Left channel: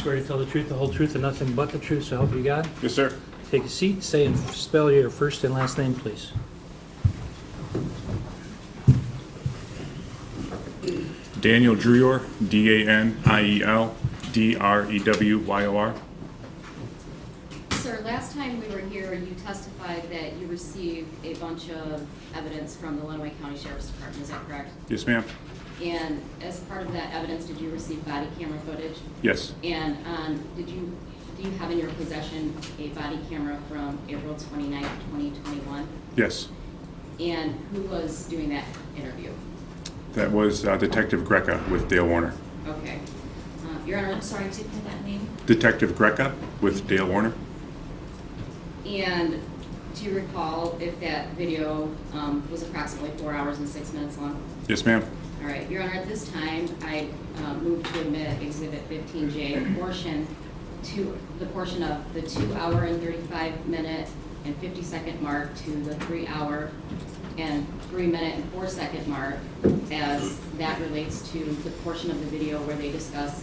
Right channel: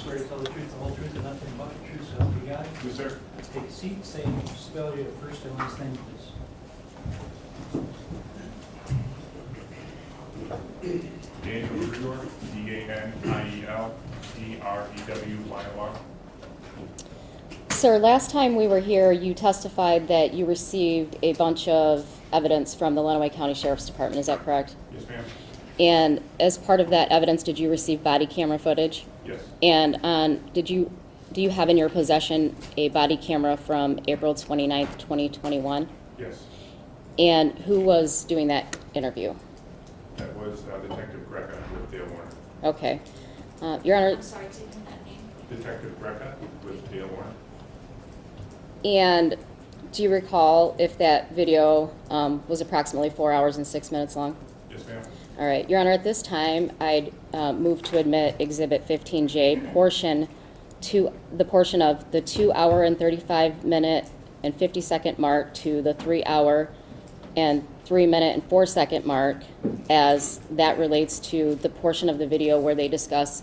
Swear to tell the truth, the whole truth, and nothing but the truth, so help you God. Yes, sir. Take a seat, say and spell your first and last name, please. Daniel Drewyor, DanielDrewyor. Sir, last time we were here, you testified that you received a bunch of evidence from the Lenawee County Sheriff's Department. Is that correct? Yes, ma'am. And as part of that evidence, did you receive body camera footage? Yes. And do you have in your possession a body camera from April 29th, 2021? Yes. And who was doing that interview? That was Detective Greca with Dale Warner. Okay. Your Honor. I'm sorry, to that name? Detective Greca with Dale Warner. And do you recall if that video was approximately 4 hours and 6 minutes long? Yes, ma'am. All right, Your Honor, at this time, I move to admit Exhibit 15J, the portion of the 2 hour and 35 minute and 50 second mark to the 3 hour and 3 minute and 4 second mark, as that relates to the portion of the video where they discuss,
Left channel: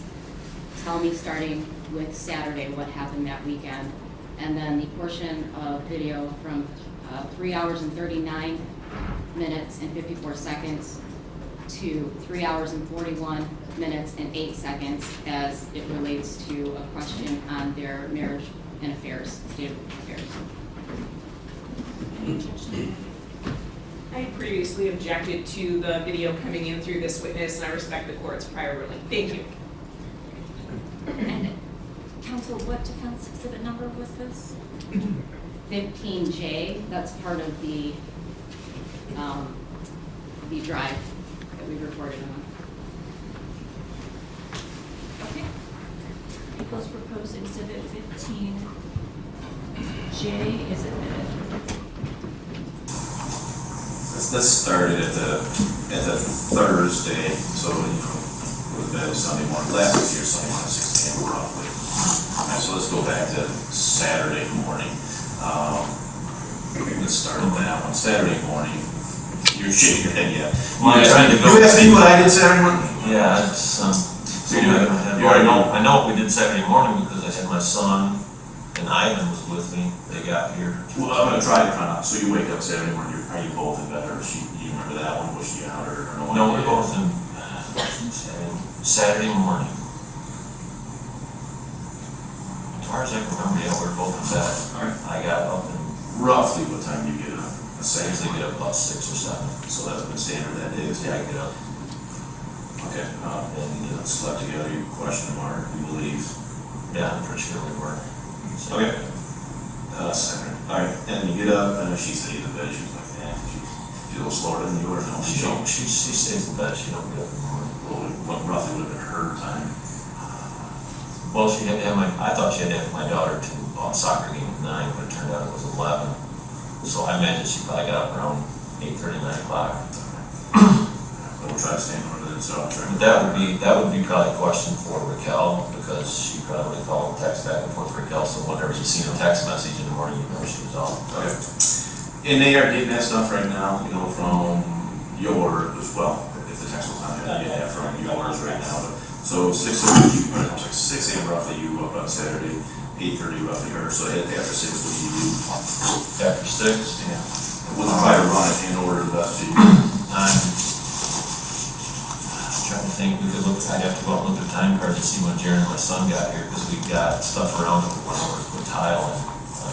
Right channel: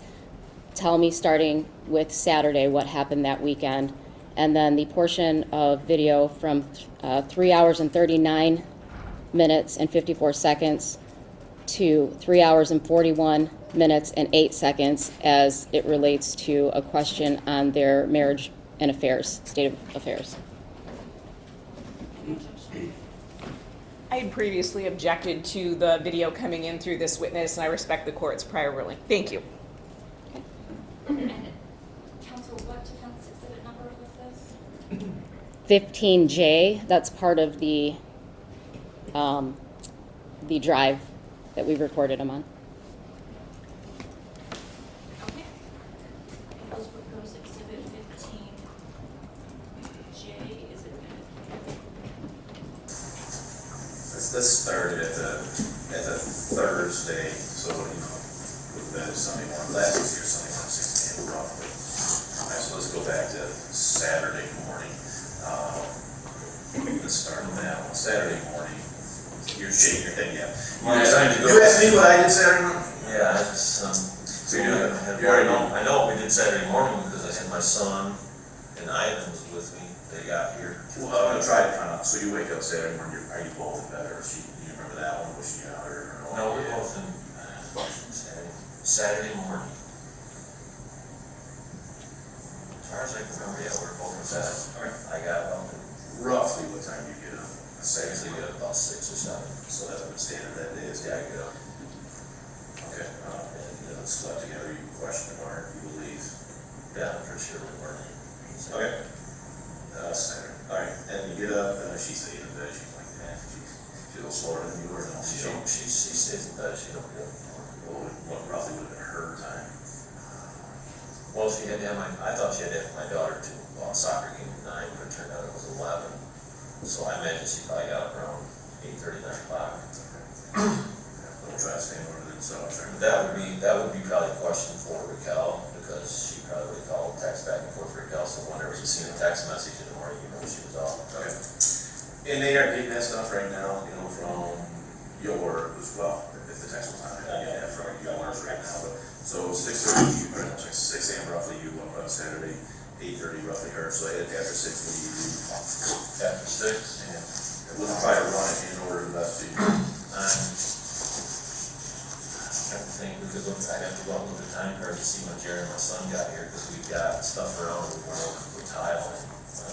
tell me starting with Saturday what happened that weekend, and then the portion of video from 3 hours and 39 minutes and 54 seconds to 3 hours and 41 minutes and 8 seconds as it relates to a question on their marriage and affairs, state of affairs. I had previously objected to the video coming in through this witness, and I respect the court's prior ruling. Thank you. And counsel, what defense exhibit number was this? 15J, that's part of the drive that we recorded them on. Okay. People's proposed exhibit 15J is admitted. Let's start it at the Thursday, so it was bad Sunday morning, last week here, Sunday morning, 6 a.m. roughly. Alright, so let's go back to Saturday morning. Let's start with that one. Saturday morning, you're shaking your head, yeah. Well, I'm trying to go. You asked me what I did Saturday morning? Yeah, it's, So you already know. I know what we did Saturday morning because I had my son and Ivan was with me. They got here. Well, I'm gonna try out. So you wake up Saturday morning, are you both in bed, or you remember that one? Was she out or no? No, we're both in Saturday morning. As far as I can remember, yeah, we're both in bed. Alright. I got up and Roughly what time do you get up? I usually get up about 6 or 7. So that's been standard that day, is Yeah, I get up. Okay, and you know, slept together, you question mark, you believe. Yeah, I'm pretty sure we were. So, Okay. Saturday. Alright, and you get up, and she stays in bed, she was like, yeah, she's a little slower than yours, and she stays in bed. She don't get up in the morning. what roughly would have been her time? Well, she had to have I thought she had to have my daughter to a soccer game at 9, but it turned out it was 11. So I imagine she probably got up around 8:30, 9 o'clock. We'll try to stand over there, so I'll try. But that would be probably a question for Raquel, because she probably called, text back and forth Raquel, so whenever you see a text message in the morning, you know she was off. Okay. And they are getting that stuff right now, you know, from your, as well, if the text was on there, they get that from yours right now. So 6 a.m. roughly, you woke up Saturday, 8:30 roughly, or so after 6, what do you do? After 6? Yeah. We'll try to run it in order the best you. I'm trying to think, we could look, I'd have to go out and look at the time card to see when Jared and my son got here, because we got stuff around and we went over to put tile in on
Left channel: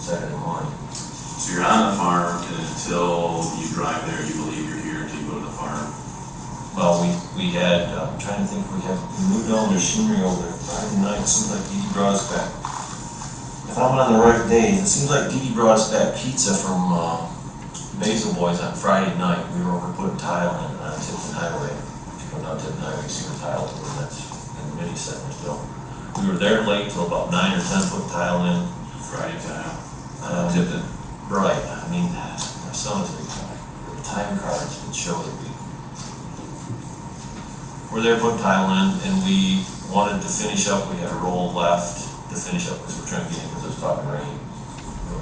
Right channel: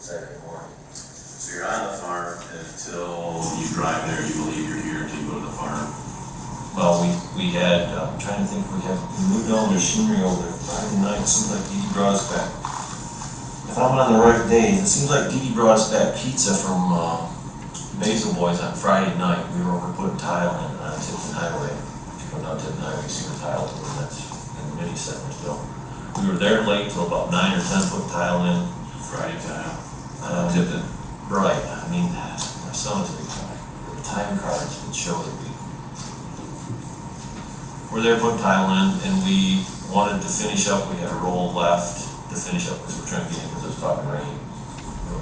Saturday morning. So you're on the farm, and until you drive there, you believe you're here until you go to the farm. Well, we had, I'm trying to think, we moved all the machinery over there Friday night. It seems like Dee Dee brought us back. If I'm on the right day, it seems like Dee Dee brought us back pizza from Basil Boys on Friday night. We were over putting tile in on Tipton Highway. If you come down Tipton Highway, you see the tile, and that's in the mini center still. We were there late till about 9 or 10, putting tile in. Friday time. Tipton. Right. I mean, my son was a big time. The time cards would show that we're there putting tile in, and we wanted to finish up. We had a roll left to finish up because we're trying to get in because it was talking rain. So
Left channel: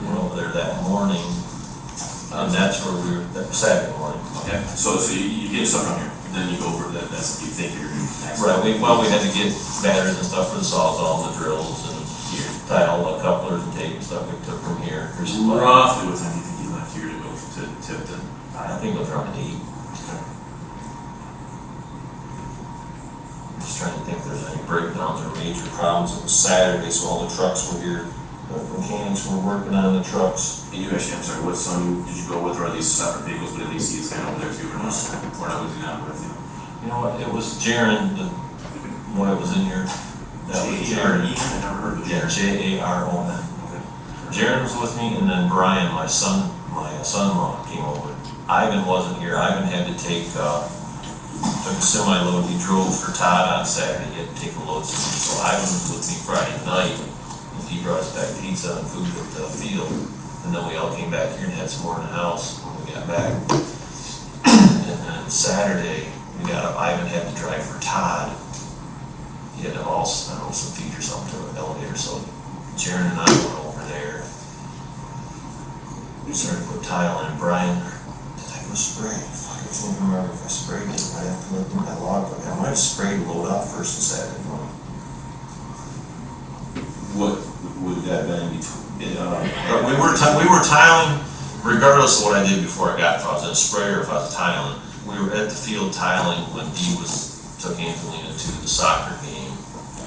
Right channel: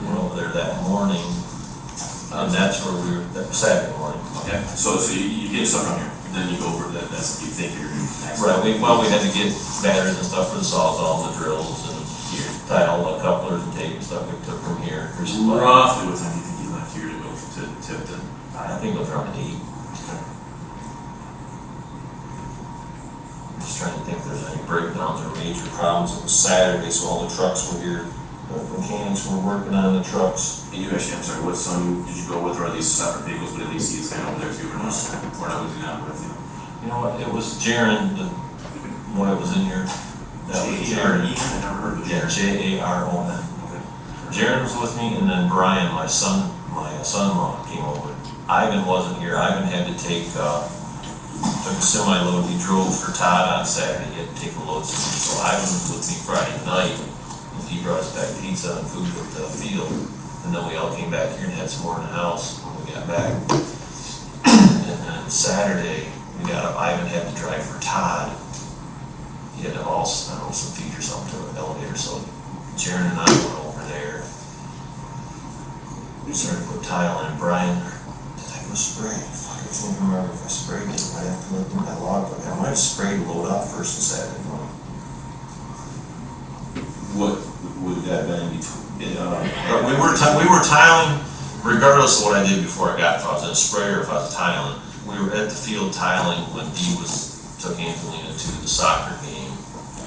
we went over there that morning, and that's where we were, that Saturday morning. Okay, so you get stuff from here. then you go over that, that's what you think you're next. Right, we had to get batteries and stuff for the sawzall and the drills and tie all the couplers and tape and stuff we took from here. There's some Roughly what time do you think you left here to go to Tipton? I think it was around 8. Just trying to think if there's any breakdowns or major problems. It was Saturday, so all the trucks were here. The mechanics were working on the trucks. And you actually, I'm sorry, what son did you go with, or are these separate vehicles, but at least he's kind of over there too, or not? Or not, was he not with you? You know what, it was Jaron, the one that was in here. That was Jaron. I never heard of Yeah, Jaron. Jaron. Okay. Jaron was with me, and then Brian, my son-in-law came over. Ivan wasn't here. Ivan had to took a semi-load. He drove for Todd on Saturday. He had to take the load. So Ivan was with me Friday night. And he brought us back pizza and food at the field. And then we all came back here and had some more in the house when we got back. And then Saturday, we got up. Ivan had to drive for Todd. He had to haul, I don't know, some feed or something to an elevator. So Jaron and I went over there. We started to put tile in. Brian, did I go spray? Fuck, I can't remember if I sprayed it. I have to look at my logbook. I might have sprayed the load off first and Saturday morning. What would that have been between? But we were tiling, regardless of what I did before I got, if I was in a sprayer or if I was tiling. We were at the field tiling when Dee took Angelina to the soccer game,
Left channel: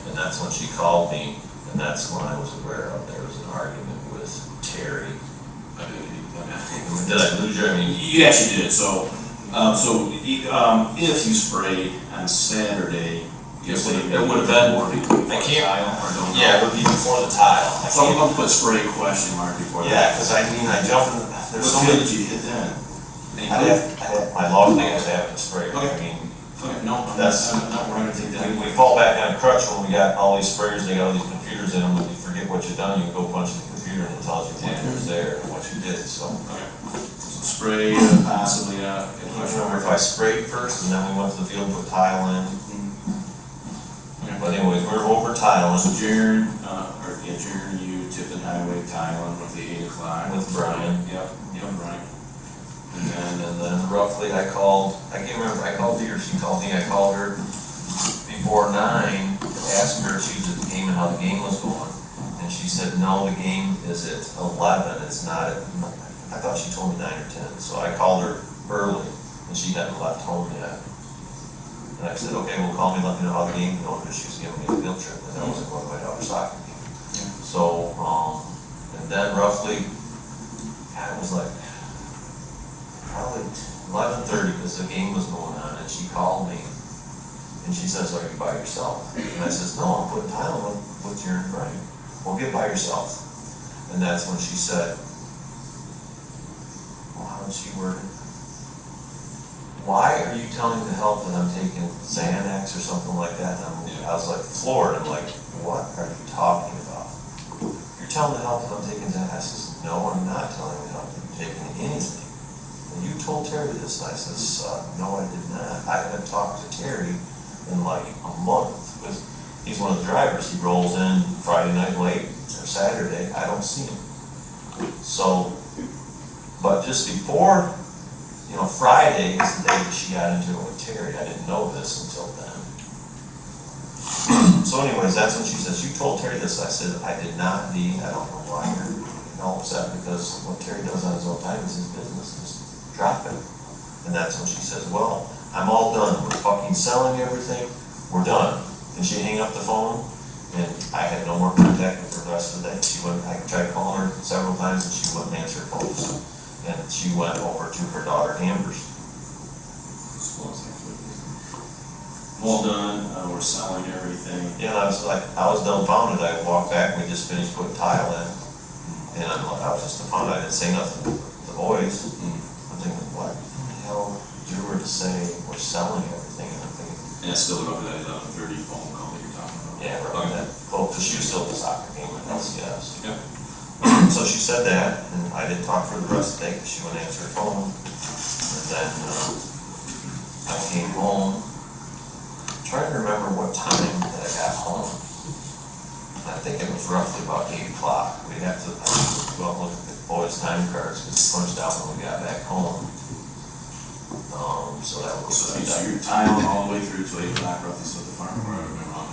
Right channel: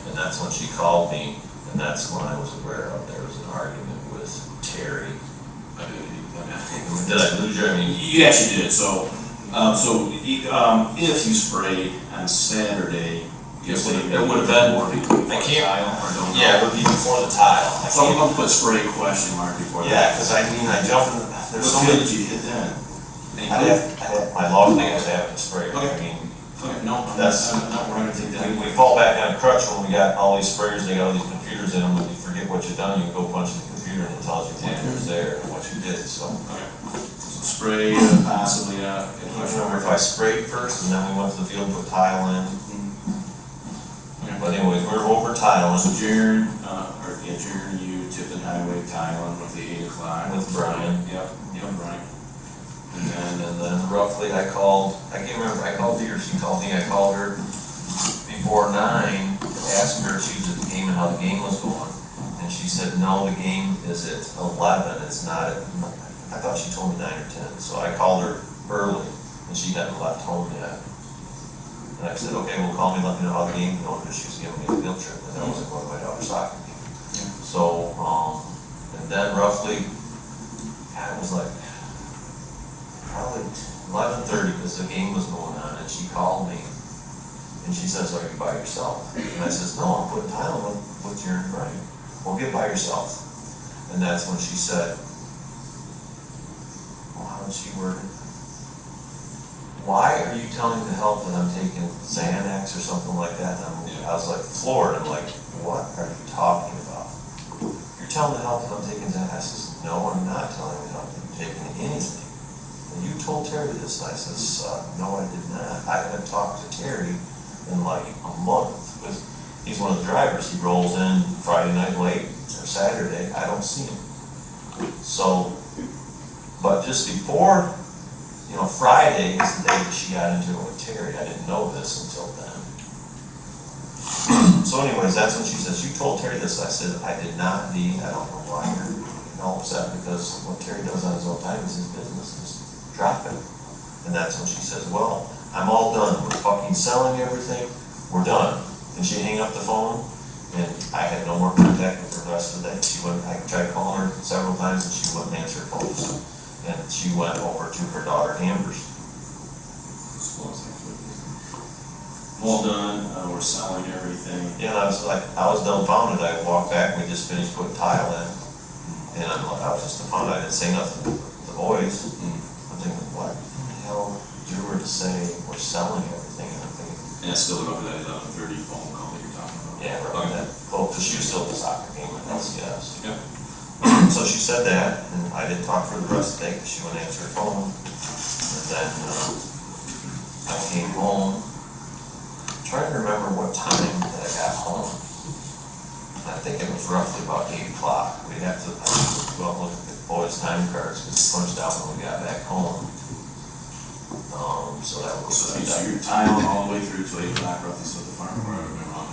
and that's when she called me, and that's when I was aware of there was an argument with Terry. Did I lose you? I mean, You actually did, so if you sprayed on Saturday, it would have been, I can't, yeah, it would be before the tile. So I'm gonna put spray question mark before that. Yeah, because I mean, I jumped in, What there's so field many. did you hit then? My log thing is having a sprayer. Okay. I mean, Okay, no, That's- we're gonna take that. we fall back on a crutch when we got all these sprayers, they got all these computers in them, and you forget what you've done, you go punch in the computer and it tells you what was there and what you did, so. Okay. So spray, possibly, I don't remember if I sprayed first and then we went to the field and put tile in, but anyways, we were over tiling So Jaron, Jaron, you tipped the highway tiling with the 8 o'clock. with Brian. Yep, Brian. And then roughly I can't remember, I called Dee or she called me, I called her before 9, asked her if she was at the game and how the game was going. And she said, no, the game is at 11, it's not at, I thought she told me 9 or 10. So I called her early and she hadn't left home yet. And I said, okay, well, call me, let me know how the game's going, because she was giving me a field trip, and I wasn't going to my daughter's soccer game. So, and then roughly, God, it was like, probably 11:30, because the game was going on, and she called me, and she says, are you by yourself? And I says, no, I'm putting tile with Jaron and Brian. Well, get by yourself. And that's when she said, well, how did she word it? Why are you telling the help that I'm taking Xanax or something like that? And I was like floored. I'm like, what are you talking about? You're telling the help that I'm taking Xanax? I says, no, I'm not telling the help that I'm taking anything. And you told Terry this. And I says, no, I did not. I haven't talked to Terry in like a month, because he's one of the drivers. He rolls in Friday night late or Saturday. I don't see him. So, but just before, Friday is the day that she got into it with Terry. I didn't know this until then. So anyways, that's when she says, you told Terry this. I said, I did not, Dee. I don't know why you're all upset, because what Terry does on his own time is his business. Just drop it. And that's when she says, well, I'm all done. We're fucking selling everything. We're done. And she hung up the phone, and I had no more contact with her the rest of the day. I tried calling her several times, and she wouldn't answer her phone. And she went over to her daughter Amber's. All done, we're selling everything. Yeah, and I was dumbfounded. I walked back, we just finished putting tile in. And I was just dumbfounded. I didn't say nothing to the boys. I'm thinking, what the hell Drewyor to say we're selling everything? And I'm thinking, And it's still over that 11:30 phone call that you're talking about. yeah, right, that, well, because she was still at the soccer game with LCS. Yep. So she said that, and I didn't talk to her the rest of the day because she wouldn't answer her phone. And then I came home, trying to remember what time that I got home. I think it was roughly about 8 o'clock. We'd have to go out and look at the boys' time cards because we punched out when we got back home. So that was. So you're tiling all the way through to 8 o'clock roughly, so the farm, where I've been wrong.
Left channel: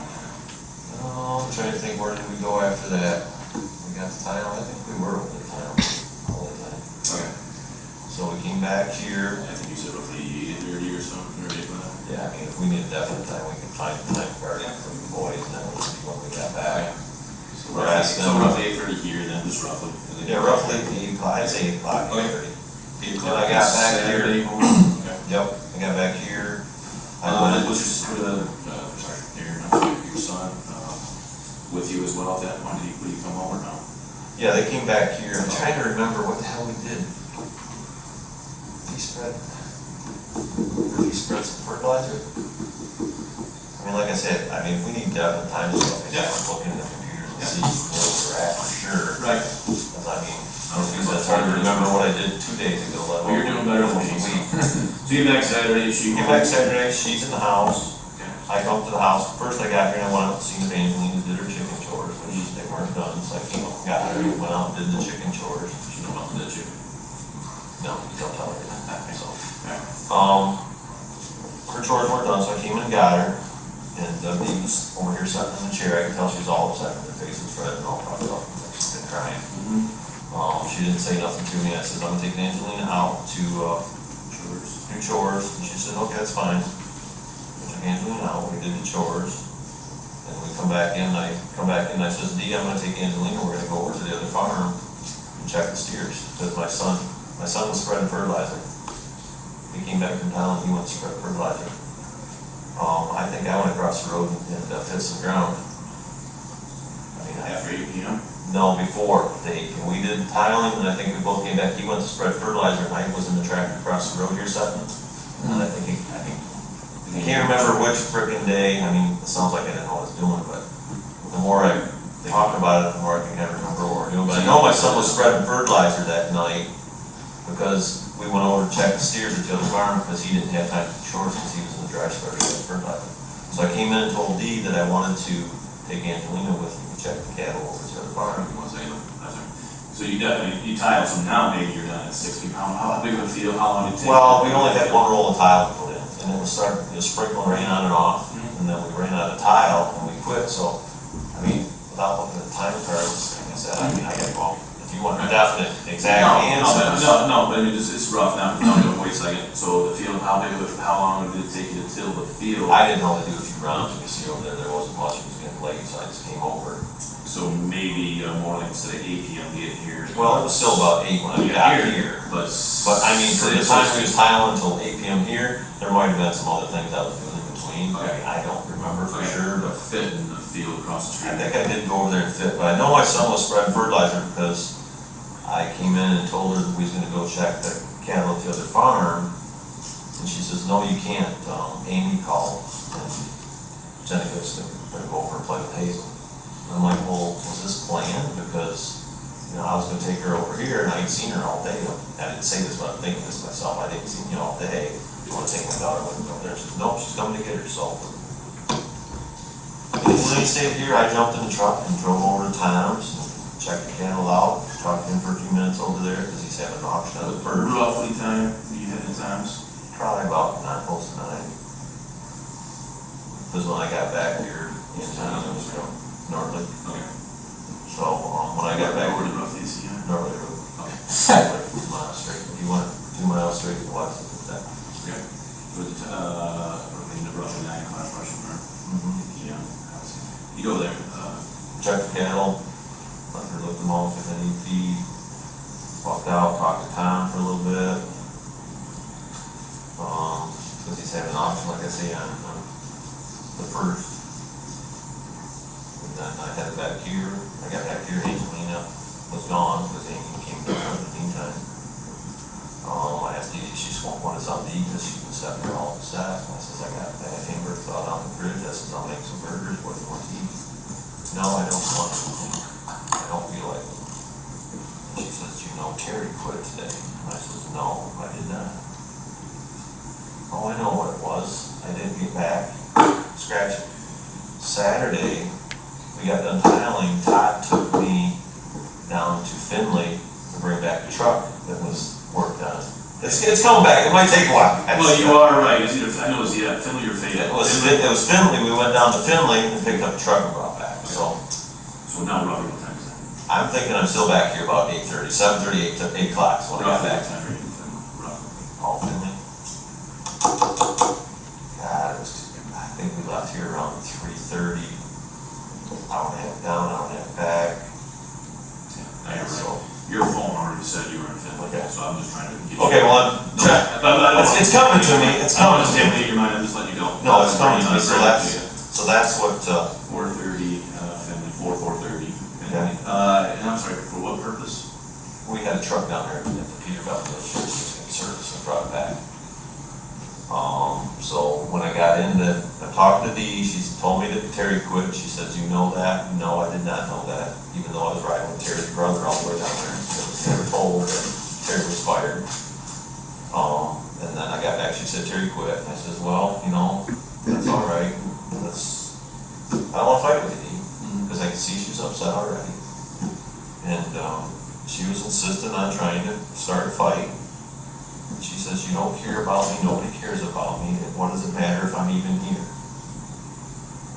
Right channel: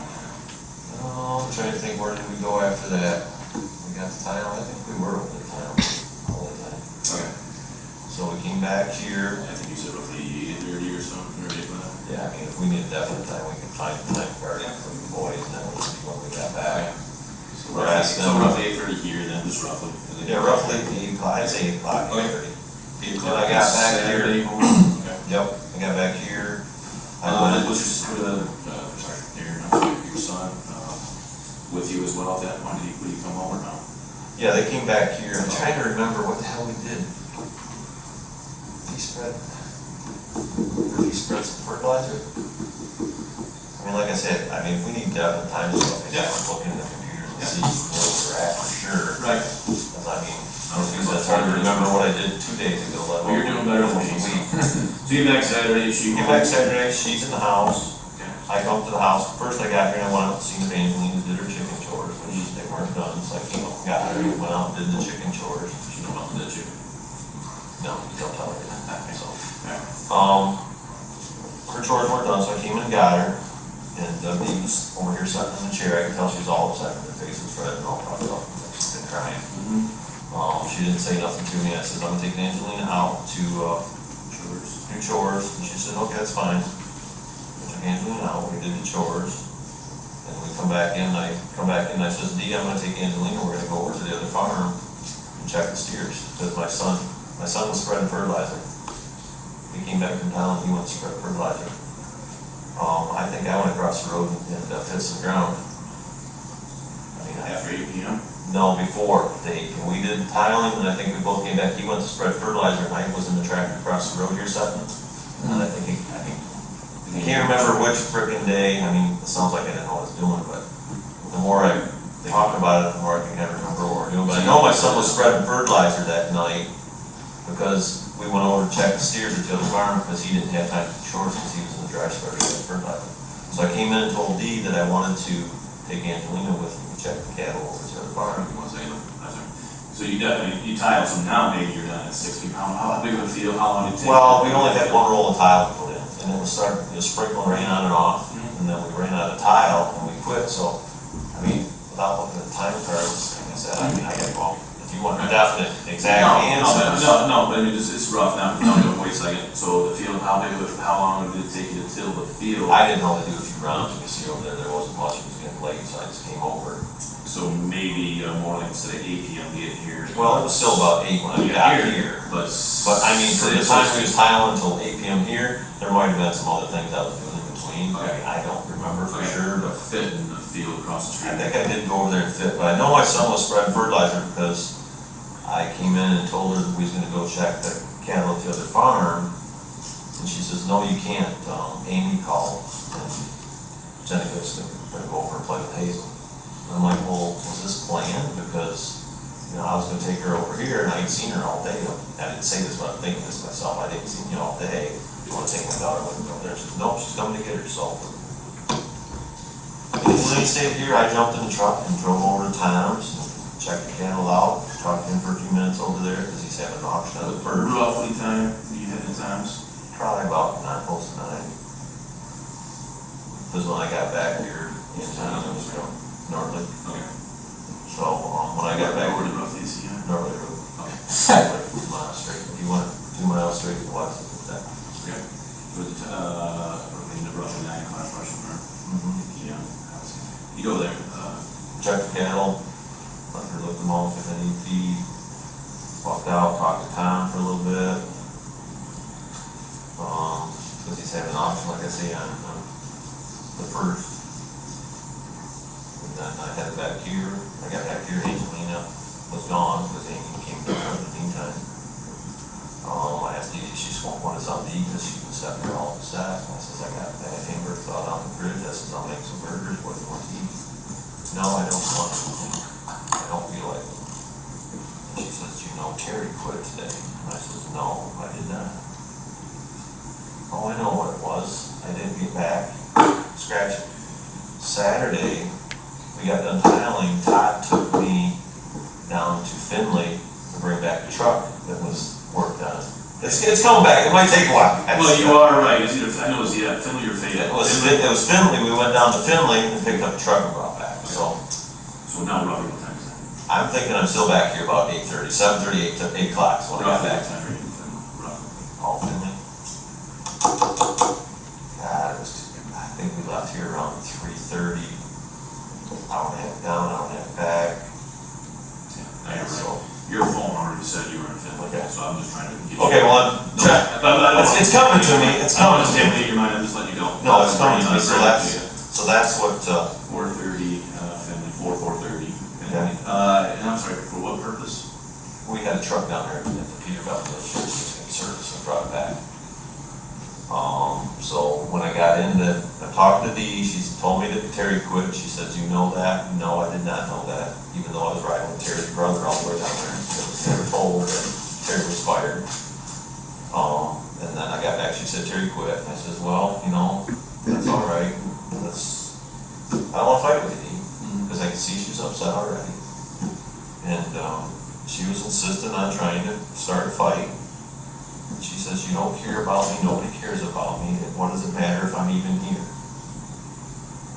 I'm trying to think, where did we go after that? We got the tile, I think we were over the tile all the time. Okay. So we came back here. I think you said roughly 8:30 or something, or 8 o'clock. Yeah, I mean, if we need a definite time, we can find a time card for the boys, and then we'll see when we got back. So We're roughly, asking so them- roughly 8:30 here, then just roughly. Yeah, roughly 8 o'clock, I'd say 8 o'clock, Okay. 8:30. 8 Then o'clock. I got back Saturday here. morning. Okay. Yep, I got back here. I went, Was your son, with you as well at that point? Would he come home or no? yeah, they came back here. I'm trying to remember what the hell we did. He spread some fertilizer. I mean, like I said, if we need definite time, so I Yeah. am looking at the computers and Yeah. see where we're at for sure. Right. Because it's hard to remember what I did 2 days ago, let Well, you're doing better than me. alone a week. So you get back Saturday, she. Get back Saturday, she's in the house. Okay. I come up to the house. First I got here and I went out and seen Evangeline did her chicken chores, which they weren't done. So I came up and got her and went out and did the chicken chores. She don't know that you. No, you don't tell her that. So, Alright. her chores weren't done, so I came in and got her. And Dee was over here sitting in the chair. I could tell she was all upset. Her face was red and all puffed up. She's been crying. She didn't say nothing to me. I said, I'm gonna take Angelina out to do chores. And she said, okay, that's fine. I took Angelina out, we did the chores. And we come back in, I says, Dee, I'm gonna take Angelina, we're gonna go over to the other farm and check the steers. Because my son was spreading fertilizer. He came back from town, he went to spread fertilizer. I think I went across the road and hit some ground. After 8 p.m.? No, before, we did tiling, and I think we both came back, he went to spread fertilizer, and I was in the tractor across the road here setting. And I can't remember which frickin' day, it sounds like I didn't know what I was doing, but the more I talk about it, the more I can kind of remember what we're doing. But I know my son was spreading fertilizer that night, because we went over to check the steers at the other farm, because he didn't have time to do chores, because he was in the dry spreader spreading fertilizer. So I came in and told Dee that I wanted to take Angelina with me to check the cattle over to the other farm. So you tile, so now maybe you're done at 6 p.m. How big of a field, how long did it take? Well, we only had one roll of tile to put in, and it was sprinkling rain on and off, and then we ran out of tile, and we quit, so, without looking at the time cards, like I said, I gotta go. If you want a definite, exact answer. No, but it's rough now, no, wait a second. So the field, how long did it take you to till the field? I didn't only do a few rounds, you see over there wasn't much, it was getting late, so I just came over. So maybe more like instead of 8 p.m. get here. Well, it was still about 8 when I got here. But For the time we was tiling until 8 p.m. here, there might have been some other things I was doing in between. Okay. I don't remember for sure, but fit in the field across the I street. think I did go over there and fit. But I know my son was spreading fertilizer because I came in and told her that we was gonna go check the cattle at the other farm. And she says, no, you can't. Amy called and Jennifer's gonna go over and play with Hazel. And I'm like, well, was this planned? Because I was gonna take her over here and I ain't seen her all day. I didn't say this, but I'm thinking this myself. I didn't see you all day. Do you wanna take my daughter with me over there? She said, no, she's coming to get her, so. And when they stayed here, I jumped in the truck and drove over to Tom's, and checked the cattle out, talked to him for a few minutes over there, cause he's having an auction of it first. Roughly time you had in times? Probably about 9, close to 9. Cause when I got back here, in town, it was Northley. Okay. So, when I got back, Where did roughly see you? Northley Road. Okay. Like 2 miles straight. If you went 2 miles straight to the west, it's that. Okay. With roughly 9 o'clock rush hour. Yeah. You go there, Check the cattle, let her look them off if they need feed. Walked out, talked to Tom for a little bit. Cause he's having an auction, like I say, on the first. And then I headed back here, I got back here, Angelina was gone, because Amy came back in the meantime. I asked Dee if she just wanted something to eat, because she was setting her all set. I says, I got that hamburger thawed out in the fridge, I says, I'll make some burgers, what do you want to eat? No, I don't want anything, I don't feel like it. And she says, you know, Terry quit today. And I says, no, I did not. Oh, I know what it was, I didn't get back, scratch it. Saturday, we got done tiling, Todd took me down to Finley to bring back the truck that was worked on It's coming back, it might take a while. Well, you are right, it's either, I know it's, yeah, Finley or Fayette. It was Finley, we went down to Finley and picked up a truck and brought back, so. So now roughly what time is that? I'm thinking I'm still back here about 8:30, 7:30, 8 o'clock, is when I got Roughly back. what time are you in Finley, roughly? All Finley. God, it was, I think we left here around 3:30. Hour and a half down, hour and a half back. Yeah, I So, right. Your phone already said you were in Finley, Okay. so I'm just trying to get you. okay, well, No, but it's coming to me, it's I don't coming want to to me. stimulate your mind, I'm just letting you go. No, it's coming to me, so that's what, 4:30, Finley, 4:30, Finley. Okay. And I'm sorry, for what purpose? we had a truck down there at the Peterbilt dealership, just in service and brought it back. So when I got in I talked to Dee, she told me that Terry quit, she said, "You know that?" No, I did not know that, even though I was riding with Terry's brother all the way down there. I was never told that Terry was fired. And then I got back, she said, "Terry quit." I says, "Well, you know, that's all right, I don't wanna fight with you, Dee," because I could see she was upset already. And, she was insistent on trying to start a fight. She says, "You don't care about me, nobody cares about me, and what does it matter if I'm even here?"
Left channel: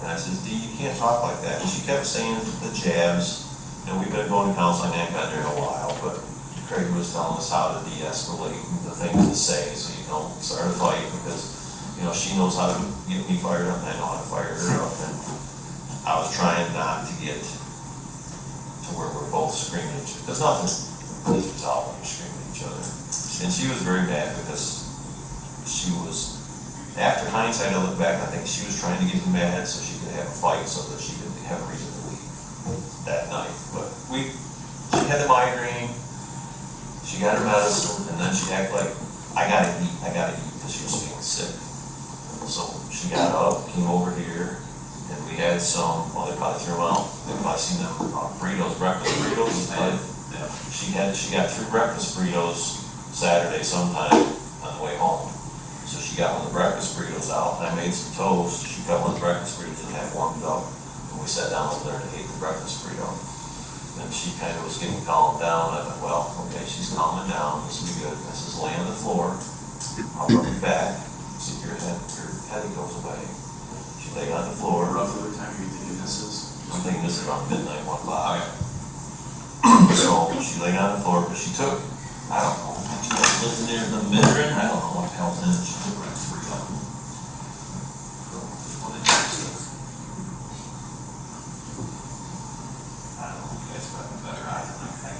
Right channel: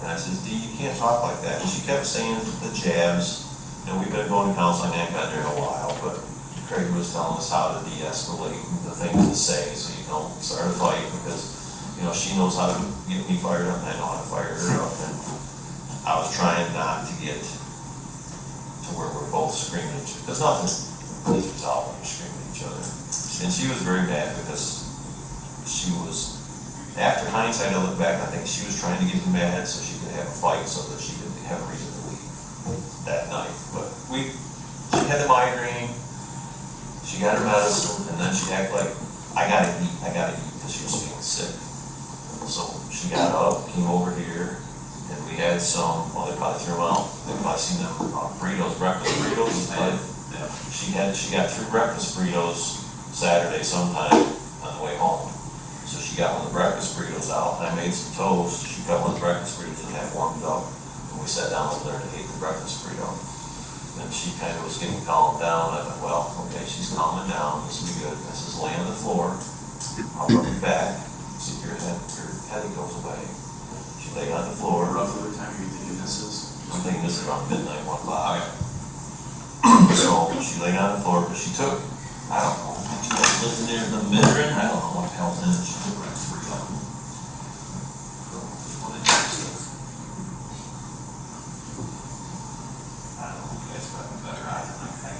And I says, "Dee, you can't talk like that." And she kept saying the jabs, we've been going to counseling, I haven't got there in a while, but Craig was telling us how to de-escalate the things to say, so you don't start a fight, because, she knows how to get me fired up, and I know how to fire her up, and I was trying not to get to where we're both screaming at each other, because nothing is resolved when you're screaming at each other. And she was very mad because she was, after hindsight, I look back, I think she was trying to get me mad so she could have a fight so that she could have a reason to leave that night. But she had the migraine, she got her medicine, and then she acted like, I gotta eat, because she was feeling sick. So she got up, came over here, and we had some, well, they probably threw them out, they probably seen them burritos, breakfast burritos. She got 3 breakfast burritos Saturday sometime on the way home. So she got one of the breakfast burritos out, and I made some toast. She got one of the breakfast burritos and had warmed up, and we sat down over there to eat the breakfast burrito. And she kind of was getting calmed down. I thought, well, okay, she's calming down, this will be good. I says, "Lay on the floor, I'll rub your back, see if your headache goes away." She laid on the floor. Roughly what time are you thinking this is? I'm thinking this is around midnight, 1 o'clock. So she laid on the floor, but she took, I don't know, she lived in there, the Midrin, I don't know what the hell's in it, she took like 3 of them. I don't know, you guys probably have better eyes than I can.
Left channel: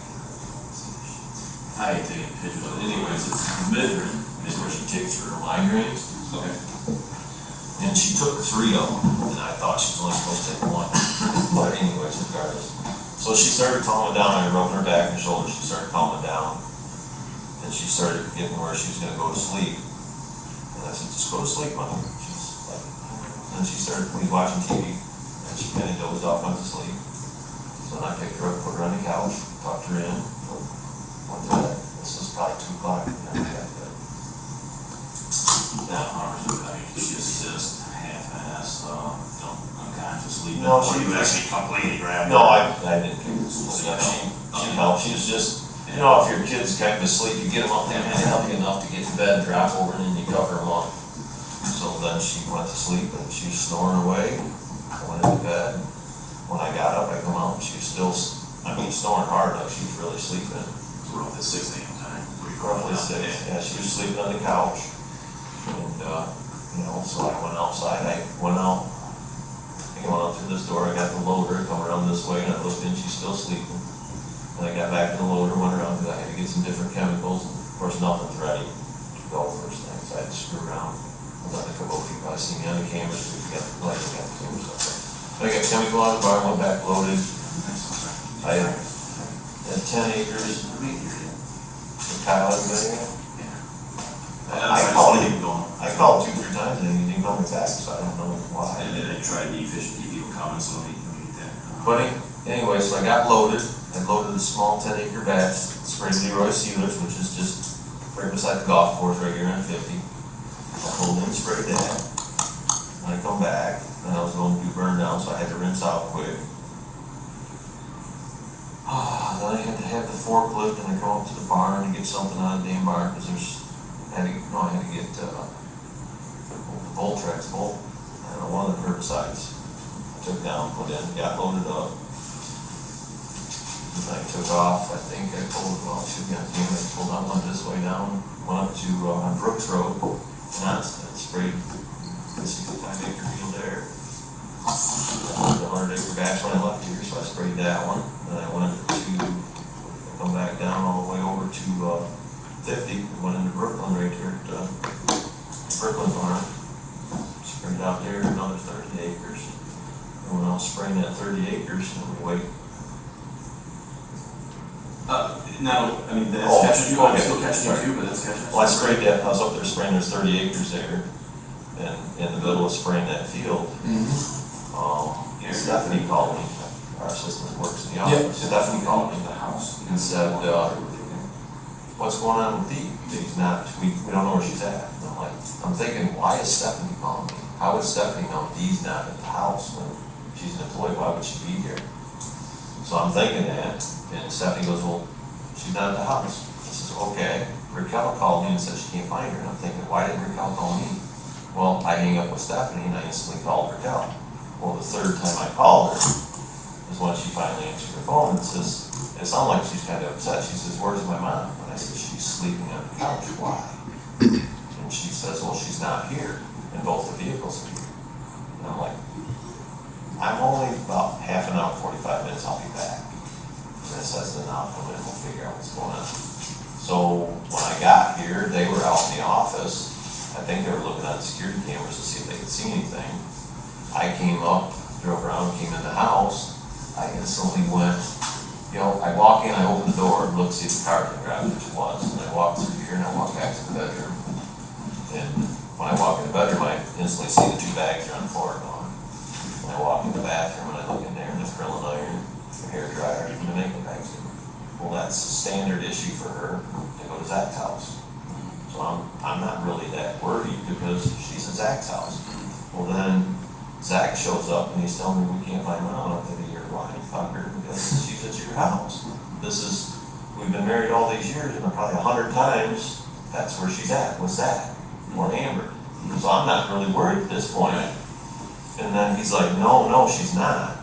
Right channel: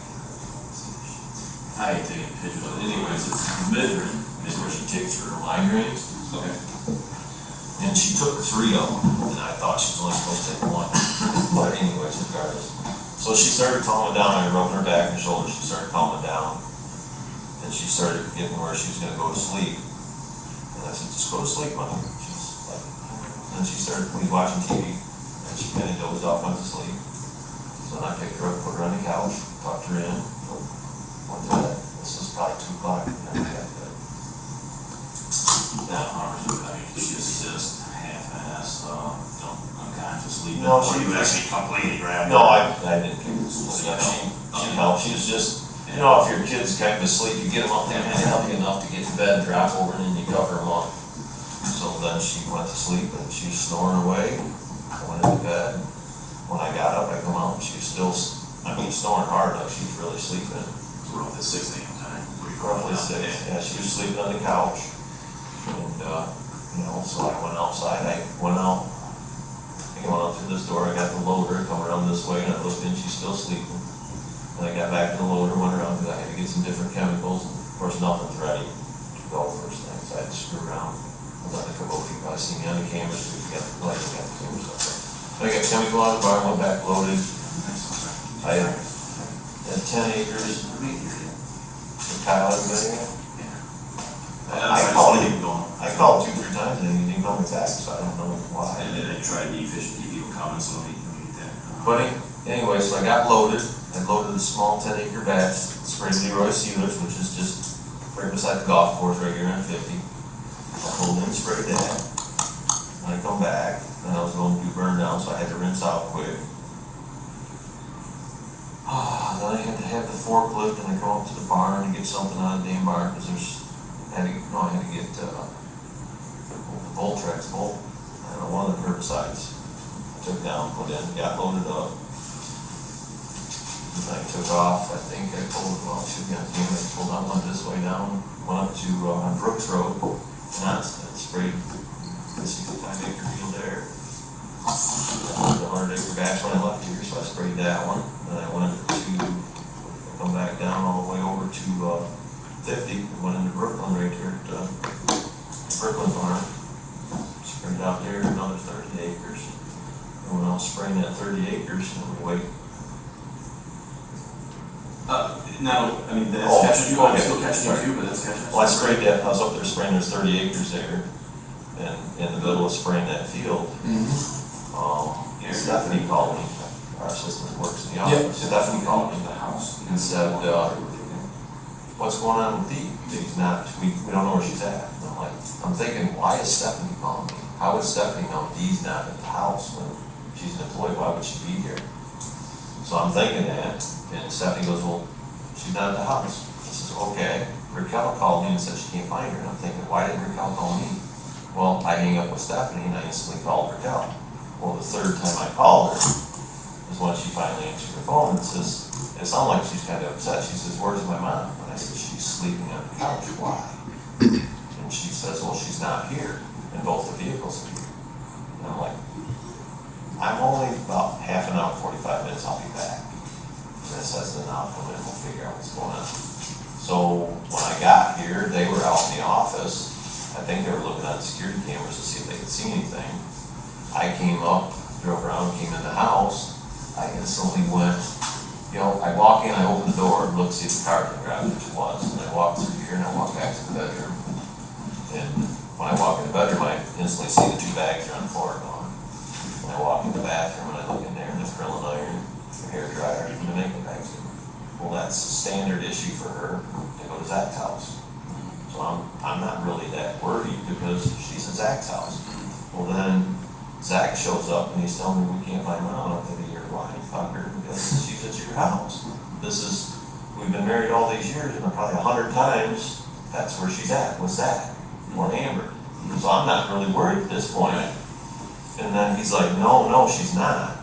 I hate taking pictures, but anyways, it's Midrin is where she takes her migraines, okay. and she took 3 of them, and I thought she was only supposed to take 1. But anyways, regardless. So she started calming down, I rubbed her back and shoulders, she started calming down. And she started getting where she was gonna go to sleep. And I said, "Just go to sleep, Mom." She's like, and she started watching TV, and she kind of dozed off, went to sleep. So then I picked her up, put her on the couch, tucked her in, went to bed. This was probably 2 o'clock, and then I got to bed. Now, she assist, half-assed, unconscious sleeping. No, Or she you was- actually completely grabbed her? No, I didn't kick her. She helped, she was just, if your kid's kind of asleep, you get them up there and help you enough to get to bed, drop over, and then you cover them up. So then she went to sleep, and she was snoring away. I went into bed. When I got up, I come out, and she was still, snoring hard, like she was really sleeping. Roughly 6 a.m. time. Roughly 6, yeah, she was sleeping on the couch. And, so I went outside, I went out through this door, I got the loader, come around this way, and I looked in, she's still sleeping. And I got back to the loader, went around, because I had to get some different chemicals. Of course, nothing's ready to go first thing, so I had to screw around. I was on the Kubota, you probably see me on the cameras, we got the light, we got the cameras up there. I got chemical out of the barn, went back loaded. I had 10 acres. The Kyle, everybody. I called 2-3 times and he didn't call me back, so I don't know why. And then I tried the efficient people coming, so we get that. But anyway, so I got loaded. I loaded a small 10-acre batch, sprayed Drewyor sealers, which is just right beside the golf course right here on 50. I pulled in, sprayed that. When I come back, then I was going to do burn down, so I had to rinse out quick. Then I had to have the forklift and I go up to the barn to get something out of the damn barn, because there's had to get, Voltrex bolt, I don't know, one of the herbicides. Took down, put in, got loaded up. And I took off, I think I pulled, well, I should be on camera, I pulled out, went this way down, went up to, on Brooks Road, and I sprayed the 65-acre field there. The 100-acre batch when I left here, so I sprayed that one. Then I went to, come back down all the way over to 50, and went into Brooklyn right here at Brooklyn Farm. Sprayed out there another 30 acres. And when I was spraying that 30 acres, and we wait. Now, I mean, that's Oh, catching you, I'm okay. still catching Sorry. you too, but that's catching us. Well, I sprayed that, I was up there spraying, there's 30 acres there, and in the middle of spraying that field, Stephanie called me, our assistant works in the office, Stephanie called me in the house and said, what's going on with Dee? He's not, we don't know where she's at. And I'm like, I'm thinking, why is Stephanie calling me? How would Stephanie know Dee's not at the house when she's an employee? Why would she be here? So I'm thinking that, and Stephanie goes, well, she's not at the house. I says, okay. Raquel called me and said she can't find her. And I'm thinking, why didn't Raquel call me? Well, I hang up with Stephanie and I instantly called Raquel. Well, the third time I called her is when she finally answered her phone and says, it sounded like she's kind of upset. She says, where's my mom? And I said, she's sleeping on the couch. Why? And she says, well, she's not here. And both the vehicles are here. And I'm like, I'm only about half an hour, 45 minutes, I'll be back. And it says, then I'll come in and we'll figure out what's going on. So when I got here, they were out in the office. I think they were looking at the security cameras to see if they could see anything. I came up, drove around, came in the house. I instantly went, I walk in, I open the door, look, see if the car can grab it, which it was. And I walk through here and I walk back to the bedroom. And when I walk in the bedroom, I instantly see the 2 bags are on the floor gone. When I walk in the bathroom and I look in there and there's curling iron, the hair dryer, and the makeup bags. Well, that's a standard issue for her to go to Zach's house. So I'm not really that worried because she's at Zach's house. Well, then Zach shows up and he's telling me we can't find Mom. I'm thinking, you're lying, fucker, because she's at your house. We've been married all these years and probably 100 times, that's where she's at, with Zach or Amber. So I'm not really worried at this point. And then he's like, no, she's not.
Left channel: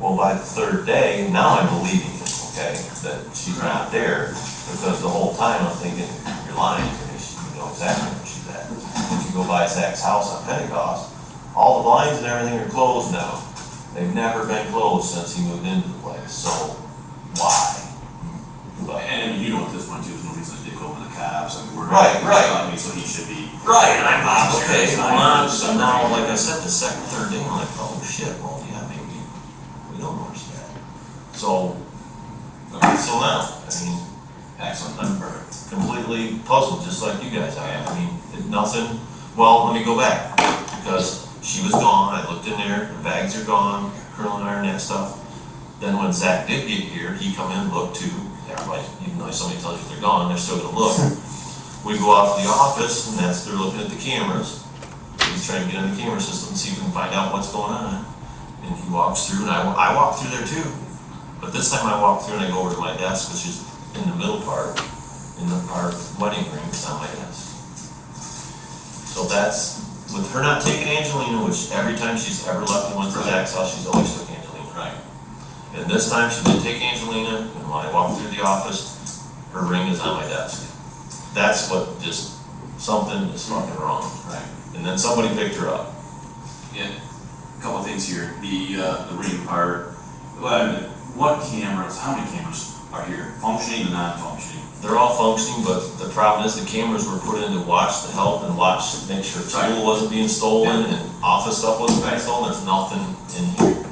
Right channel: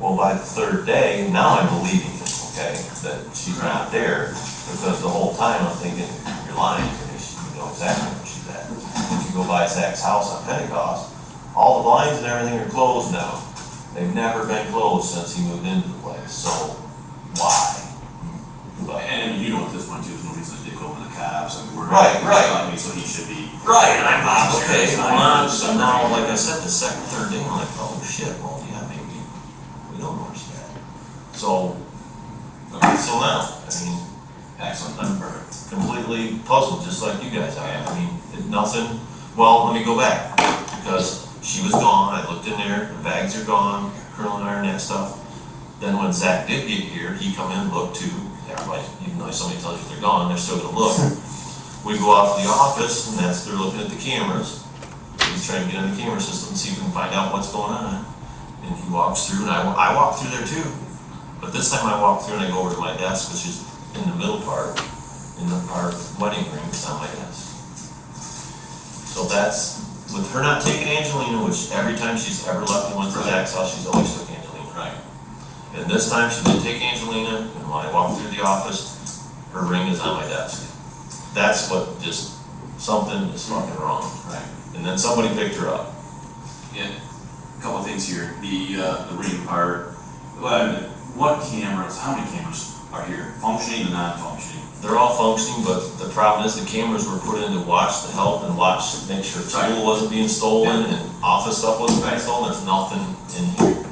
Well, by the 3rd day, now I'm believing it, okay, that she's not there, because the whole time I'm thinking, you're lying, because you know exactly where she's at. If you go by Zach's house on Pentecost, all the blinds and everything are closed now. They've never been closed since he moved into the place, so why? But, And you know at this point too, there's no reason to dick over the cops, I mean, we're. Right. So he should be. right, and I'm like, okay, It's well, not- so now, like I said, the 2nd, 3rd day, I'm like, oh shit, well, yeah, maybe, we don't know where she's at. So now, I mean, Excellent. I'm completely puzzled, just like you guys are. I mean, nothing, well, let me go back, because she was gone, I looked in there, the bags are gone, curling iron, that stuff. Then when Zach did get here, he come in, looked too, everybody, even though somebody tells you they're gone, they're still gonna look. We go out to the office, and they're looking at the cameras. He's trying to get in the camera system and see if we can find out what's going on. And he walks through, and I walk through there too. But this time I walk through and I go over to my desk, which is in the middle part, in our wedding ring is on my desk. So that's, with her not taking Angelina, which every time she's ever left and went to Zach's house, she's always took Angelina. Right. And this time she didn't take Angelina, and when I walked through the office, her ring is on my desk. That's what just, something is fucking wrong. Right. And then somebody picked her up. Yeah, a couple of things here, the ring part, well, what cameras, how many cameras are here, functioning and non-functioning? They're all functioning, but the problem is the cameras were put in to watch the help and make sure fuel wasn't being stolen and office stuff wasn't being stolen. There's nothing in here.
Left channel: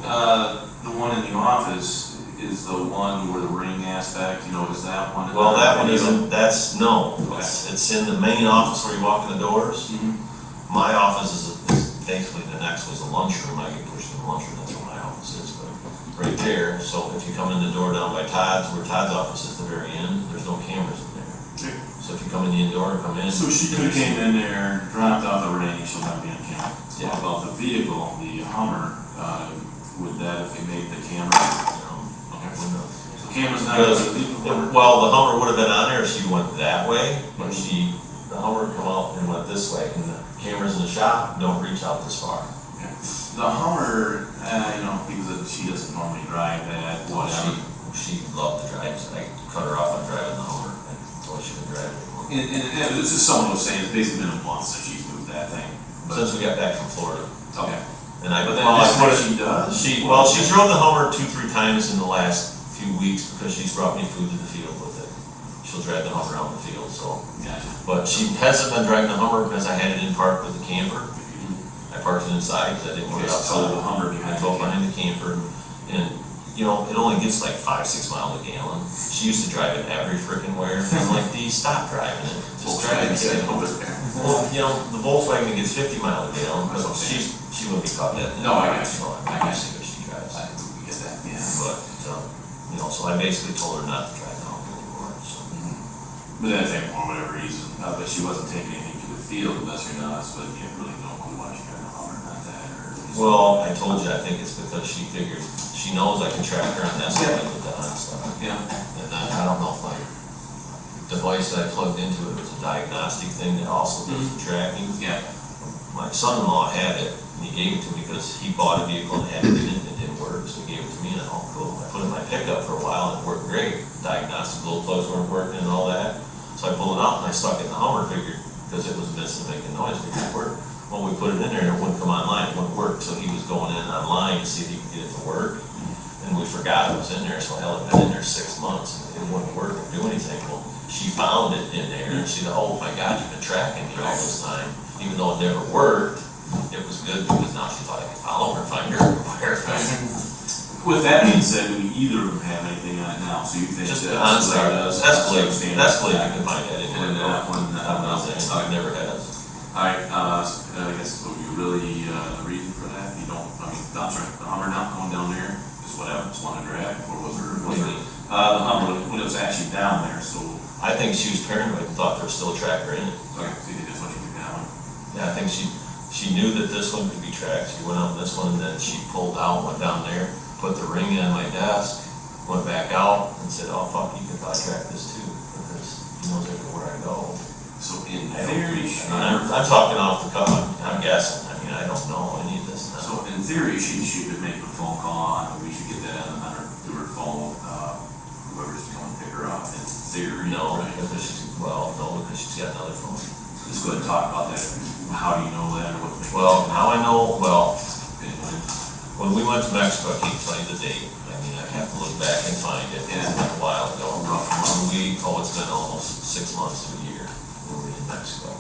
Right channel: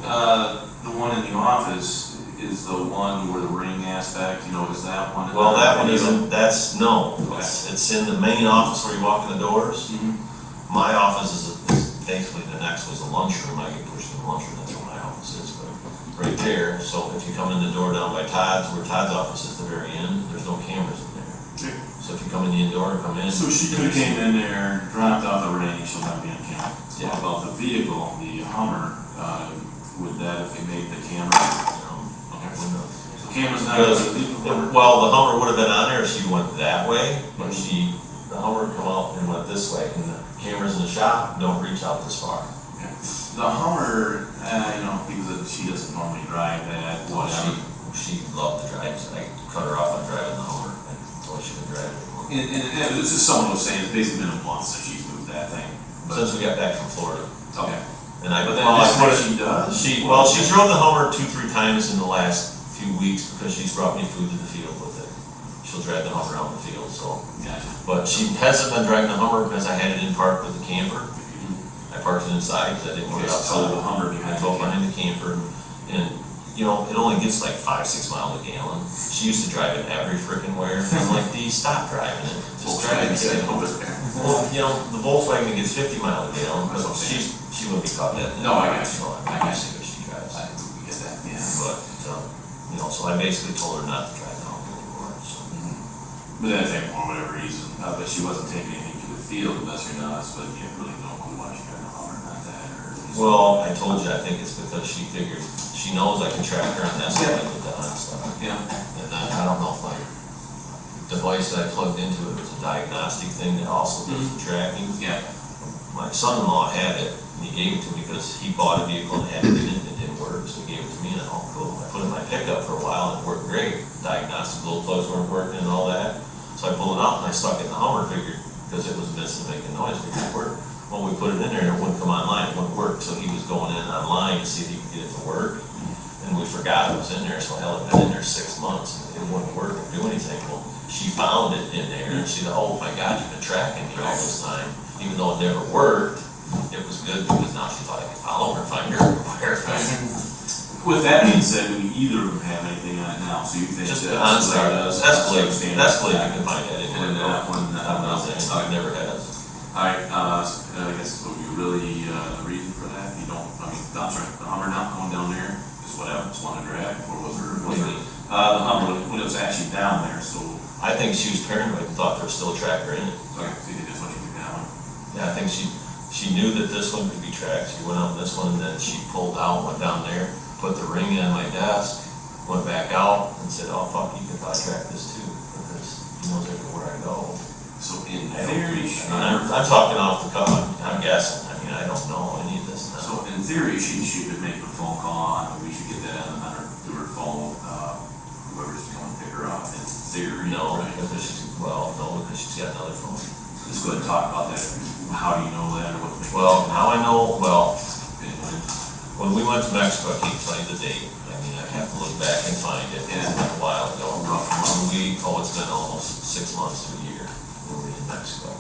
The one in the office is the one where the ring aspect, is that one? Well, that one isn't, it's in the main office where you walk in the doors. My office is basically the next was the lunchroom. I get pushed in the lunchroom, that's where my office is, but right there. So if you come in the door down by Todd's, where Todd's office is, the very end, there's no cameras in there. So if you come in the door, come in. So she could have came in there, dropped out the ring, she'll not be on camera. Yeah. How about the vehicle, the Hummer, would that, if they made the camera? So camera's not. Because, well, the Hummer would have been on there if she went that way, but she, Hummer come out and went this way, and the cameras in the shop don't reach out this far. The Hummer, because she doesn't normally drive that, whatever. She loved to drive, so I cut her off on driving the Hummer, and told her she would drive it anymore. And it was just someone was saying, it's basically been a month since she's moved that thing. Since we got back from Florida. Okay. And I, But then well, I this put thing it, she does? she drove the Hummer 2-3 times in the last few weeks because she's brought me food to the field with it. She'll drive the Hummer out in the field, so. Gotcha. But she hasn't been driving the Hummer because I had it in park with the camper. I parked it inside because I didn't want it Just outside. tow the Hummer I behind drove the behind the camper, and, it only gets like 5-6 miles a gallon. She used to drive it every frickin' where, and I'm like, D, stop driving it. Just drive it. Well, the Volkswagen gets 50 miles a gallon, but she wouldn't be caught dead. No, I got you. I can see what she drives. I get that, yeah. But, so I basically told her not to drive the Hummer anymore, so. But then I think for whatever reason, but she wasn't taking anything to the field unless you're not, but you really don't know why she got a Hummer, not that, or. Well, I told you, I think it's because she figured, she knows I can track her, and that's what I did that and stuff. Yeah. And then, I don't know if my device that I plugged into it was a diagnostic thing that also does the tracking. Yeah. My son-in-law had it, and he gave it to me because he bought a vehicle and had it in it, and it didn't work, so he gave it to me, and oh, cool. I put it in my pickup for a while, and it worked great. Diagnostic glow plugs weren't working and all that. So I pulled it out, and I stuck it in the Hummer, figured, because it was missing, making noise, figured it worked. Well, we put it in there, and it wouldn't come online, it wouldn't work, so he was going in online to see if he could get it to work. And we forgot it was in there, so hell, it had been in there 6 months, and it wouldn't work or do anything. Well, she found it in there, and she said, oh my God, you've been tracking me all this time. Even though it never worked, it was good because now she thought I could follow her, find her everywhere. With that being said, do either of them have anything on it now? So you think Just that OnStar does? Escalade, you can find that anywhere. And that one, It never has. Alright, I guess what you really, the reason for that, you don't, I'm sorry, the Hummer not going down there is what I just wanted to drag, or was there? The Hummer, when it was actually down there, so. I think she was paranoid and thought there was still a tracker in it. Okay, so you just want to do that one? Yeah, I think she knew that this one could be tracked. She went on this one, and then she pulled out, went down there, put the ring in my desk, went back out, and said, oh fuck, you can probably track this too, because he knows everywhere I go. So in I don't theory, really- I'm talking off the cuff, I'm guessing, I don't know any of this now. so in theory, she could make a phone call, and we should get that on her, through her phone, whoever's going to pick her up, in theory. No, right? because she's got another phone. Let's go ahead and talk about that, how do you know that, or what's making? Well, how I know, Anyway. when we went to Mexico, I can't tell you the date. I have to look back and find it. It's been a while ago. It's been almost 6 months to a year when we were in Mexico.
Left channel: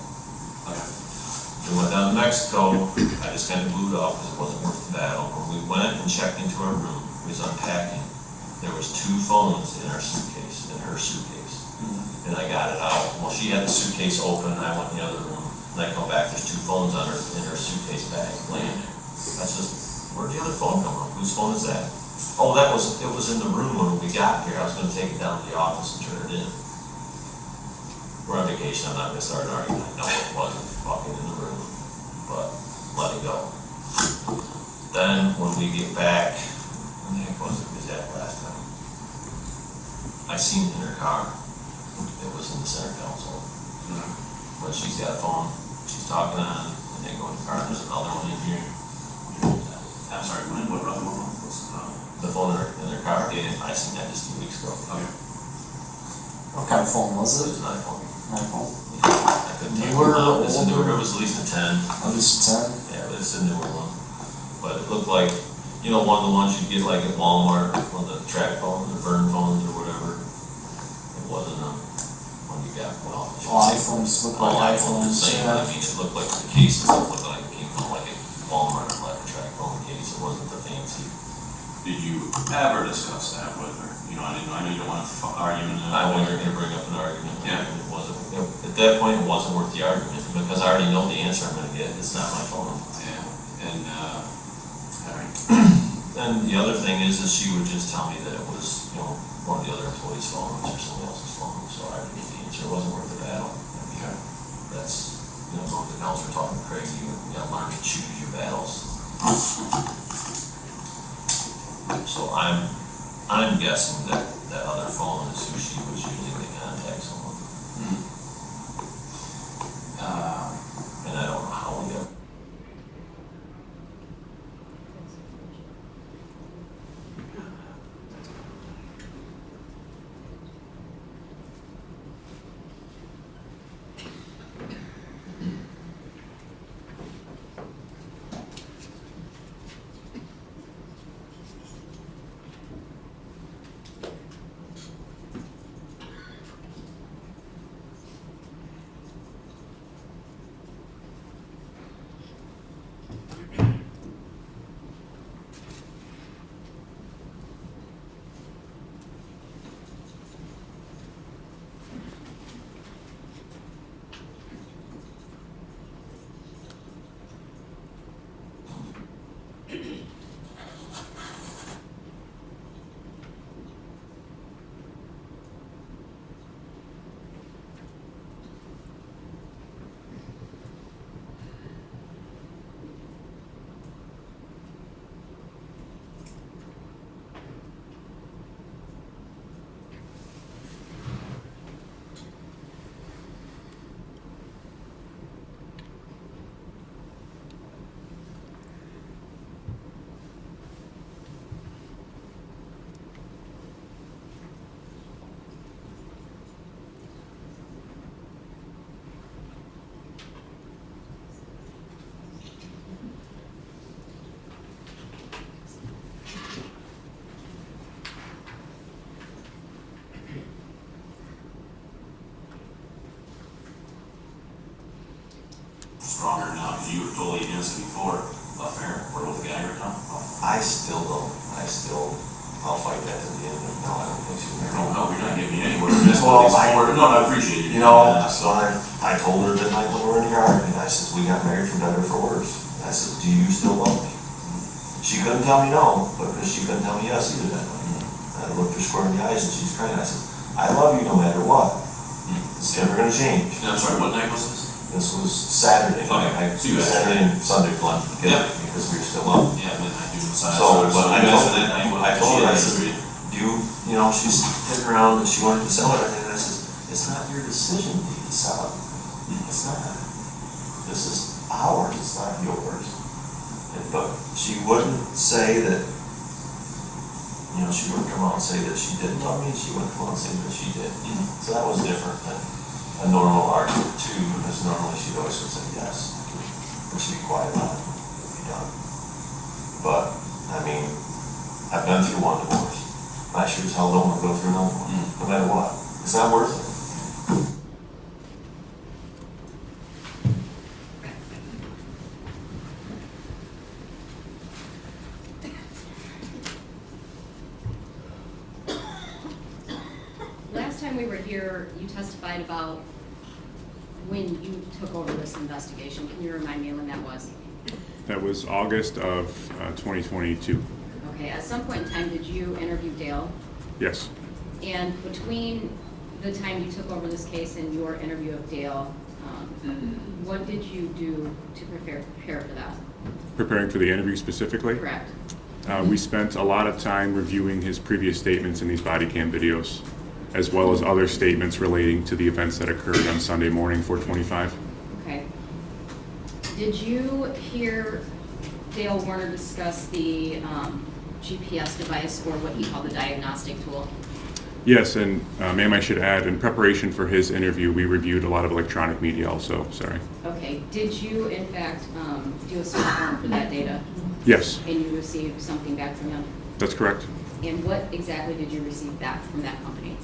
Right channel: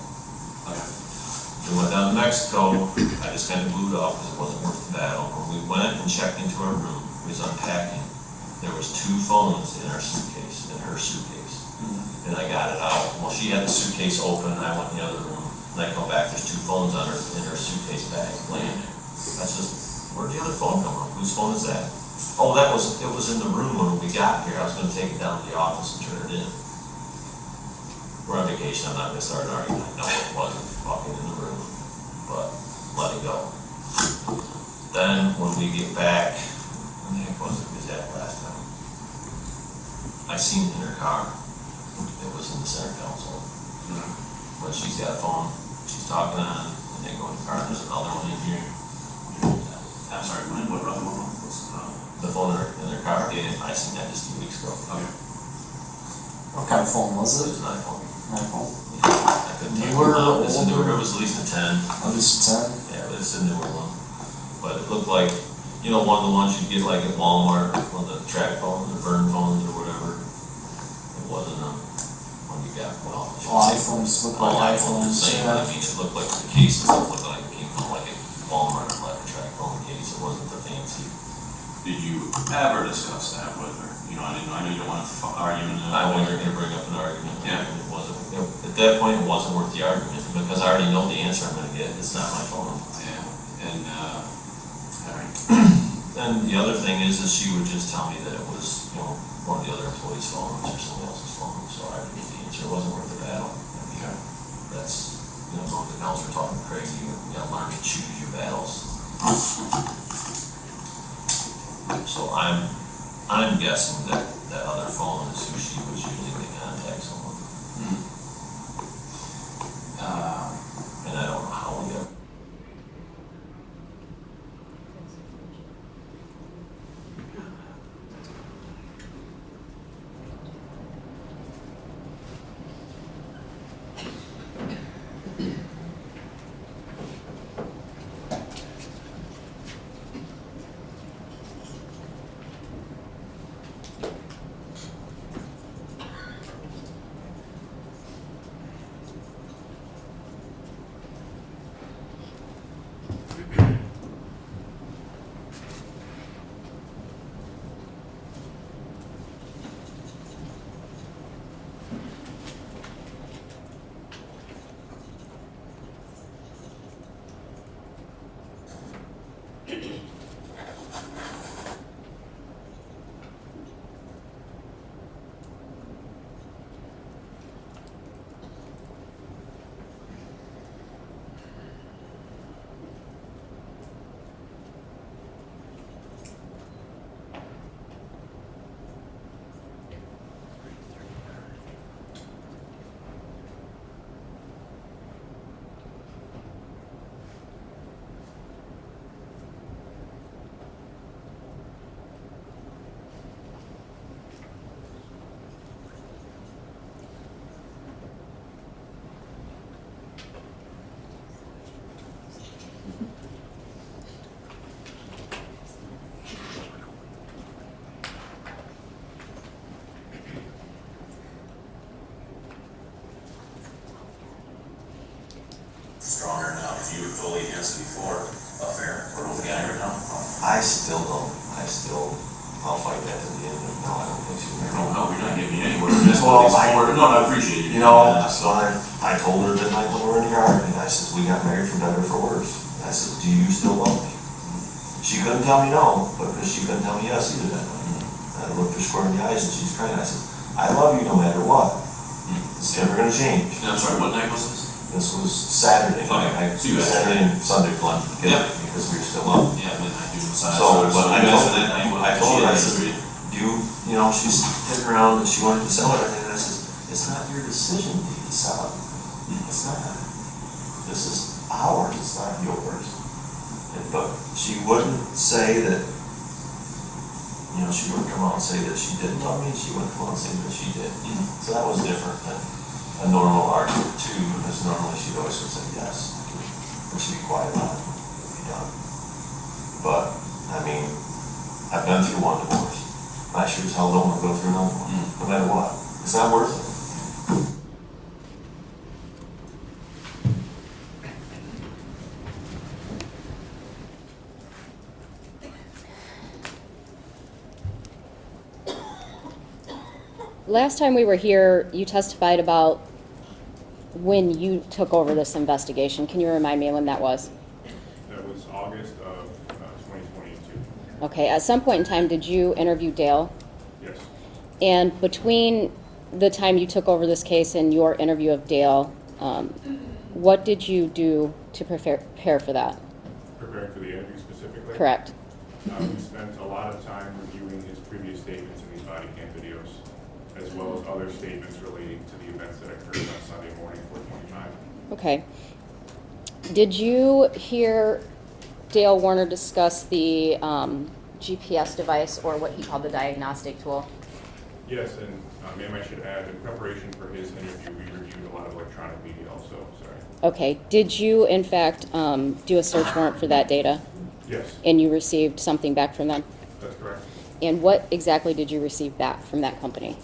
Okay. We went down to Mexico. I just kind of blew it off because it wasn't worth the battle. When we went and checked into our room, we was unpacking. There was 2 phones in our suitcase, in her suitcase. And I got it out. Well, she had the suitcase open, and I went in the other room. And I come back, there's 2 phones in her suitcase bag laying there. I said, where'd the other phone come from? Whose phone is that? Oh, it was in the room when we got here. I was gonna take it down to the office and turn it in. We're on vacation, I'm not gonna start an argument. No, it wasn't fucking in the room, but let it go. Then, when we get back, when the heck was that last time? I seen it in her car. It was in the center console. But she's got a phone, she's talking on, and they go in the car, there's another one in here. I'm sorry, what other one was? The phone in their car, yeah, I seen that just 2 weeks ago. Okay. What kind of phone was It it? was an iPhone. iPhone. I couldn't tell you Newer, what model. It's a newer, older? it was at least a 10. At least 10? Yeah, but it's a newer one. But it looked like, one of the ones you get like at Walmart, one of the track phones, or burn phones or whatever. It wasn't one you got, well. All iPhones look like iPhones, the iPhones, same, yeah. it looked like the case and stuff looked like it came from like a Walmart or like a track phone case. It wasn't the fancy. Did you ever discuss that with her? I know you don't want to argue in I wasn't gonna bring up an argument. Yeah. It wasn't, at that point, it wasn't worth the argument, because I already know the answer I'm gonna get, it's not my phone. Yeah, and, alright. And the other thing is she would just tell me that it was, one of the other employees' phones or somebody else's phone, so I already knew the answer, it wasn't worth the battle. Okay. That's, going to the counselor talking to Craig, you gotta learn to choose your battles. So I'm guessing that that other phone is who she was using to contact someone. I still don't. I'll fight that to the end. No, I don't think she's No, gonna. no, you're not getting me anywhere. That's Well, what these no, I appreciate it. You know, so I told her that night when we were in the yard, and I says, we got married for better or for worse. And I says, do you still love me? She couldn't tell me no, but she couldn't tell me yes either that night. I looked her square in the eyes and she's crying. I said, I love you no matter what. It's never gonna change. And I'm sorry, what night was this? This was Saturday. Okay. So you Saturday and Sunday lunch together because we were still up. Yeah, midnight, June, Sunday. So, but I told that night, I told her, I said, you know, she's hitting around and she wanted to sell it, and I said, it's not your decision to sell it. It's not. This is ours, it's not yours. But she wouldn't say that, you know, she wouldn't come out and say that she didn't love me, she wouldn't come out and say that she did. So that was different than a normal argument too, because normally she'd always would say yes, and she'd be quiet about it, it'd be done. But, I mean, I've been through one divorce. I sure as hell don't want to go through another one, no matter what. It's not worth it. Last time we were here, you testified about when you took over this investigation. Can you remind me when that was? That was August of 2022. Okay, at some point in time, did you interview Dale? Yes. And between the time you took over this case and your interview of Dale, what did you do to prepare for that? Preparing for the interview specifically? Correct. We spent a lot of time reviewing his previous statements in these body cam videos, as well as other statements relating to the events that occurred on Sunday morning, 4/25. Okay. Did you hear Dale Warner discuss the GPS device, or what he called the diagnostic tool? Yes, and ma'am, I should add, in preparation for his interview, we reviewed a lot of electronic media also, sorry. Okay. Did you, in fact, do a search warrant for that data? Yes, And you received something back from them? that's correct. And what exactly did you receive back from that company?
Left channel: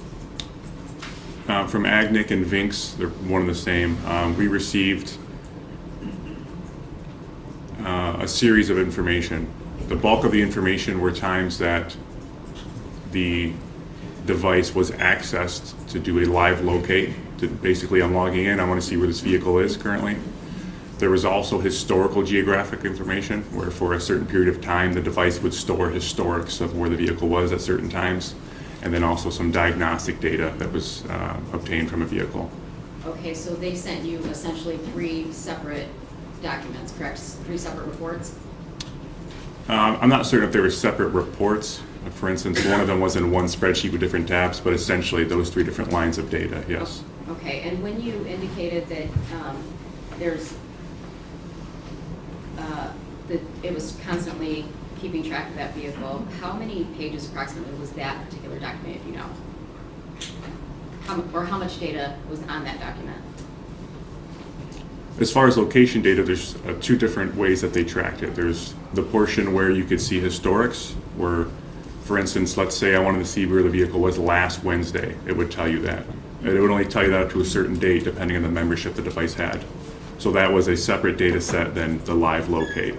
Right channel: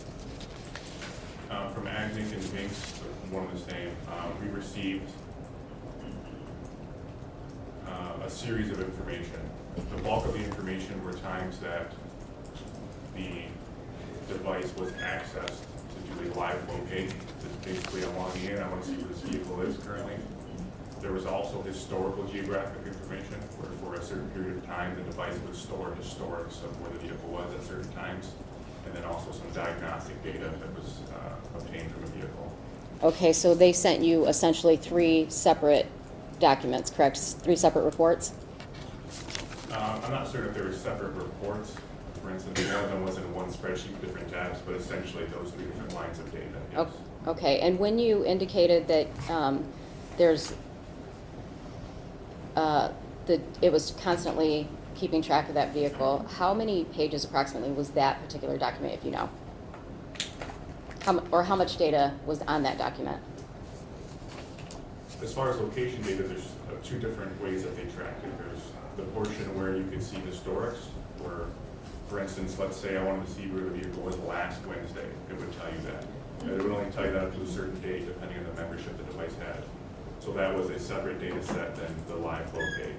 From Agnic and Vinks, they're one and the same, we received a series of information. The bulk of the information were times that the device was accessed to do a live locate, to basically I'm logging in, I want to see where this vehicle is currently. There was also historical geographic information, where for a certain period of time, the device would store historics of where the vehicle was at certain times, and then also some diagnostic data that was obtained from a vehicle. Okay, so they sent you essentially 3 separate documents, correct? 3 separate reports? I'm not certain if there were separate reports. For instance, one of them was in one spreadsheet with different tabs, but essentially those 3 different lines of data, yes. Okay, and when you indicated that that it was constantly keeping track of that vehicle, how many pages approximately was that particular document, if you know? How much data was on that document? As far as location data, there's 2 different ways that they tracked it. There's the portion where you could see historics, where, for instance, let's say I wanted to see where the vehicle was last Wednesday, it would tell you that. And it would only tell you that to a certain date, depending on the membership the device had. So that was a separate data set than the live locate,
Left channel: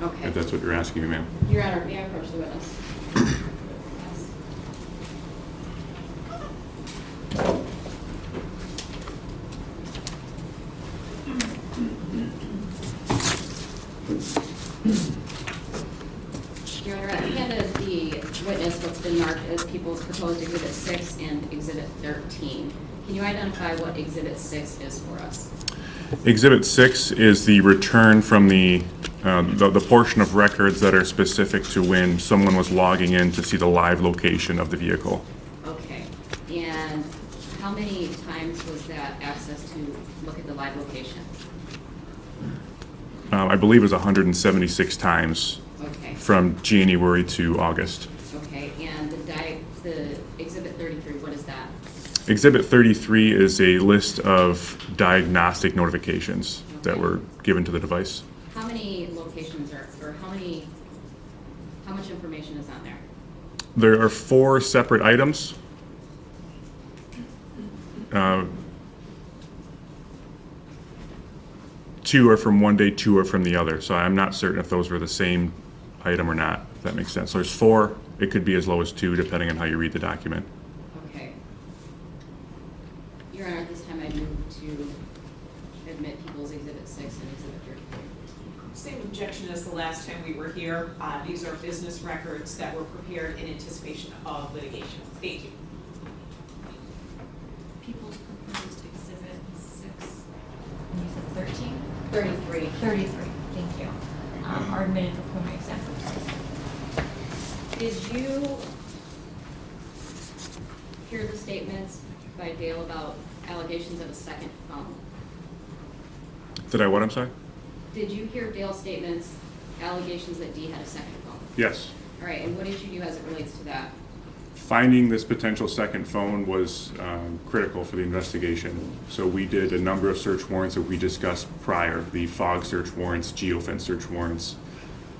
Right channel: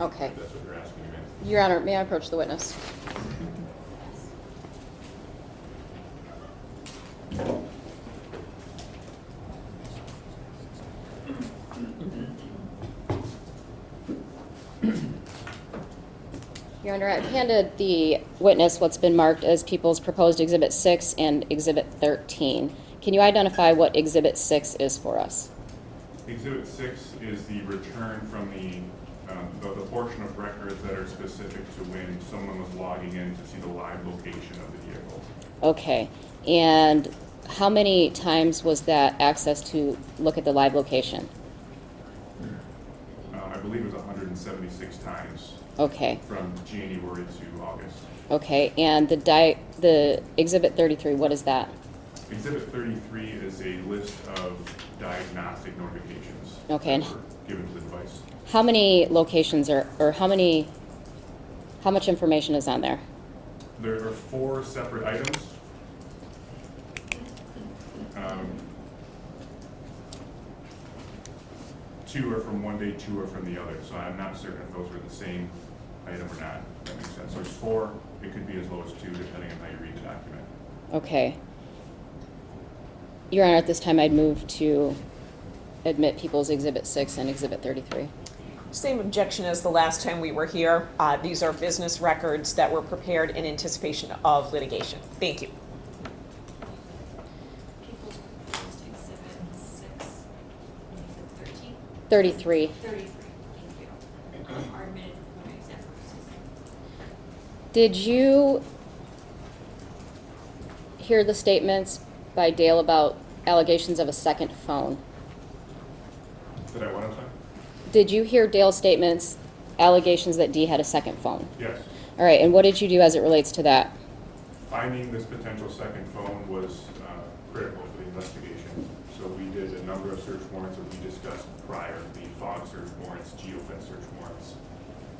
Okay. if that's what you're asking me, ma'am. Your Honor, may I approach the witness? Your Honor, I've handed the witness what's been marked as People's Proposed Exhibit 6 and Exhibit 13. Can you identify what Exhibit 6 is for us? Exhibit 6 is the return from the portion of records that are specific to when someone was logging in to see the live location of the vehicle. Okay, and how many times was that access to look at the live location? I believe it was 176 times Okay, from January to August. okay, and the Exhibit 33, what is that? Exhibit 33 is a list of diagnostic notifications Okay. that were given to the device. How many locations or how much information is on there? There are 4 separate items. 2 are from one day, 2 are from the other. So I'm not certain if those were the same item or not, if that makes sense. So there's 4, it could be as low as 2, depending on how you read the document. Okay. Your Honor, at this time, I'd move to admit People's Exhibit 6 and Exhibit 33. Same objection as the last time we were here. These are business records that were prepared in anticipation of litigation. Thank you. People's proposed exhibit 6, and you said 13? 33. 33, thank you. Are admitted for preliminary exam purposes. Did you hear the statements by Dale about allegations of a second phone? Did I what, I'm sorry? Did you hear Dale's statements, allegations that Dee had a second phone? Yes. All right, and what did you do as it relates to that? Finding this potential second phone was critical for the investigation. So we did a number of search warrants that we discussed prior, the fog search warrants, geofence search warrants.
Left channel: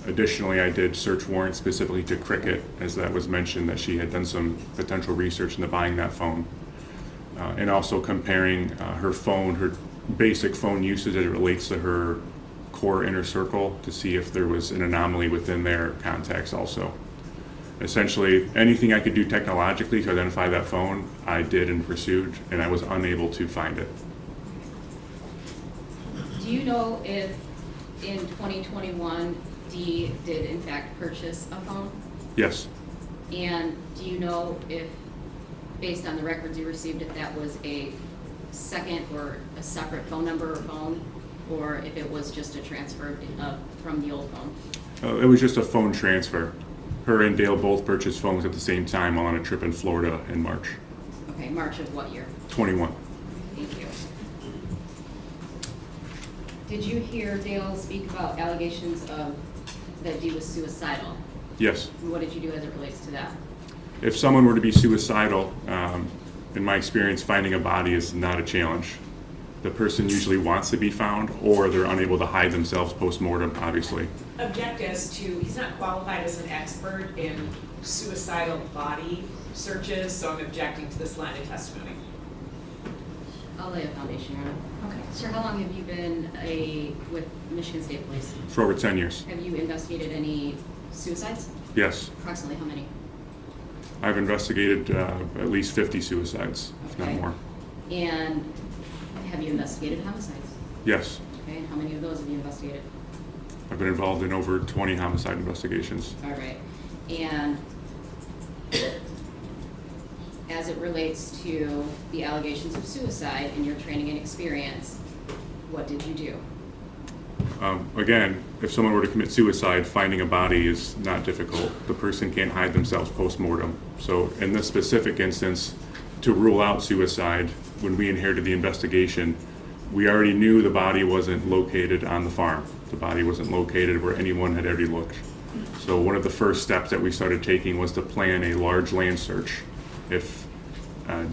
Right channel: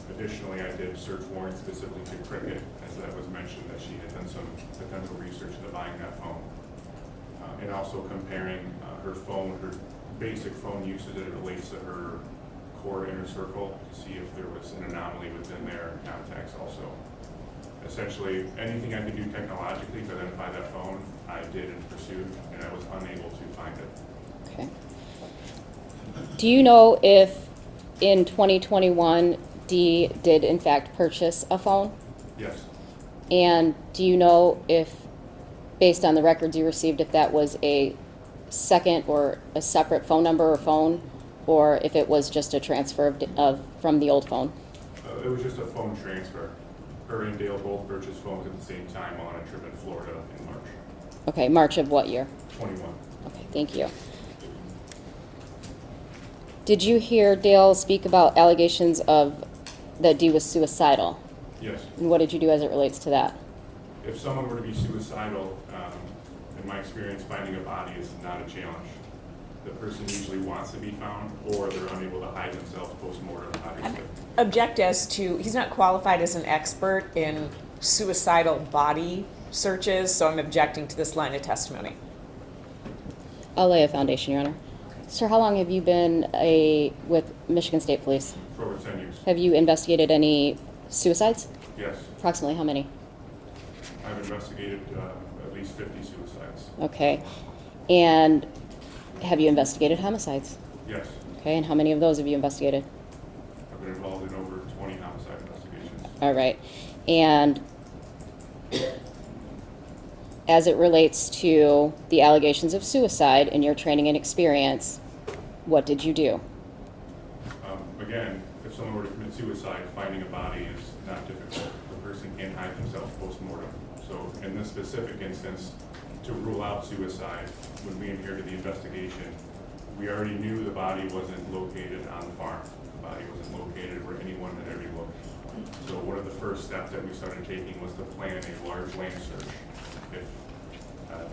Additionally, I did search warrants specifically to Cricket, as that was mentioned that she had done some potential research into buying that phone. And also comparing her phone, her basic phone usage as it relates to her core inner circle to see if there was an anomaly within their contacts also. Essentially, anything I could do technologically to identify that phone, I did and pursued, and I was unable to find it. Okay. Do you know if in 2021 Dee did in fact purchase a phone? Yes, And do you know if, based on the records you received, if that was a second or a separate phone number or phone, or if it was just a transfer from the old phone? it was just a phone transfer. Her and Dale both purchased phones at the same time while on a trip in Florida in March. Okay, March of what year? 21. Okay, thank you. Did you hear Dale speak about allegations of that Dee was suicidal? Yes. And what did you do as it relates to that? If someone were to be suicidal, in my experience, finding a body is not a challenge. The person usually wants to be found, or they're unable to hide themselves post-mortem, obviously. Object as to, he's not qualified as an expert in suicidal body searches, so I'm objecting to this line of testimony. I'll lay a foundation, Your Honor. Okay. Sir, how long have you been with Michigan State Police? For over 10 years. Have you investigated any suicides? Yes. Approximately how many? I've investigated at least 50 suicides. if not Okay. more. And have you investigated homicides? Yes. Okay, and how many of those have you investigated? I've been involved in over 20 homicide investigations. All right. And as it relates to the allegations of suicide in your training and experience, what did you do? Again, if someone were to commit suicide, finding a body is not difficult. The person can't hide themselves post-mortem. So in this specific instance, to rule out suicide, when we inherited the investigation, we already knew the body wasn't located on the farm. The body wasn't located where anyone had already looked. So one of the first steps that we started taking was to plan a large land search. If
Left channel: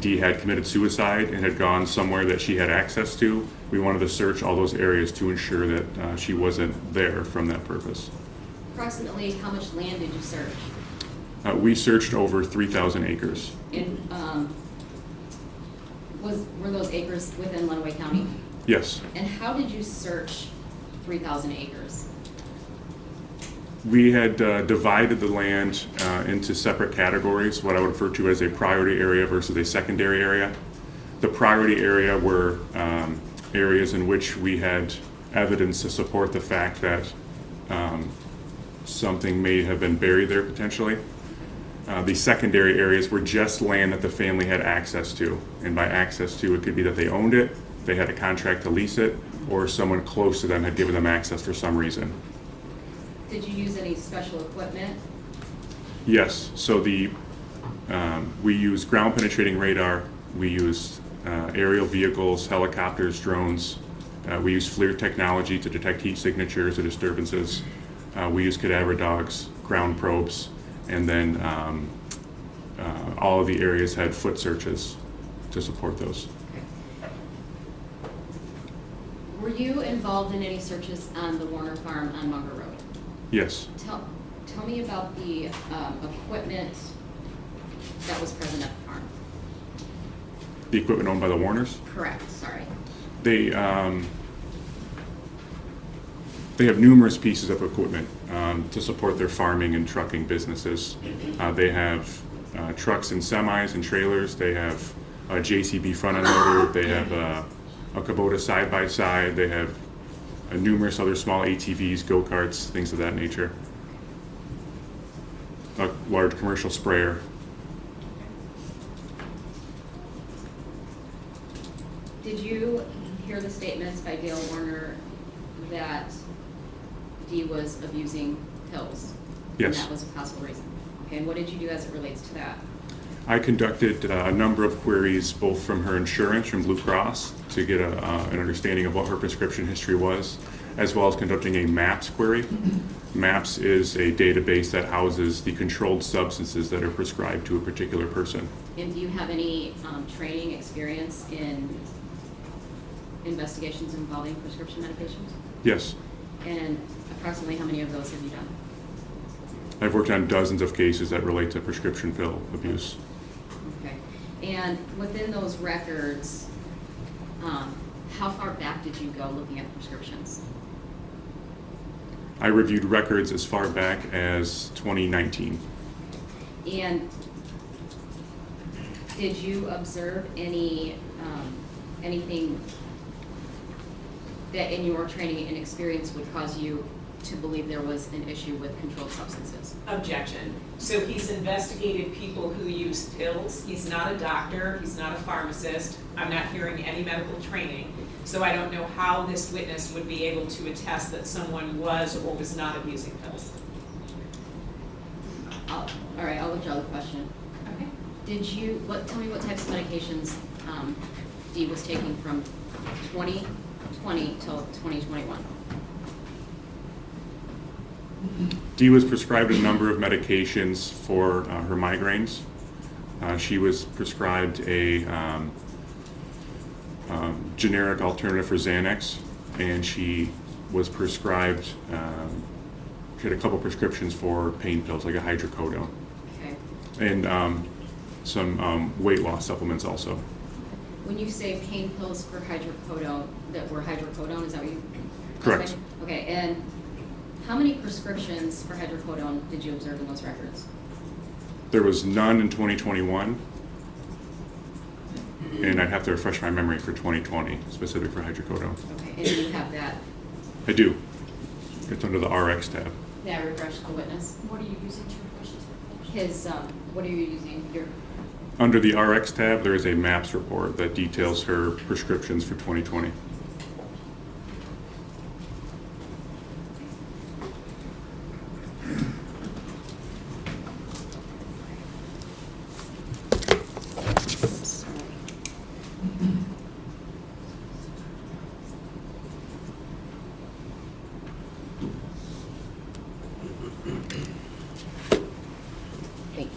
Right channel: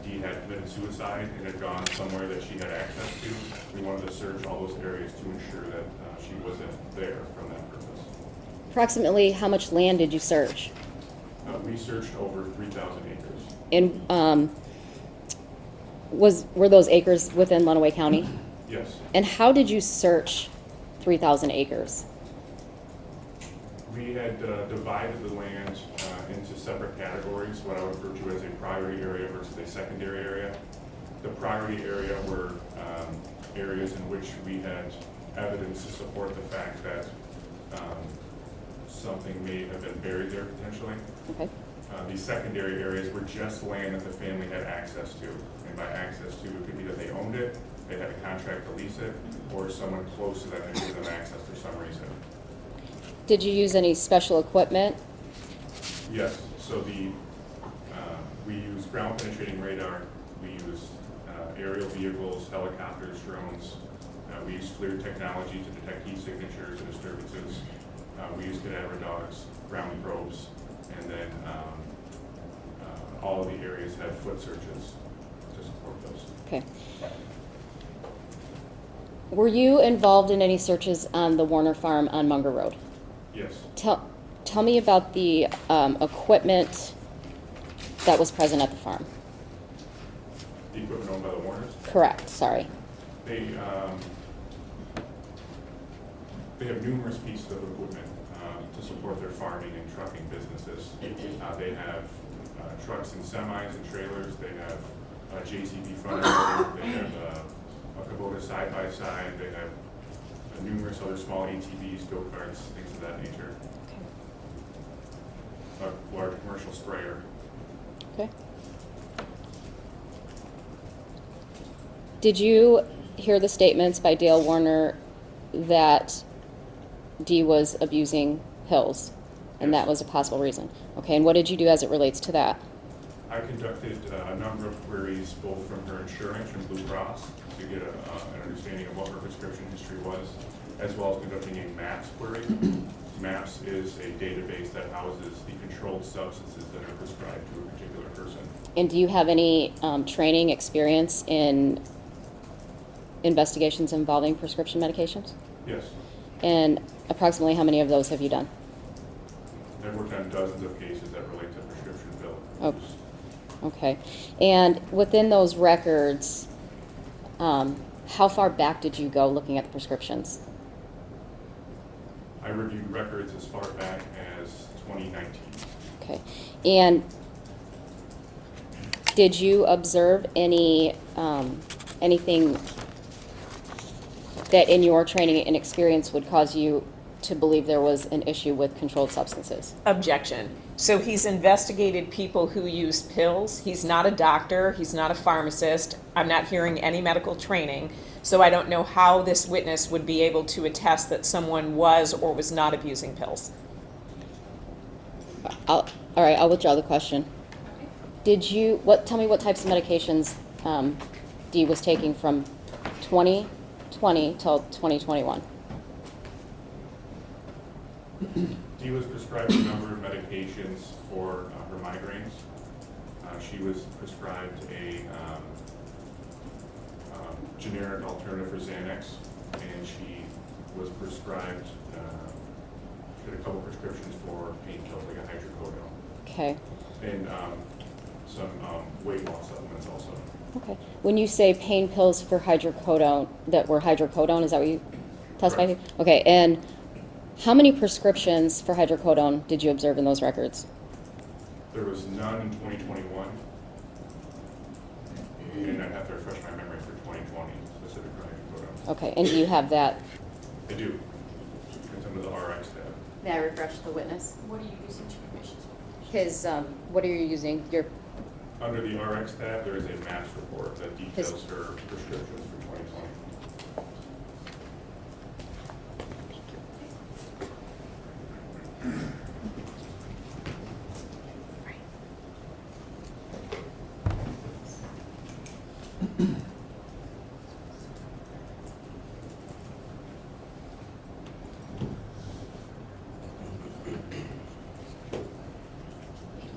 Dee had committed suicide and had gone somewhere that she had access to, we wanted to search all those areas to ensure that she wasn't there from that purpose. Approximately how much land did you search? We searched over 3,000 acres. In, were those acres within Lenawee County? Yes. And how did you search 3,000 acres? We had divided the land into separate categories, what I would refer to as a priority area versus a secondary area. The priority area were areas in which we had evidence to support the fact that something may have been buried there potentially. Okay. The secondary areas were just land that the family had access to. And by access to, it could be that they owned it, they had a contract to lease it, or someone close to them had given them access for some reason. Did you use any special equipment? Yes, so we use ground penetrating radar, we use aerial vehicles, helicopters, drones, we use FLIR technology to detect heat signatures or disturbances, we use cadaver dogs, ground probes, and then all of the areas had foot searches to support those. Okay. Were you involved in any searches on the Warner Farm on Munger Road? Yes, Tell me about the equipment that was present at the farm. the equipment owned by the Warners. Correct, sorry. They have numerous pieces of equipment. to support their farming and trucking businesses. They have trucks and semis and trailers. They have a JCB front end loader. They have a Kubota side-by-side. They have numerous other small ATVs, go-karts, things of that nature. A large commercial sprayer. Okay. Did you hear the statements by Dale Warner that Dee was abusing pills? And Yes. that was a possible reason? Okay, and what did you do as it relates to that? I conducted a number of queries, both from her insurance, from Blue Cross, to get an understanding of what her prescription history was, as well as conducting a MAPS query. MAPS is a database that houses the controlled substances that are prescribed to a particular person. And do you have any training experience in investigations involving prescription medications? Yes, And approximately how many of those have you done? I've worked on dozens of cases that relate to prescription pill abuse. Okay. And within those records, how far back did you go looking at the prescriptions? I reviewed records as far back as 2019. Okay. And did you observe anything that in your training and experience would cause you to believe there was an issue with controlled substances? Objection. So he's investigated people who use pills. He's not a doctor. He's not a pharmacist. I'm not hearing any medical training. So I don't know how this witness would be able to attest that someone was or was not abusing pills. All right, I'll withdraw the question. Okay. Tell me what types of medications Dee was taking from 2020 till 2021? Dee was prescribed a number of medications for her migraines. She was prescribed a generic alternative for Xanax, and she was prescribed, she had a couple prescriptions for pain pills, like a hydrocodone, Okay. and some weight loss supplements also. Okay. When you say pain pills for hydrocodone, that were hydrocodone, is that what you classified? Correct. Okay, and how many prescriptions for hydrocodone did you observe in those records? There was none in 2021, and I'd have to refresh my memory for 2020, specific for hydrocodone. Okay, and do you have that? I do. It's under the RX tab. May I refresh the witness? What are you using to refresh his? What are you using? Under the RX tab, there is a MAPS report that details her prescriptions for 2020. Thank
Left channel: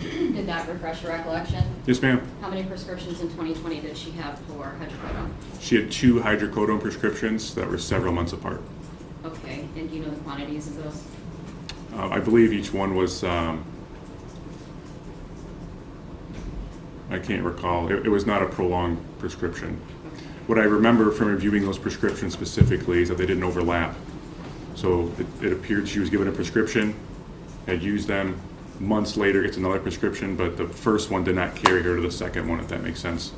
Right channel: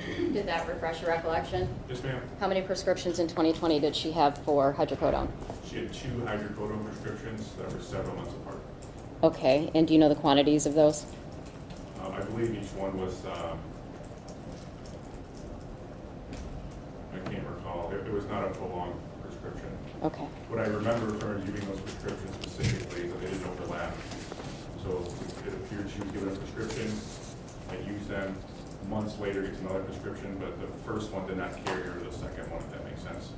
you. Did that refresh your recollection? Yes, ma'am. How many prescriptions in 2020 did she have for hydrocodone? She had 2 hydrocodone prescriptions that were several months apart. Okay, and do you know the quantities of those? I believe each one was, I can't recall. It was not a prolonged prescription. Okay. What I remember from reviewing those prescriptions specifically is that they didn't overlap. So it appeared she was given a prescription, had used them, months later gets another prescription, but the first one did not carry her to the second one, if that makes sense.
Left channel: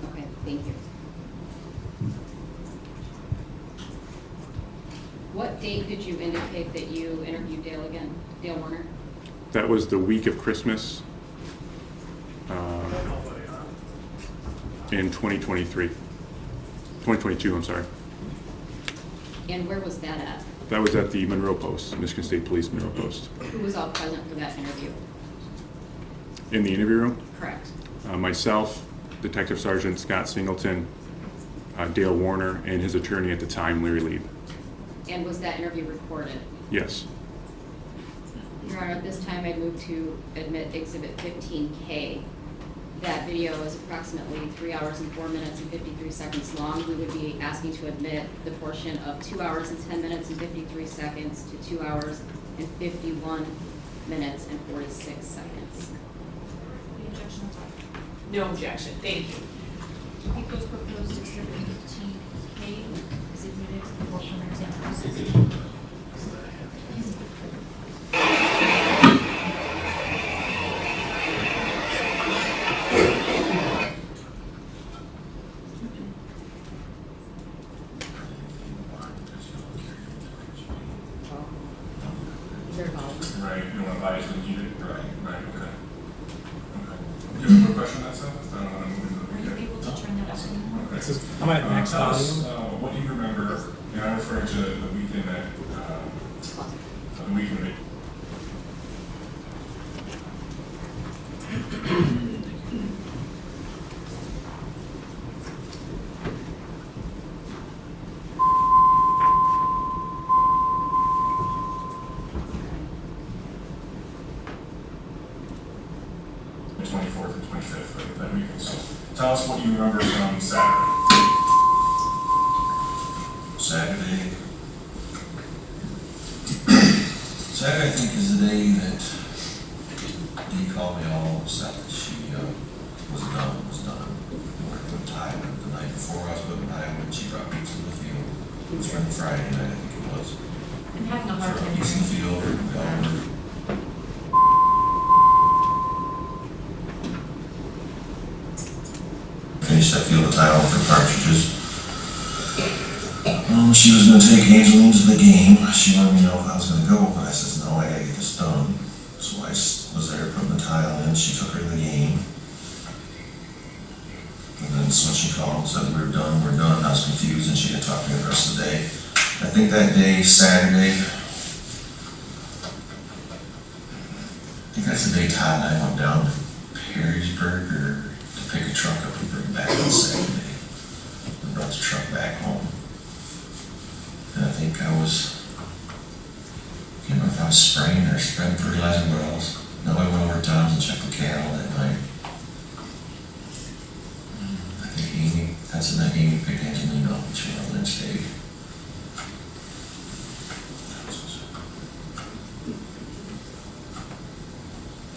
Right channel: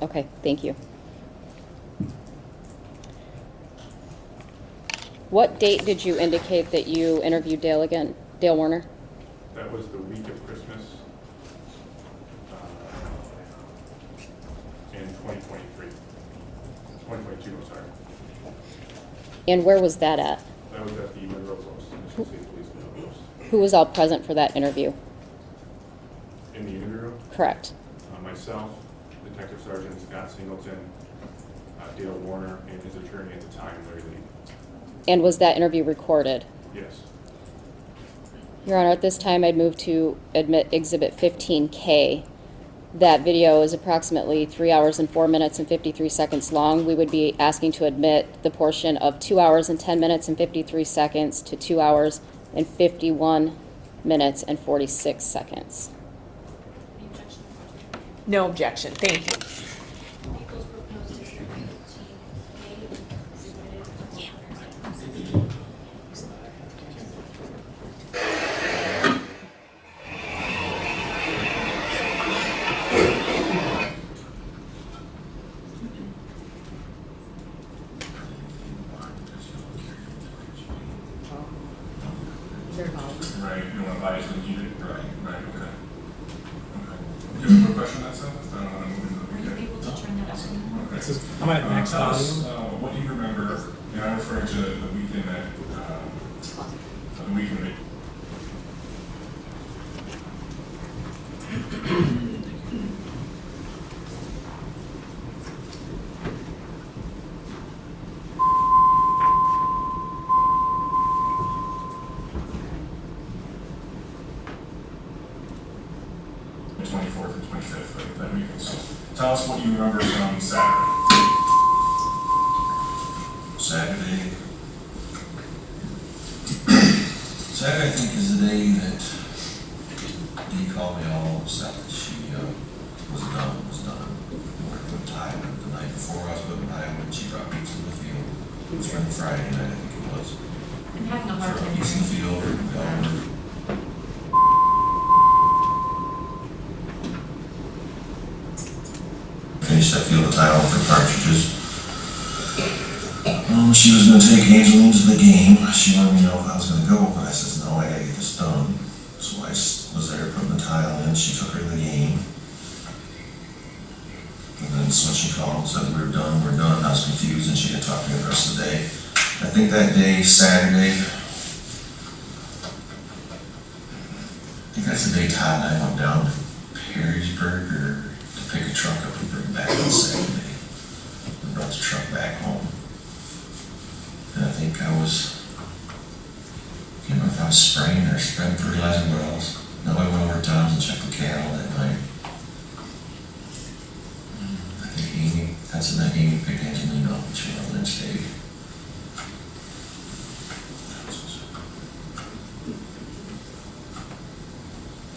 Okay, thank you. What date did you indicate that you interviewed Dale again? Dale Warner? That was the week of Christmas in 2022, I'm sorry. And where was that at? That was at the Monroe Post, Michigan State Police Monroe Post. Who was all present for that interview? In the interview room, Correct. myself, Detective Sergeant Scott Singleton, Dale Warner, and his attorney at the time, Larry Lieb. And was that interview recorded? Yes. Your Honor, at this time I'd move to admit Exhibit 15K. That video is approximately 3 hours and 4 minutes and 53 seconds long. We would be asking to admit the portion of 2 hours and 10 minutes and 53 seconds to 2 hours and 51 minutes and 46 seconds. The objection is on. No objection. Thank you. People's proposed exhibit 15K is admitted for purposes of very volatile. Right, you don't want to buy it till you need it? Right, okay. Do you have a quick question on that stuff? I don't want to move into the Are you weekend. able to turn that up anymore? Okay. I'm at max Tell us, volume. what do you remember, and I'm referring to the weekend that, the weekend that the 24th and 25th, right, that weekend. So tell us what you remember from Saturday. Saturday. Saturday, I think, is the day that Dee called me all upset that she was done. Working with Tyler the night before I was with Tyler when she brought me to the field. It was Friday night, I think it was. I'm having a hard time East in the field, finished that field of tile for partridges. She was gonna take Angeline to the game. She wanted me to know if I was gonna go, but I said, no, I gotta get this done. So I was there putting the tile in. She took her to the game. And then so when she called and said, we're done. I was confused and she didn't talk to me the rest of the day. I think that day, Saturday, I think that's the day Todd and I went down to Perrysburg to pick a truck up and bring it back on Saturday. And brought the truck back home. And I think I can't remember if I was spraying or spreading fertilizer wells. No, I went over to Tom's and checked the cattle that night. I think Amy, that's the night Amy picked Angelina up and she went over and stayed.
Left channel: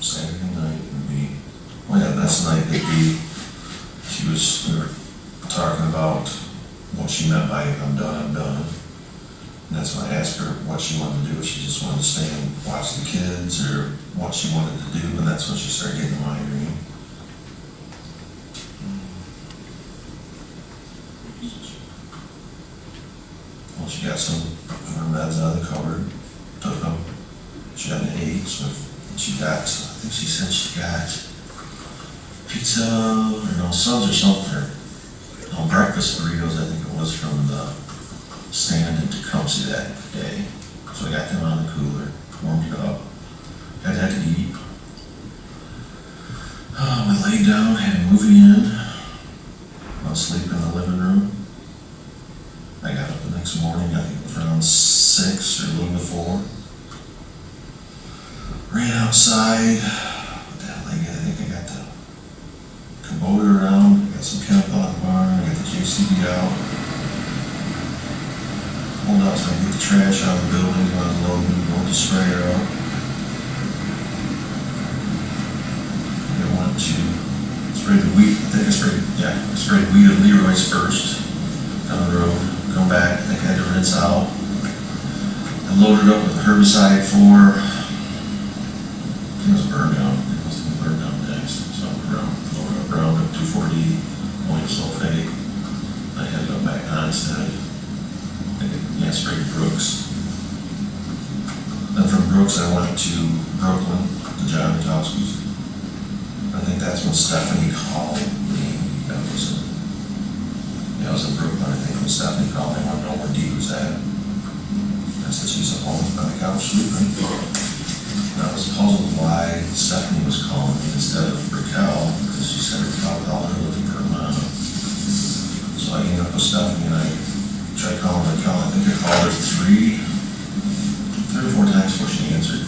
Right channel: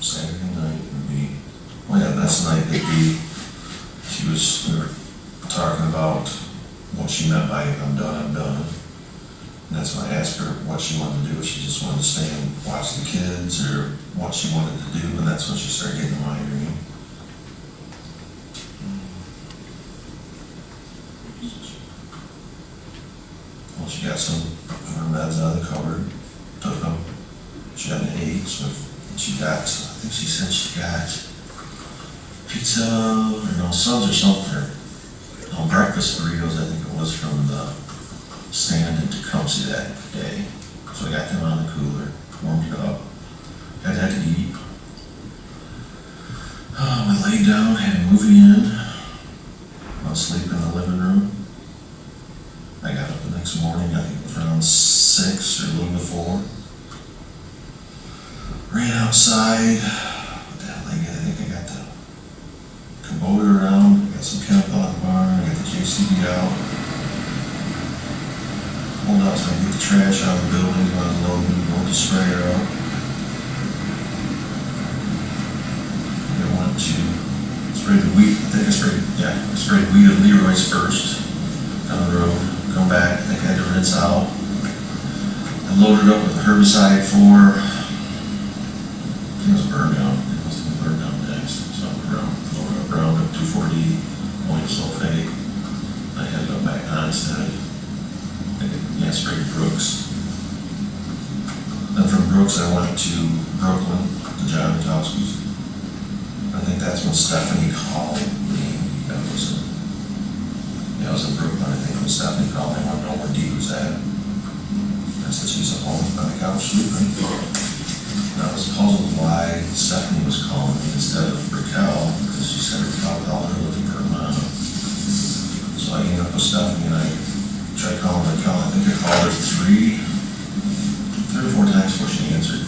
Saturday night would be, well, yeah, that's the night that we were talking about what she meant by I'm done. And that's when I asked her what she wanted to do, if she just wanted to stay and watch the kids, or what she wanted to do, and that's when she started getting the migraine. Well, she got some of her meds out of the cupboard, took them. She had an 8, so she got, I think she said she got pizza, or no, Subs or something, or breakfast burritos, I think it was, from the stand in Tecumseh that day. So I got them out of the cooler, warmed it up, had that to eat. We laid down, had a movie in, went to sleep in the living room. I got up the next morning, I think it was around 6 or a little before. Ran outside, what the hell I get? I think I got the Kubota around, I got some chemical out of the barn, I got the JCB out. Pulled out so I could get the trash out of the building, I was loading the sprayer out. I went to spray the wheat, I sprayed wheat at Leroy's first, down the road, come back, I think I had to rinse out. I loaded up with herbicide for, I think it was burn down, it must have been burn down next, so loaded up Roundup 2,4-D, ammonium sulfate. I had to go back on instead. I sprayed Brooks. Then from Brooks I went to Brooklyn, to John Mitowski's. I think that's when Stephanie called me. That was in Brooklyn, I think, when Stephanie called me. I wanted to know where Dee was at. I said she's at home on the couch sleeping. And I was puzzled why Stephanie was calling me instead of Raquel, because she said Raquel called her looking for a mom. So I ended up with Stephanie and I tried calling Raquel. I think I called her 3 or 4 times before she answered.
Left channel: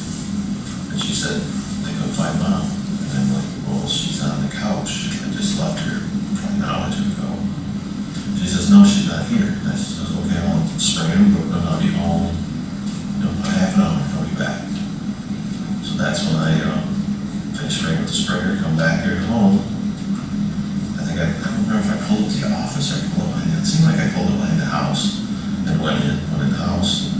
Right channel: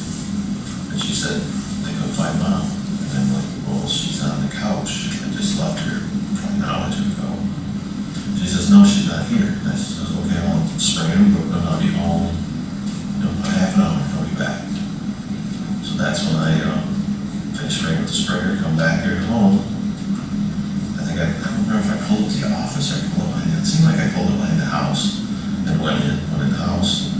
And she said they couldn't find Mom. And I'm like, well, she's on the couch. I just left her probably an hour or 2 ago. She says, no, she's not here. And I said, okay, I'll spray her, but I'll be home, about half an hour, I'll be back. So that's when I finished spraying with the sprayer, come back here at home. I don't remember if I pulled it to the office or I pulled it behind. It seemed like I pulled it behind the house and went in the house.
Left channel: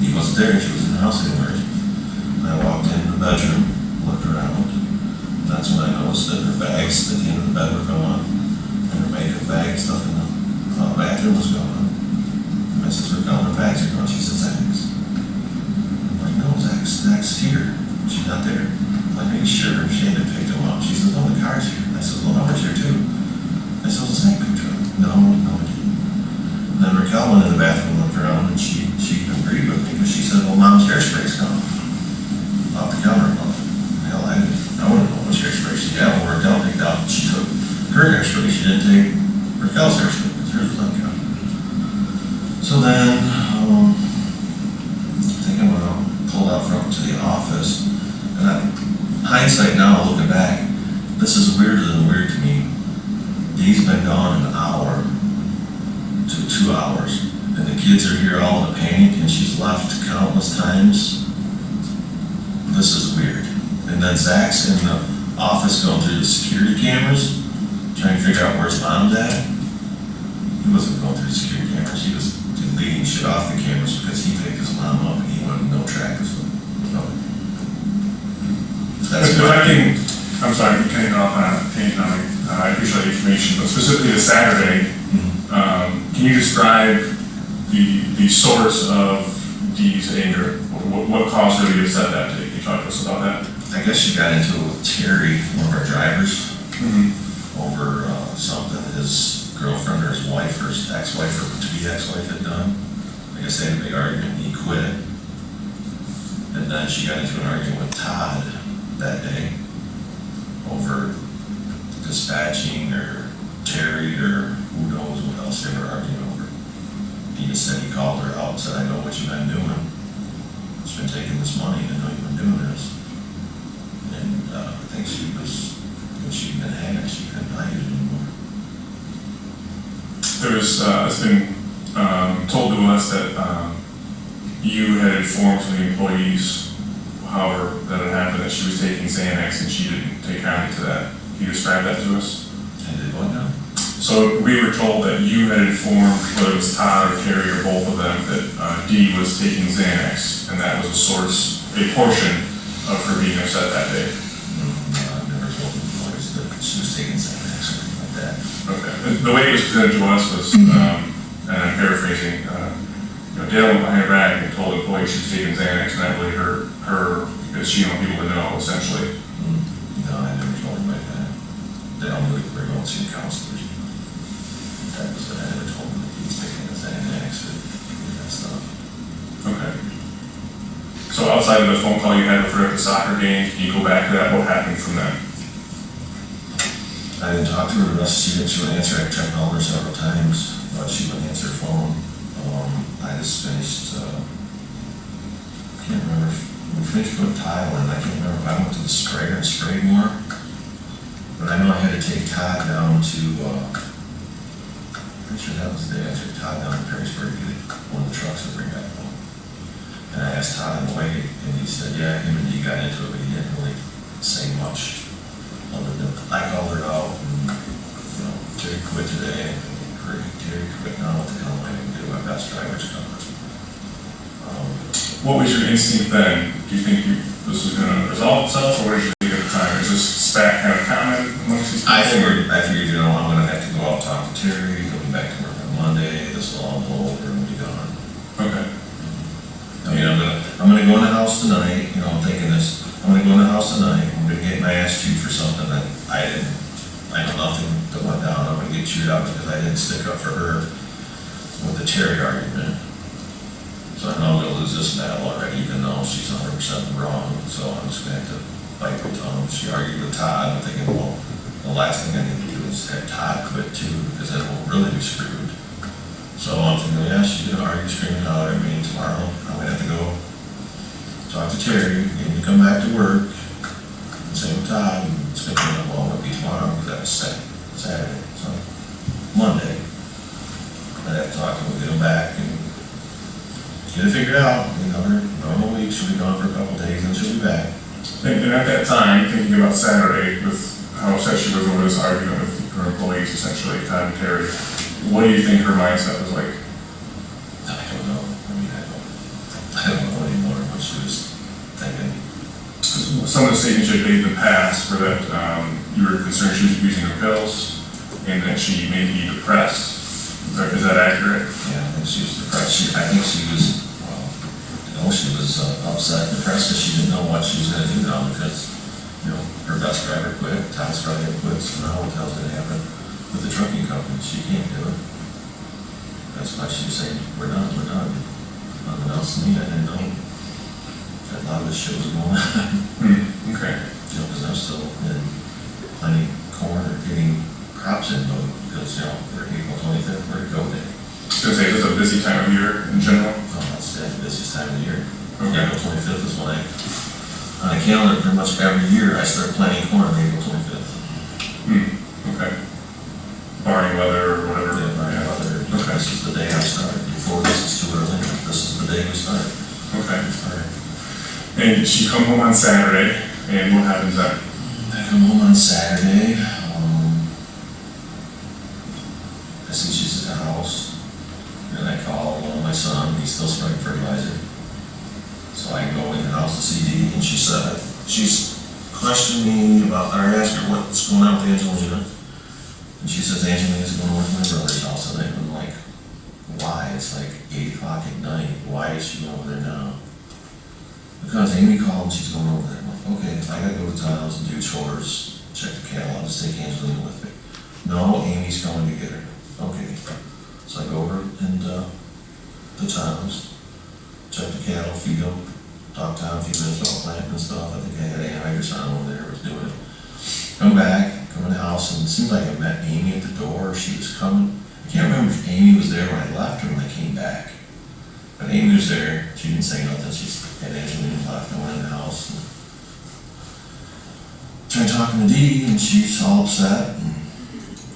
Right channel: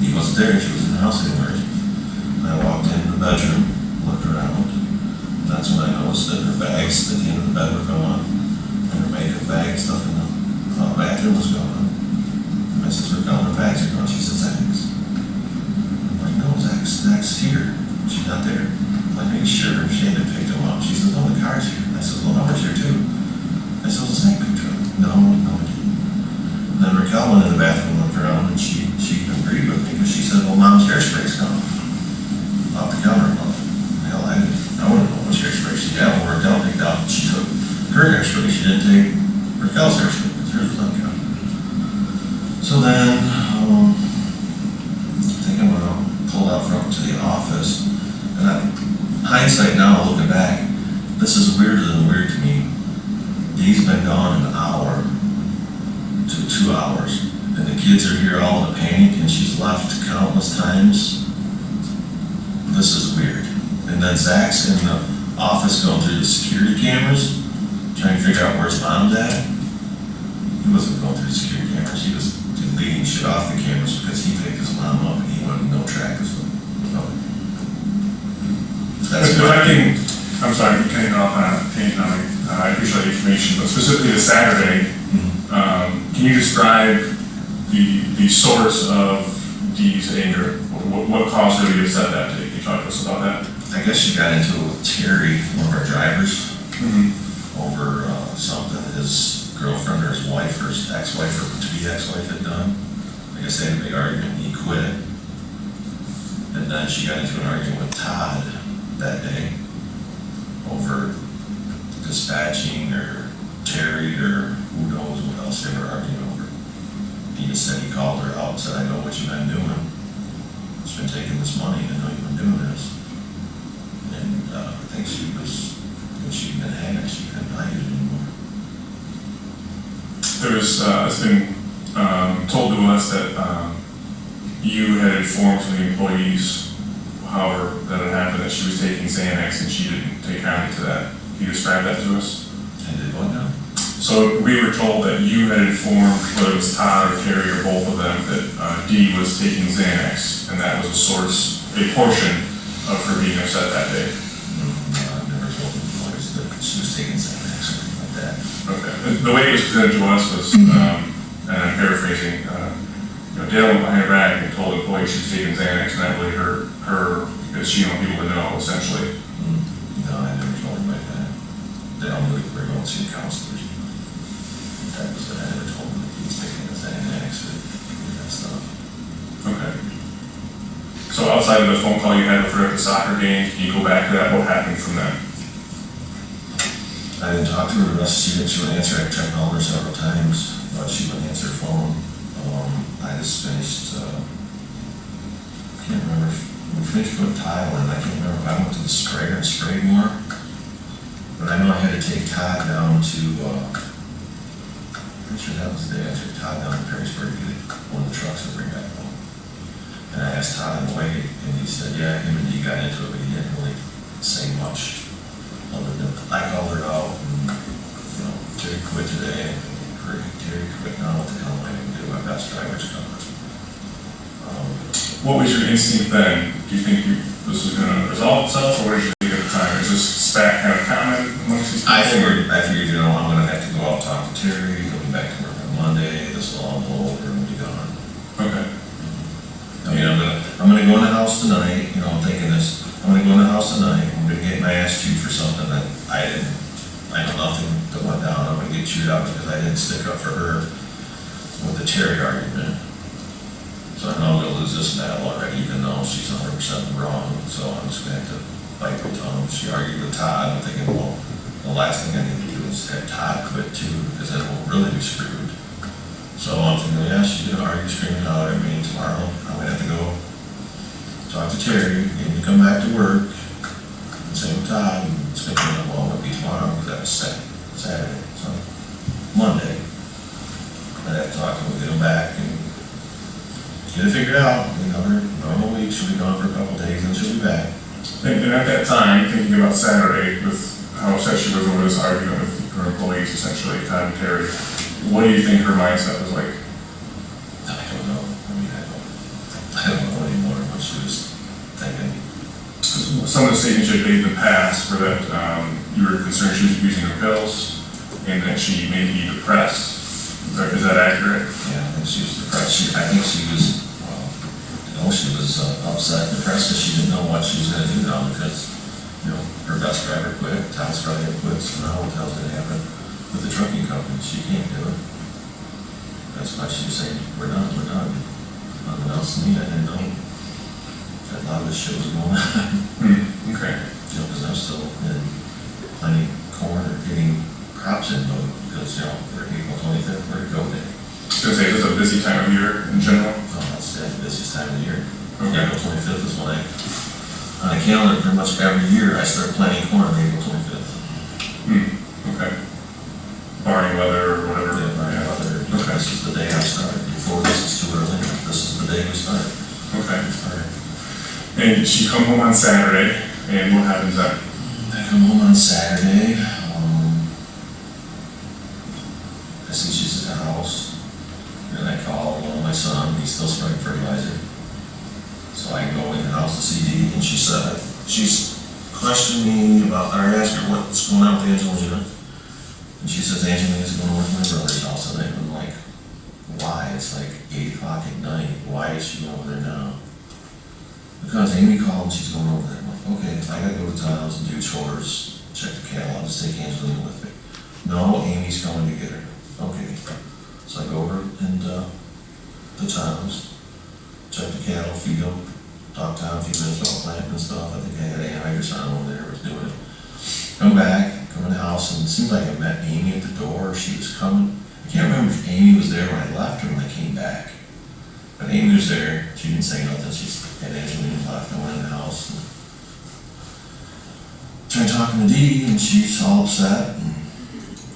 He wasn't there, she was in the house anywhere. And I walked into the bedroom, looked around, and that's when I noticed that her bags at the end of the bed were gone. And her makeup bag, stuff in the bathroom was gone. And I said, her bags are gone. She says, thanks. I'm like, no, Zach's here. She's not there. I'm like, are you sure? She had to pick him up. She says, no, the car's here. I said, well, Hubbard's here too. I said, well, Zach picked her up. No, he didn't. And then Raquel went in the bathroom, looked around, and she agreed with me because she said, well, Mom's hairspray's gone. Off the counter. Well, hell, I wouldn't know which hairspray she had. When Raquel picked out, she took her hairspray. She didn't take Raquel's hairspray because hers was on the counter. So then, I think I'm gonna pull out front to the office. And hindsight now, looking back, this is weirder than weird to me. Dee's been gone an hour to 2 hours, and the kids are here all in a panic, and she's left countless times. This is weird. And then Zach's in the office going through the security cameras, trying to figure out where's Mom's at. He wasn't going through the security cameras, he was deleting shit off the cameras because he picked his mom up and he wanted no track of him. That's If I can, I'm sorry, I'm cutting off on a tangent on it. I appreciate the information, but specifically the Saturday, can you describe the source of Dee's anger? What caused her to get upset that day? Can you talk to us about that? I guess she got into it with Terry, one of our drivers, over something his girlfriend or his wife or his ex-wife or to-be ex-wife had done. I guess they had a big argument and he quit. And then she got into an argument with Todd that day over dispatching or Terry or who knows what else they were arguing over. He just said he called her out and said, I know what you've been doing. It's been taking this money, I know you've been doing this. And I think when she'd been hacked, she couldn't hide it anymore. There was, it's been told to us that you had informed some of the employees, however, that it happened, that she was taking Xanax and she didn't take kindly to that. Can you describe that to us? I did what now? So we were told that you had informed, whether it was Todd or Terry or both of them, that Dee was taking Xanax, and that was a portion of her being upset that day. No, I've never told employees that she was taking Xanax or anything like that. Okay. The way it was presented to us was, and I'm paraphrasing, Dale went behind her back and told employees she was taking Xanax, and that really hurt her because she didn't want people to know, essentially. No, I never told them like that. They all knew we were going to see counselors. That was it. I never told them that he was taking a Xanax or that stuff. Okay. So outside of the phone call you had with her at the soccer game, can you go back to that? What happened from that? I didn't talk to her the rest. She would answer. I tried calling her several times, but she wouldn't answer her phone. I just finished, I can't remember, we finished putting tile in. I can't remember if I went to the sprayer and sprayed more. But I know I had to take Todd down to, pretty sure that was the day I took Todd down to Perrysburg to get one of the trucks to bring back home. And I asked Todd on the way, and he said, yeah, him and Dee got into it, but he didn't really say much. Other than, I called her out, and, Terry quit today, and great, Terry quit, now what the hell am I going to do? My best driver's coming. What was your instinct then? Do you think this was going to resolve itself, or what did you think at the time? Is this spat kind of comment amongst these people? I figured, I'm going to have to go out and talk to Terry, he'll be back to work on Monday, this will all blow over and we'll be gone. Okay. I mean, I'm gonna go in the house tonight, I'm thinking this, I'm gonna go in the house tonight, I'm gonna get my ass chewed for something that I know nothing that went down, I'm gonna get chewed out because I didn't stick up for her with the Terry argument. So I know I'm gonna lose this battle already, even though she's 100% wrong, so I'm just gonna have to bite my tongue. She argued with Todd, I'm thinking, well, the last thing I need to do is have Todd quit too, because then we'll really be screwed. So I'm thinking, yeah, she's gonna argue, screaming out at me tomorrow. I'm gonna have to go talk to Terry, get him to come back to work, and same with Todd, and it's gonna be, well, it'll be tomorrow, because that was Saturday, so Monday. I'd have to talk to him, get him back, and get it figured out. Her normal week, she'll be gone for a couple days, and she'll be back. And at that time, thinking about Saturday, with how upset she was over this argument with her employees, essentially, Todd and Terry, what do you think her mindset was like? I don't know. I don't know anymore what she was thinking. Some of the statements you had made in the past were that you were concerned she was abusing her pills and that she may be depressed. Is that accurate? Yeah, I think she was depressed. I think she was, well, she was upset and depressed because she didn't know what she was gonna do now because, her bus driver quit, Todd's probably gonna quit, so now what the hell's gonna happen with the trucking company? She can't do it. That's why she was saying, we're done. Nothing else to me, I didn't know that a lot of this shit was going on. Okay. Because I'm still in planting corn or getting crops in mode because, for April 25th, we're go day. So say, is this a busy time of year in general? Oh, that's the busiest time of the year. Okay. April 25th is when on a calendar, pretty much every year, I start planting corn on April 25th. Okay. Barring weather or whatever. Yeah. Okay. This is the day I start. Before this is too early. This is the day we start. Okay. All right. And she come home on Saturday, and what happens then? I come home on Saturday. I see she's at the house. And I call my son. He's still spraying fertilizer. So I go in the house to see Dee, and she's questioning me about, I asked her what's going on with Angelina. And she says Angelina's going to work at my brother's house today. I'm like, why? It's like 8 o'clock at night. Why is she going over there now? Because Amy called and she's going over there. I'm like, okay, if I gotta go to Tom's and do chores, check the cattle, I'll just take Angelina with me. No, Amy's coming to get her. Okay. So I go over and to Tom's, check the cattle, feed them, talk to Tom a few minutes about planting and stuff. I think I had anhydrous on over there, was doing it. Come back, come in the house, and it seemed like I met Amy at the door. She was coming. I can't remember if Amy was there when I left or when I came back. But Amy was there. She didn't say nothing. She had Angelina left. I went in the house and tried talking to Dee, and she's all upset. And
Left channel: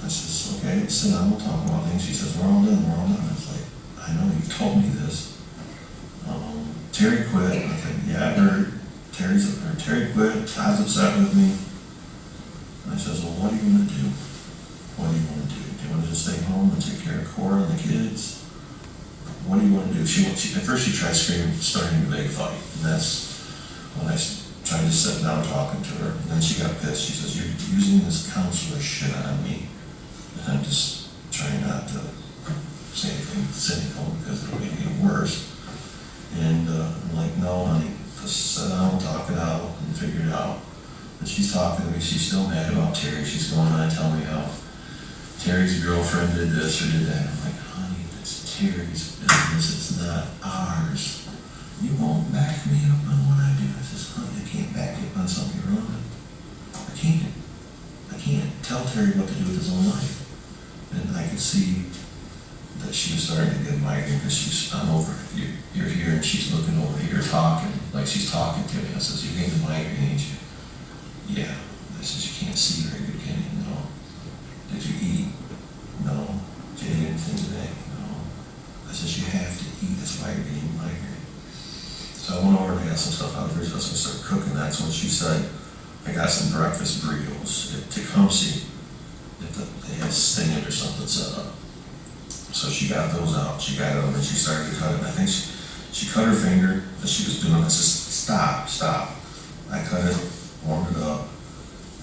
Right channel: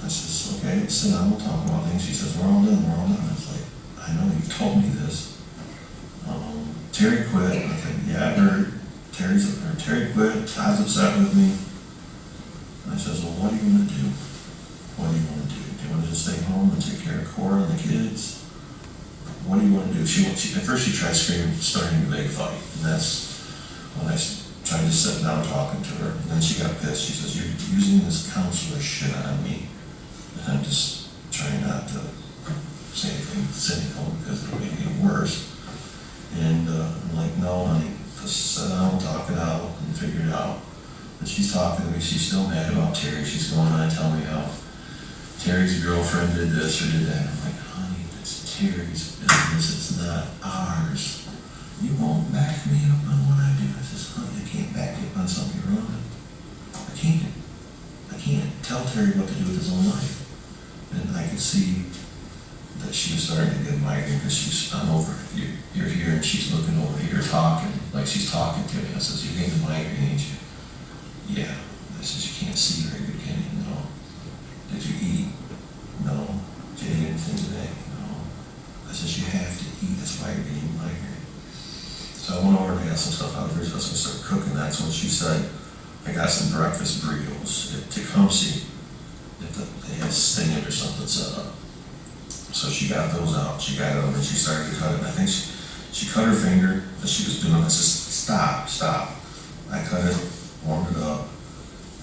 I says, okay, sit down, we'll talk about things. She says, we're all done. I was like, I know, you told me this. Terry quit. And I think, yeah, I heard. Terry quit. Todd's upset with me. And I says, well, what are you going to do? What do you want to do? Do you want to just stay home and take care of Cora and the kids? What do you want to do? At first she tried screaming, starting a big fight. And that's when I tried to sit down talking to her. And then she got pissed. She says, you're using this counselor shit on me. And I'm just trying not to say anything cynical because it'll make it worse. And I'm like, no, honey, just sit down and talk it out and figure it out. And she's talking to me. She's still mad about Terry. She's going on and telling me how Terry's girlfriend did this or did that. I'm like, honey, it's Terry's business. It's not ours. You won't back me up on what I do. I says, honey, I can't back you up on something you're wrong. I can't tell Terry what to do with his own life. And I could see that she was starting to get migraine because I'm over. You're here and she's looking over here talking, like she's talking to me. I says, you getting the migraine, ain't you? Yeah. I says, you can't see very good, can you? No. Did you eat? No. Did you eat anything today? No. I says, you have to eat. That's why you're getting migraine. So I went over and got some stuff out of her. So I started cooking. That's when she said, I got some breakfast burritos at Tecumseh. They had Sting or something set up. So she got those out. She got them and she started to cut it. And I think she cut her finger as she was doing it. I said, stop. I cut it, warmed it up.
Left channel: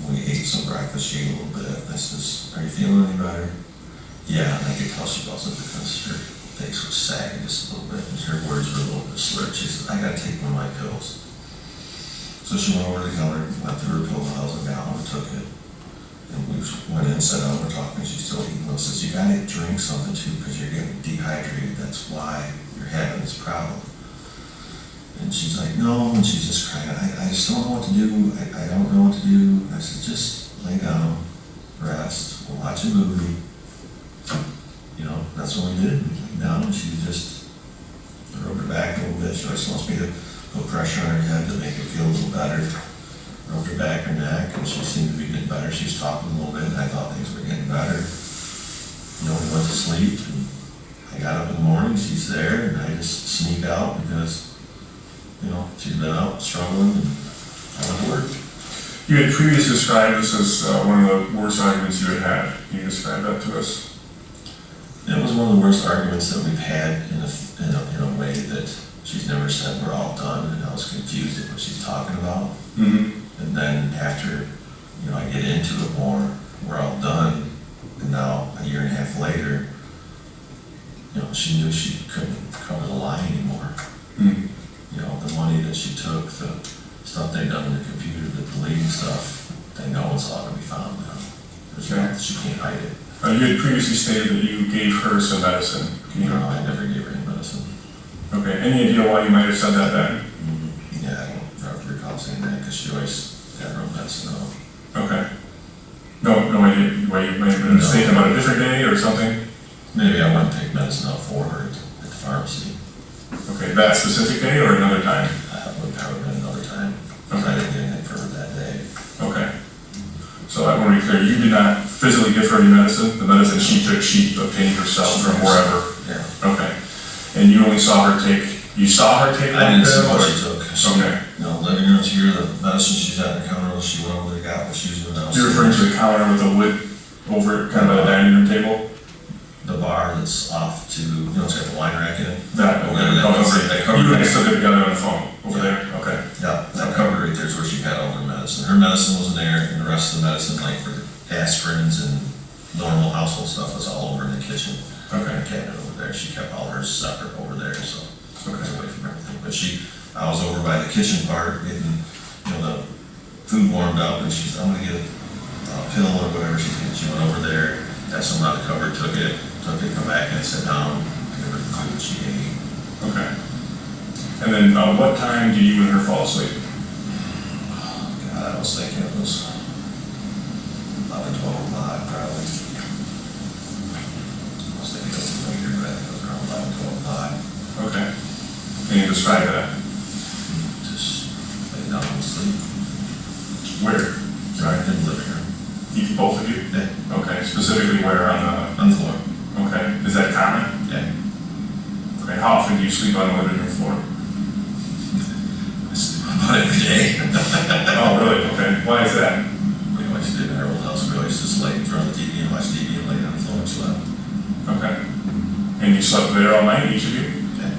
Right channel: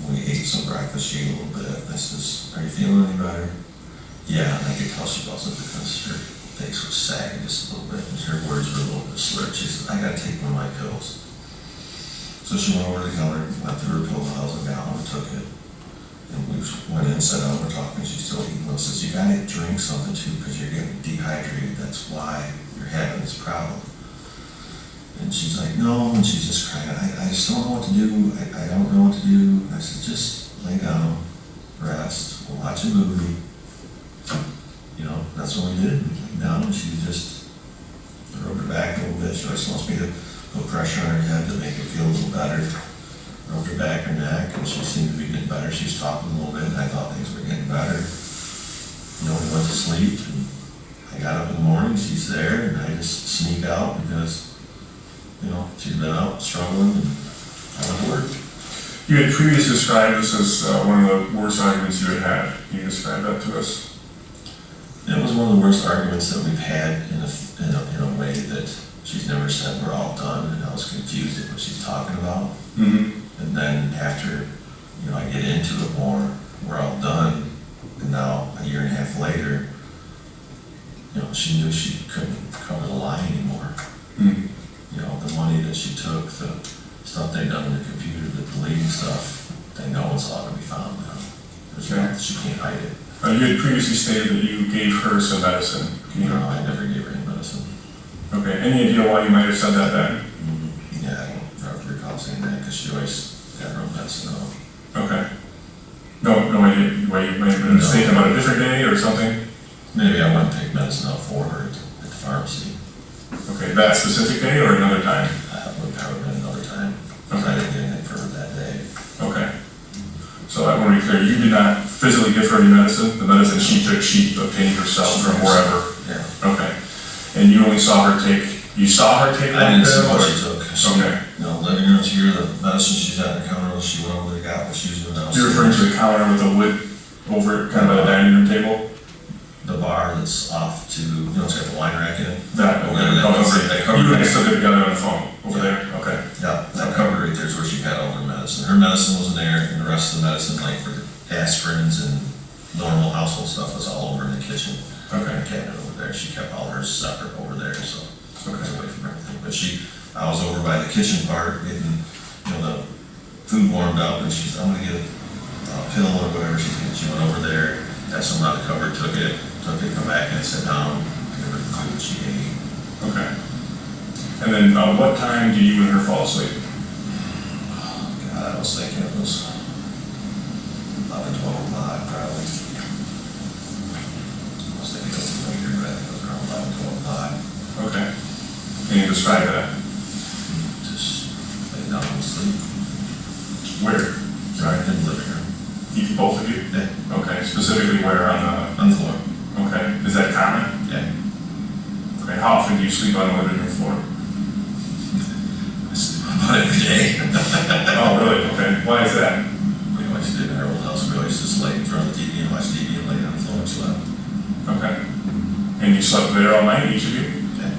We ate some breakfast. She ate a little bit. I says, are you feeling any better? Yeah, and I could tell she wasn't because her face was sagging just a little bit. And her words were a little bit slurred. She said, I got to take one of my pills. So she went over to the counter, went through her pill vials and got one and took it. And we went in, sat down, we're talking, she's still eating. I says, you gotta drink something too, because you're getting dehydrated. That's why you're having this problem. And she's like, no, and she's just crying. I just don't know what to do. I don't know what to do. I said, just lay down, rest, we'll watch a movie. That's what we did. We laid down, and she just rubbed her back a little bit. She always wants me to put pressure on her head to make her feel a little better. Rubbed her back, her neck, and she seemed to be getting better. She was talking a little bit, and I thought things were getting better. We went to sleep, and I got up in the morning, she's there, and I just sneak out because, she'd been out struggling, and I went to work. You had previously described this as one of the worst arguments you had had. Can you describe that to us? It was one of the worst arguments that we've had in a way that she's never said we're all done, and I was confused at what she's talking about. Mm-hmm. And then after, I get into it more, we're all done, and now a year and a half later, she knew she couldn't cover the line anymore. Mm-hmm. the money that she took, the stuff they done in the computer, the deleting stuff, they know it's all gonna be found now. She can't hide it. You had previously stated that you gave her some medicine. Can you? No, I never gave her any medicine. Okay, any idea why you might have said that then? Yeah, I don't recall saying that, because she always got her own medicine out. Okay. No idea why you might have been mistaken about a different day or something? Maybe I went and picked medicine out for her at the pharmacy. Okay, that specific day or another time? Would probably been another time, because I didn't get anything for her that day. Okay. So I want to be clear, you did not physically give her any medicine? The medicine she took, she obtained herself from wherever? Yeah. Okay. And you only saw her take, you saw her take I one didn't see pill? what or- she took. Okay. You know, living room's here, the medicine she's at the counter, she went over there, got what she was doing downstairs. You're referring to the counter with the wood over it, kind of by the dining room table? The bar that's off to, you know, it's got the wine rack in it. That, okay. Yeah, Oh, okay. that You covered guys it. still get together on the phone over there? Okay. Yeah, that cupboard right there is where she got all her medicine. Her medicine wasn't there, and the rest of the medicine, like for aspirins and normal household stuff, was all over in the kitchen. Okay. Her cabinet over there, she kept all hers separate over there, so it was away from everything. But I was over by the kitchen part, getting, you know, the food warmed up, and she's, I'm gonna get a pill or whatever she's getting. She went over there, got something out of the cupboard, took it, come back and sat down, give her the food she ate. Okay. And then what time did you and her fall asleep? God, I was thinking it was 11, 12 o'clock probably. I was thinking it was later, but I think it was around 11, 12 o'clock. Okay. Can you describe that? Just lay down and sleep. Where? Right in the living room. Both of you? Yeah, Okay, specifically where on on the floor. the, okay, is that common? Yeah. Okay, how often do you sleep on the living room floor? I sleep about every day. Oh, really? Okay, why is that? We always did in our old house. We always just lay in front of the TV and watch TV and lay on the floor and slept. Okay. And you slept there all night, each of you? Yeah.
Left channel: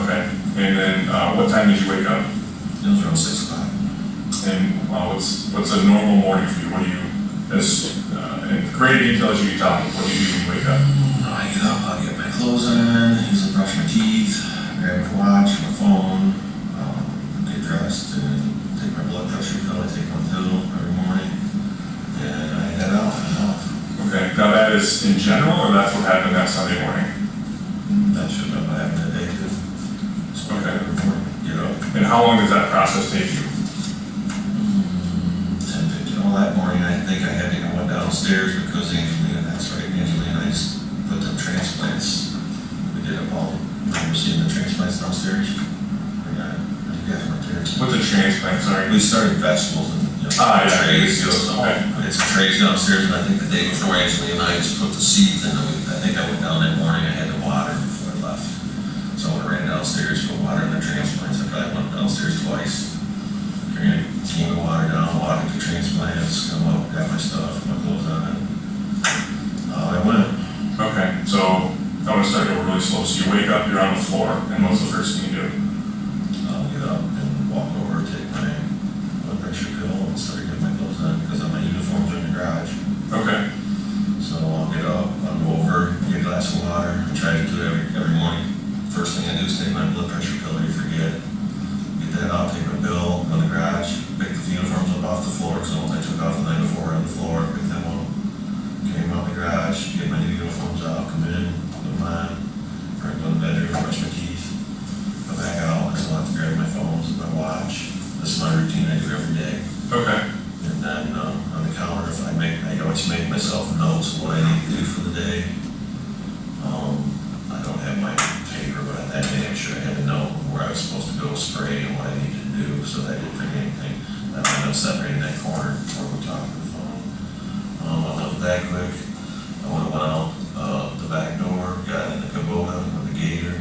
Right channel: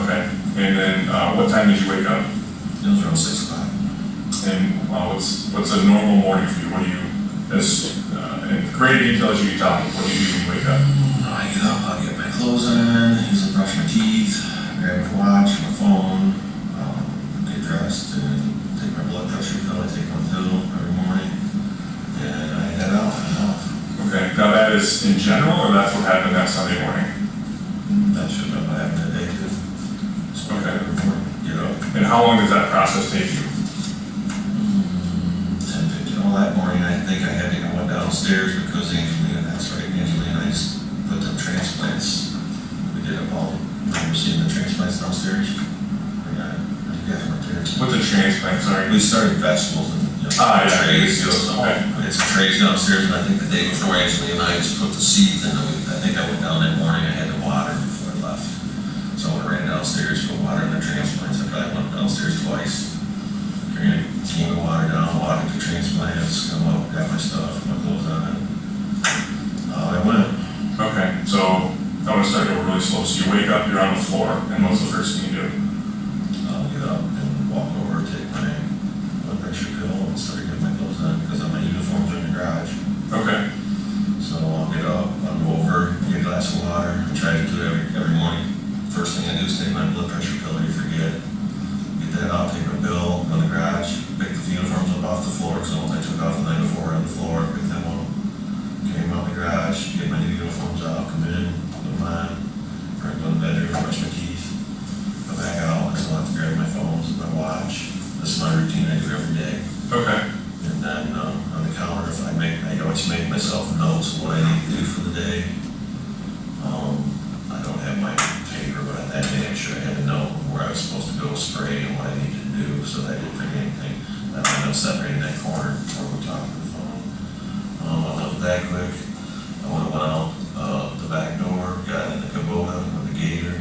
Okay. And then what time did you wake up? It was around 6 o'clock. And what's a normal morning for you? What do you, as in great detail as you can tell me, what do you do when you wake up? I get up, I'll get my clothes on, usually brush my teeth, grab my watch, my phone, get dressed, and take my blood pressure pill. I take one pill every morning, and I head out and off. Okay, now that is in general, or that's what happened that Sunday morning? That should have happened that day too. So Okay. every morning, get up. And how long does that process take you? 10, 15, all that morning, I think I went downstairs because Angelina, that's right, Angelina, I just put them transplants. We did up all, remember seeing the transplants downstairs? Yeah, I got them right there. What's a transplant, sorry? We started vegetables and, you know, Ah, yeah, trays, yeah, so okay. we had some trays downstairs, and I think the day before Angelina and I just put the seeds in, and I think I went down that morning, I had to water before I left. So I ran downstairs, put water in the transplants, I probably went downstairs twice. Ran a team of water down, watered the transplants, come up, got my stuff, my clothes on, I went. Okay, so I want to start over really slow. So you wake up, you're on the floor, and what's the first thing you do? I'll get up and walk over, take my blood pressure pill, and start getting my clothes on, because my uniforms are in the garage. Okay. So I'll get up, I'll go over, get a glass of water. I try to do it every morning. First thing I do is take my blood pressure pill, I forget. Get that out, take my bill, go in the garage, pick the uniforms up off the floor, because I took off the night before on the floor, pick them up. Came out the garage, get my new uniforms out, come in, put them on, go to the bedroom, brush my teeth, go back out, I still have to grab my phones and my watch. This is my routine I do every day. Okay. And then on the counter, I always make myself notes of what I need to do for the day. I don't have my paper, but that day I'm sure I had a note where I was supposed to go spray and what I needed to do, so that I didn't forget anything. That I know set right in that corner where we're talking on the phone. I looked that quick. I went out the back door, got in the Kubota with the gator.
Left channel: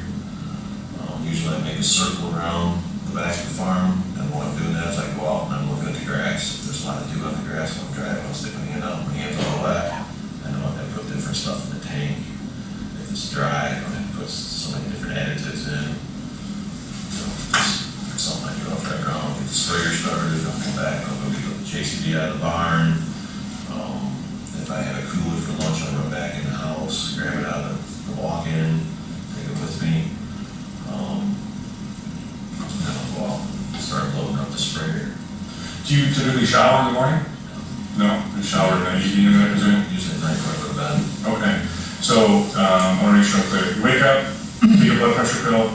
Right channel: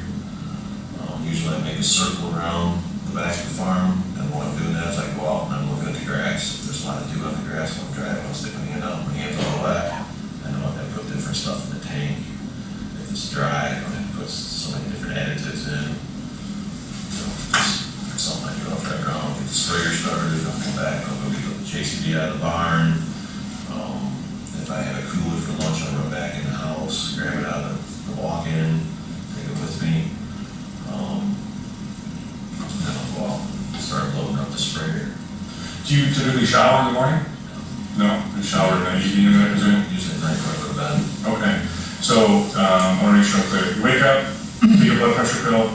Usually I make a circle around the back of the farm, and what I'm doing is I go out and I'm looking at the grass. If there's a lot of dew on the grass when I'm driving, I'll stick my hand out, my hands all wet. I know I put different stuff in the tank. If it's dry, I don't have to put so many different additives in. Just something I do off that ground, get the sprayer started, I'll come back, I'll go get the JCB out of the barn. If I have a cooler for lunch, I'll run back in the house, grab it out of the walk-in, take it with me. Do you typically shower in the morning? No, you shower in the evening, I presume? Usually at night when I go to bed. Okay, so, I wanna make sure I'm clear. You wake up, take a blood pressure pill,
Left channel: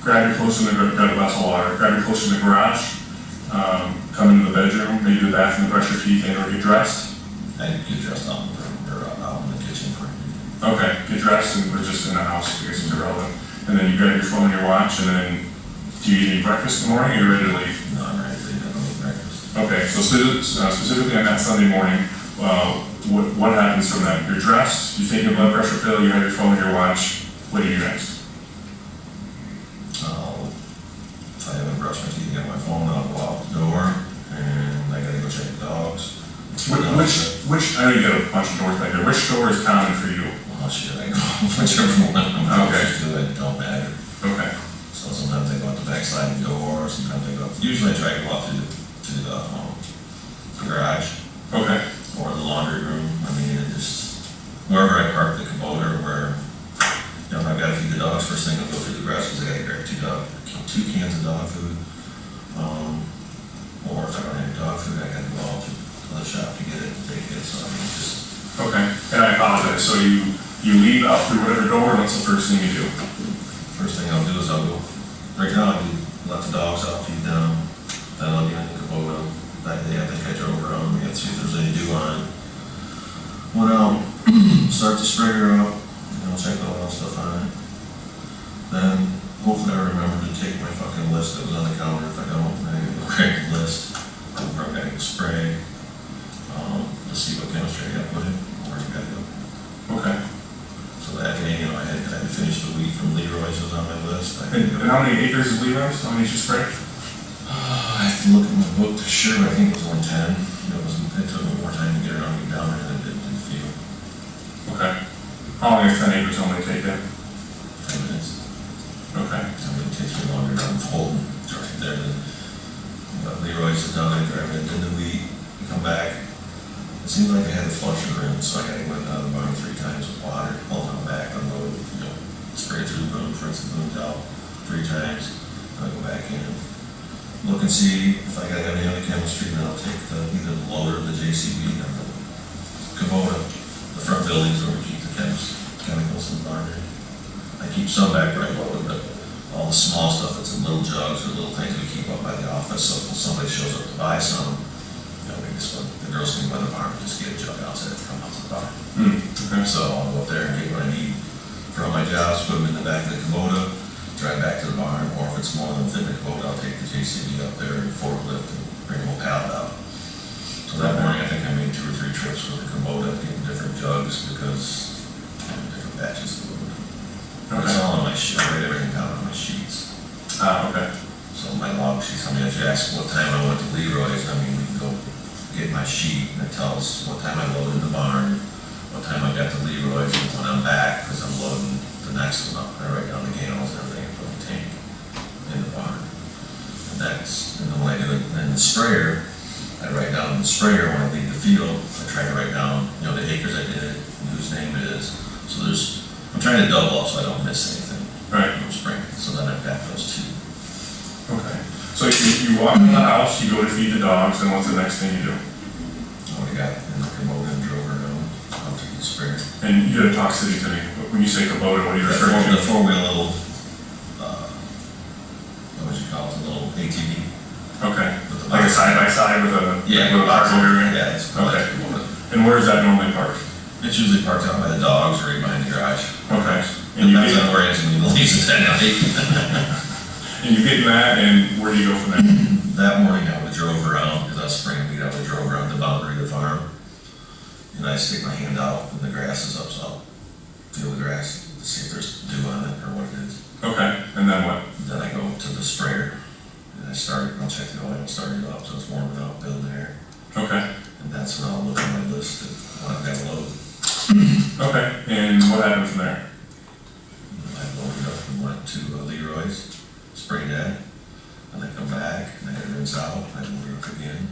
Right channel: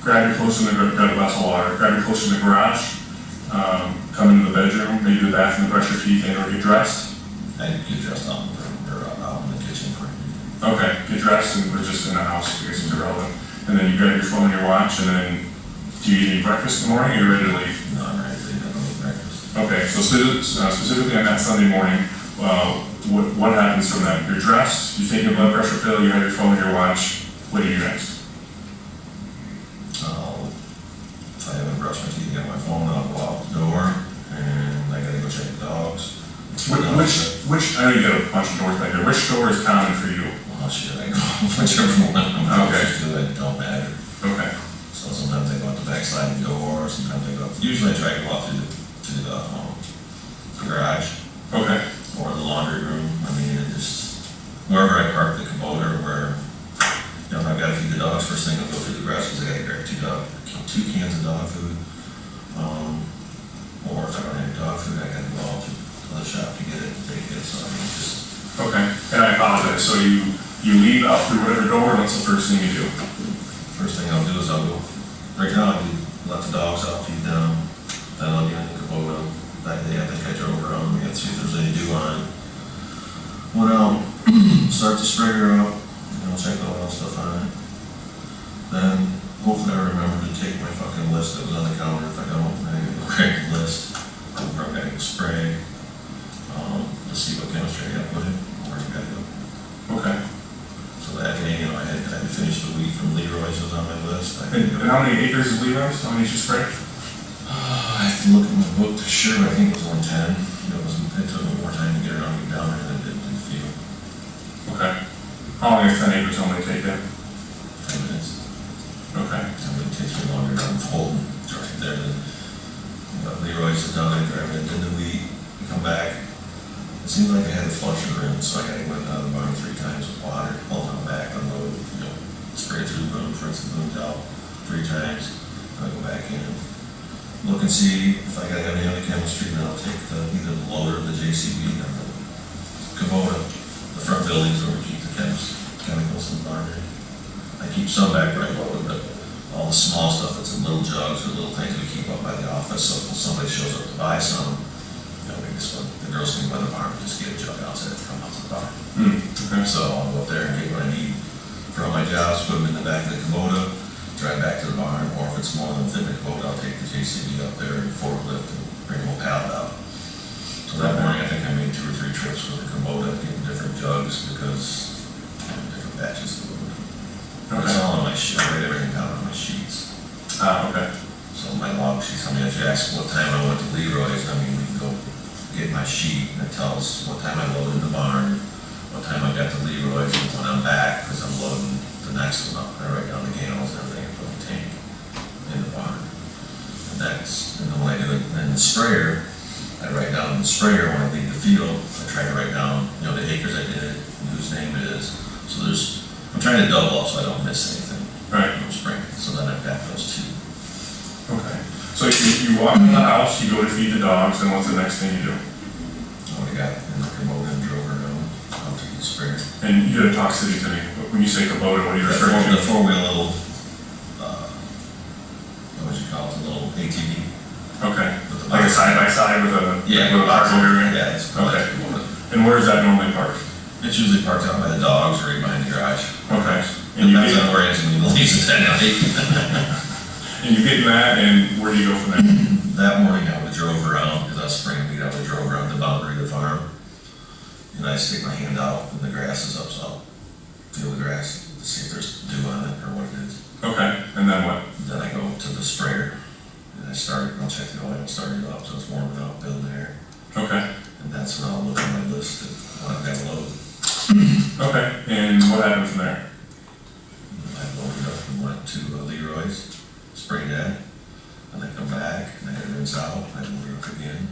grab your clothes from grab a glass of water, grab your clothes from the garage, come into the bedroom, maybe the bathroom, brush your teeth, and or get dressed. I get dressed out in the room, or out in the kitchen for Okay, get dressed and we're just in the house because it's irrelevant. And then you grab your phone and your watch, and then do you eat any breakfast in the morning, or you're ready to leave? No, I'm ready to leave. I don't eat breakfast. Okay, so specifically on that Sunday morning, what happens from that? You're dressed, you take your blood pressure pill, you have your phone and your watch. What do you do next? If I haven't brushed my teeth, get my phone, I'll go out the door, and I gotta go check the dogs. Which, I know you got a bunch of doors back there. Which door is common for you? Well, shit, I go whichever one I'm Okay. closest to, it don't matter. Okay, So sometimes I go out the backside of the door, sometimes I go, usually I try to go out through the garage okay, or the laundry room. I mean, it just, wherever I park the Kubota, where, you know, if I've gotta feed the dogs, first thing I'll go through the garage, because I gotta grab two cans of dog food. Or if I don't have dog food, I gotta go out to the shop to get it and take it, so I mean, just, okay. And I apologize, so you leave out through whatever door, and what's the first thing you do? first thing I'll do is I'll go, right now, I let the dogs out, feed them, then I'll get in the Kubota. That day, I think I drove around, we got to see if there's any dew on it. Went out, start the sprayer up, you know, check the oil stuff on it. Then, hopefully I remember to take my fucking list that was on the counter. If I don't, I go grab the list, where I'm gonna spray, to see what chemistry I got put in, where I gotta go. Okay. So that day, you know, I had to finish the weed from Leroy's was on my list. I And had to go. how many acres is Leroy's? How many did you spray? I have to look at my book to sure, but I think it was 110. It took me more time to get around and get down there than it did in the field. Okay. How long is 10 acres only take then? 10 minutes. Okay. I mean, it takes me longer to unfold and right there than, Leroy's is down there, driving it in the wheat, we come back. It seemed like I had the flusher in, so I went out of the barn 3 times with water, pulled it back, unload, you know, spray it through the boom, rinse the boom out 3 times, and I go back in. Look and see if I gotta have any other chemistry, then I'll take either the loader or the JCB or the Kubota, the front buildings where we keep the chemicals in the barn. I keep some back where I load, but all the small stuff that's in little jugs or little things we keep up by the office, so if somebody shows up to buy some, you know, we just, the girls can go to the barn and just get a jug outside to come out to the barn. Okay. So I'll go up there and get what I need for all my jobs, put them in the back of the Kubota, drive back to the barn, or if it's more than fit in the Kubota, I'll take the JCB up there and forklift and bring them a pallet out. So that morning, I think I made 2 or 3 trips with the Kubota, getting different jugs because I have different batches of fluid. It's all on my sheet, I write everything down on my sheets. Okay. So my log sheets, I mean, if you ask what time I went to Leroy's, I mean, we can go get my sheet and it tells what time I loaded the barn, what time I got to Leroy's, and when I'm back, because I'm loading the next one up. I write down the gallons and everything, and put the tank in the barn. And then when I do it in the sprayer, I write down the sprayer when I leave the field. I try to write down, you know, the acres I did, and whose name it is. So I'm trying to double up so I don't miss anything. Right. I'm spraying. So then I've got those 2. Okay. So you walk in the house, you go to feed the dogs, and what's the next thing you do? What I got in the Kubota and drove around out to the sprayer. And you gotta talk city to me. When you say Kubota, what are you referring The to? 4-wheel little, what would you call it, a little ATV? Okay. Like a side-by-side with a cargo area? Yeah, it's Okay. Kubota. And where is that normally parked? It's usually parked out by the dogs or right behind the garage. Okay. And you Depends get, on where Anthony leaves it that night. and you get in that, and where do you go from there? That morning I would drove around, because I was spraying weed, I would drove around the boundary of the farm. And I stick my hand out and the grass is up, so I'll feel the grass to see if there's dew on it or what it is. Okay. And then what? Then I go to the sprayer and I'll check the oil, start it up so it's warming up, building air. Okay. And that's when I'll look at my list of what I've got to load. Okay. And what happened from there? I loaded up and went to Leroy's, sprayed that, and I come back and I had to rinse out, I loaded up again,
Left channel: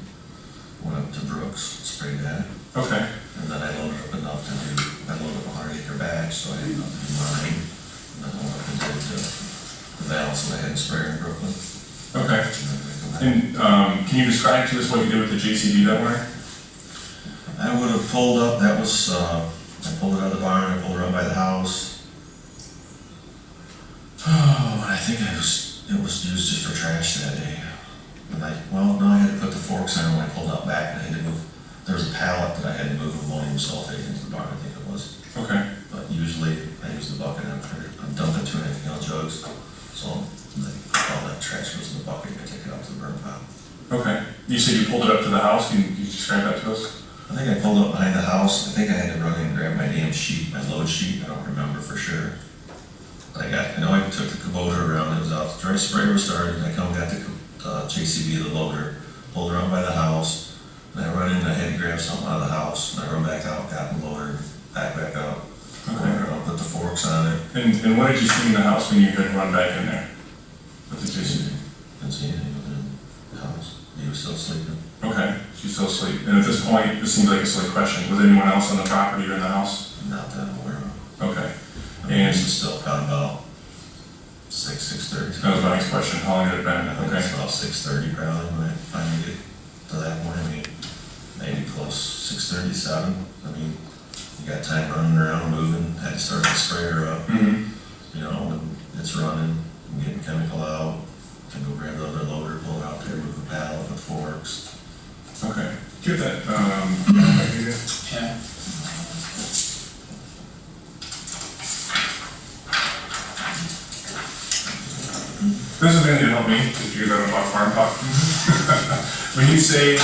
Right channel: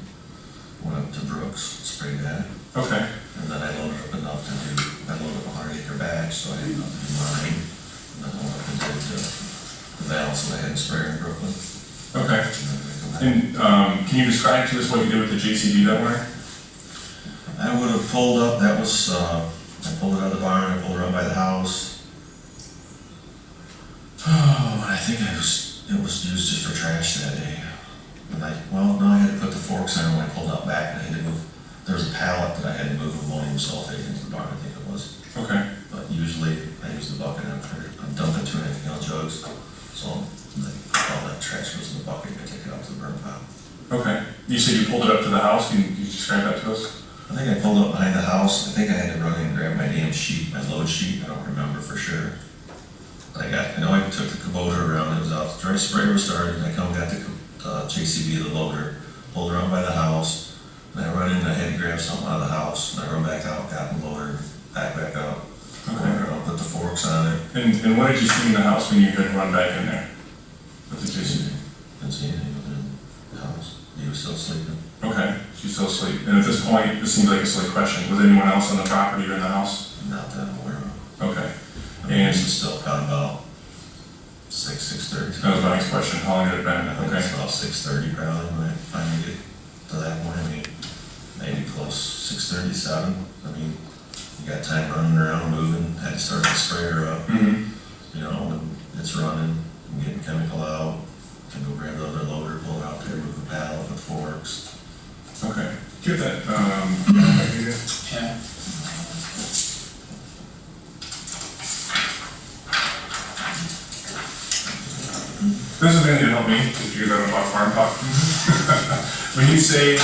went up to Brooks, sprayed that, Okay. and then I loaded up enough to do, I loaded up a 100-acre batch, so I had enough to do mine, and then I went up and did the valve, so I had a sprayer in Brooklyn. Okay. And can you describe to us what you did with the JCB that morning? I would have pulled up, that was, I pulled it out of the barn, I pulled it around by the house. Oh, and I think it was used just for trash that day. And no, I had to put the forks in when I pulled out back, and I had to move, there was a pallet that I had to move ammonium sulfate into the barn, I think it was. Okay. But usually I use the bucket, I'm dumping 2.5 gallon jugs, so all that trash goes in the bucket, and I take it out to the burn pile. Okay. You said you pulled it up to the house. Can you describe that to us? I think I pulled up behind the house. I think I had to run in and grab my damn sheet, my load sheet. I don't remember for sure. But I know I took the Kubota around. It was out. The dry sprayer was started. I come got the JCB, the loader, pulled around by the house. And I run in and I had to grab something out of the house. And I run back out, got the loader, back up. Okay. I'll put the forks on it. And what did you see in the house when you had run back in there with the JCB? Didn't see anything in the house. He was still sleeping. Okay, she's still asleep. And at this point, this seems like a silly question. Was anyone else on the property or in the house? Not that I'm aware of. Okay. And this is still probably about 6:30. That was my next question. How long had it been? I think Okay. it's about 6:30 probably when I finally get to that point. I mean, maybe close 6:37. I mean, you got time running around, moving, had to start the sprayer up. Mm-hmm. You know, when it's running, I'm getting chemical out, can go grab the other loader, pull it out there, move the pallet with forks. Okay. Get that. Back here. Yeah. This is going to help me if you're going to talk farm talk. When you say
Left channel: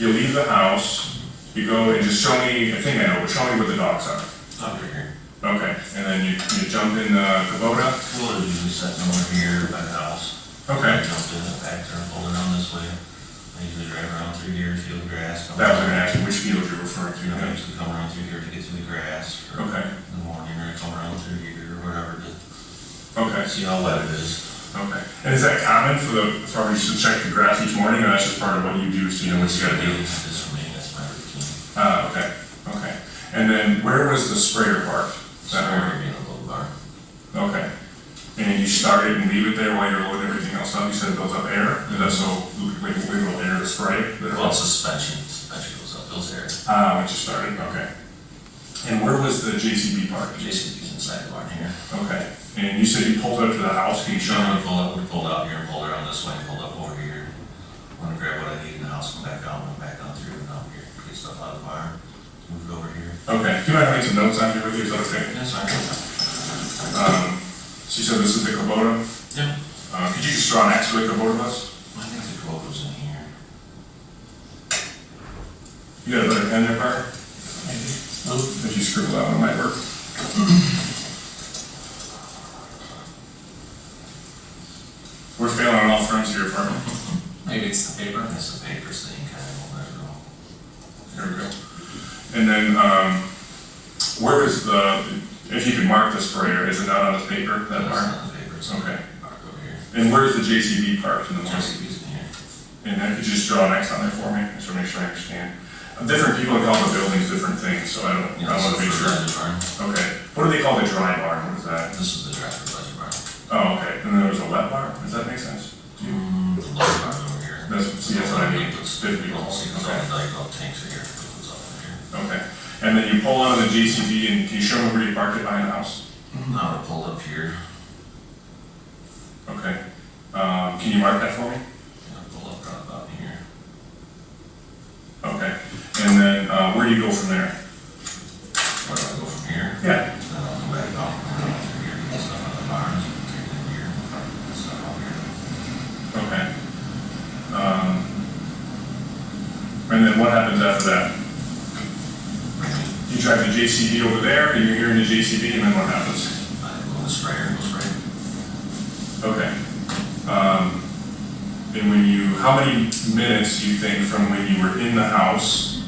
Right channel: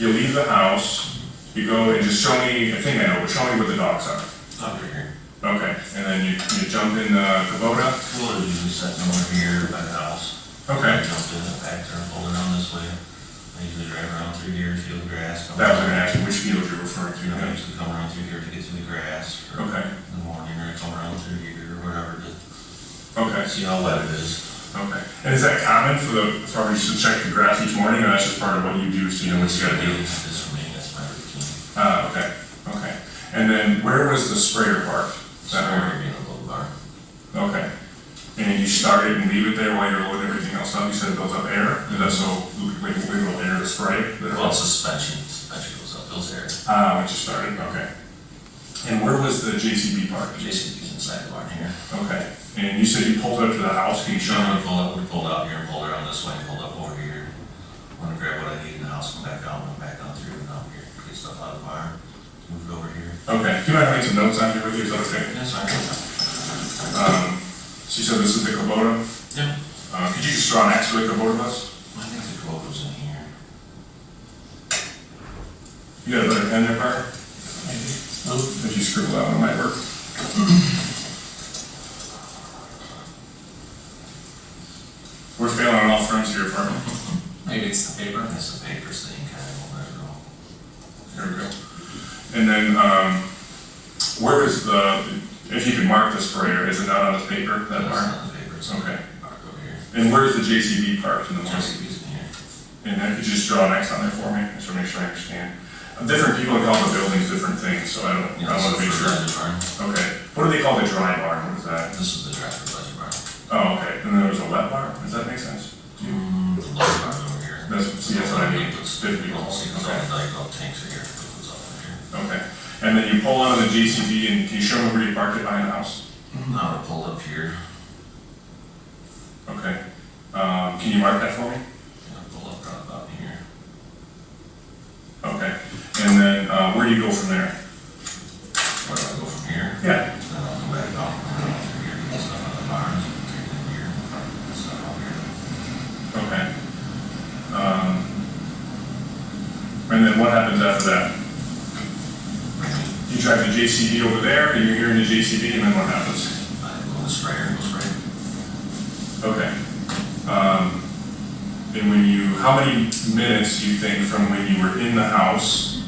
you leave the house, you go and just show me, I think I know, but show me where the dogs are. Over here. Okay, and then you jump in the Kubota? Well, usually sitting over here by the house. Okay. I jumped in the back there and pulled it around this way. I usually drive around through here, feel the grass. That was going to ask you which field you're referring to. I usually come around through here to get to the grass. Or Okay. in the morning, or I come around through here or whatever to Okay. see how wet it is. Okay. And is that common for the farmers to check the grass each morning, or that's just part of what you do, so you know what you gotta do? Just for me, that's my routine. Okay, okay. And then where was the sprayer parked? Sprayer in a little bar. Okay. And you start it and leave it there while you're loading everything else up? You said it builds up air? Is that so, like, a little air to spray? Well, suspension goes up, those air. Once you started, okay. And where was the JCB parked? JCB's inside the barn here. Okay. And you said you pulled up to the house, can you show me? We pulled out here and pulled around this way and pulled up over here. Want to grab what I need in the house, come back out, went back on through and out here, get stuff out of the barn, move it over here. Okay. Do you mind if I make some notes on here with you? Is that okay? Yes, I She said this is the Kubota? Yeah. Could you just draw an X for the Kubota bus? I think the quote was in here. You got a better pen there, Parker? Maybe. If you scribble out, it might work. We're failing on all fronts here, Parker. Maybe it's the paper. That's the paper thing, kind of, I don't know. There we go. And then, where is the, if you can mark the sprayer, is it not on this paper, that That's mark? not the paper, it's Okay. marked over here. And where's the JCB parked in the morning? JCB's in here. And then could you just draw an X on there for me, just to make sure I understand? Different people call the buildings different things, so I want to make sure. Okay. What do they call the dry barn? What is that? This is the dry fertilizer barn. Oh, okay. And then there's a wet barn? Does that make sense? The lower barn over here. See, that's what I mean. It's Good people. See, it's all Okay. like about tanks are here, it goes up in here. Okay. And then you pull out of the JCB and can you show me where you parked it behind the house? Now I pulled up here, Okay. Can you mark that for me? and I pulled up right about here. Okay. And then where do you go from there? Where do I go from here? Yeah. Then I'll come back out, around through here, get stuff out of the barns, take it in here, get stuff out here. Okay. And then what happens after that? You drive the JCB over there, and you're here in the JCB, and then what happens? I go in the sprayer, go spray. Okay. And when you, how many minutes do you think from when you were in the house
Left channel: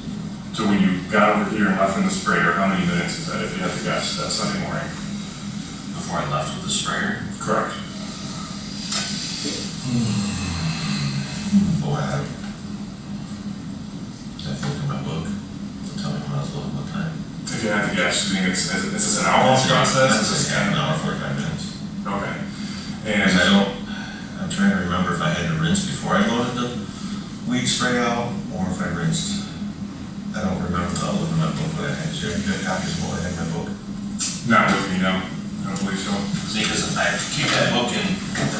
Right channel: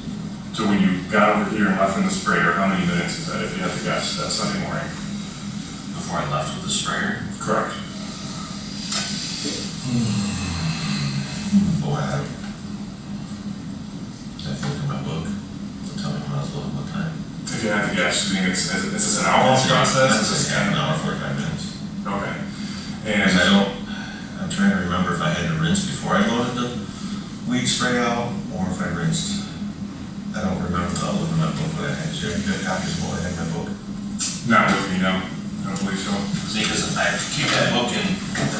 to when you got over here and left in the sprayer, how many minutes is that, if you had to guess, that Sunday morning? Before I left with the sprayer, Correct. boy, I think in my book, tell me when I was looking, what time. If you had to guess, do you think is this an hour long process? That's just half an hour, 45 minutes. Okay. Because And, trying to remember if I had to rinse before I loaded the weed spray out, or if I rinsed. I don't remember without looking at my book, but I had to. You got copies of what I had in my book? Not with me, no. I don't believe so. See, because I keep that book in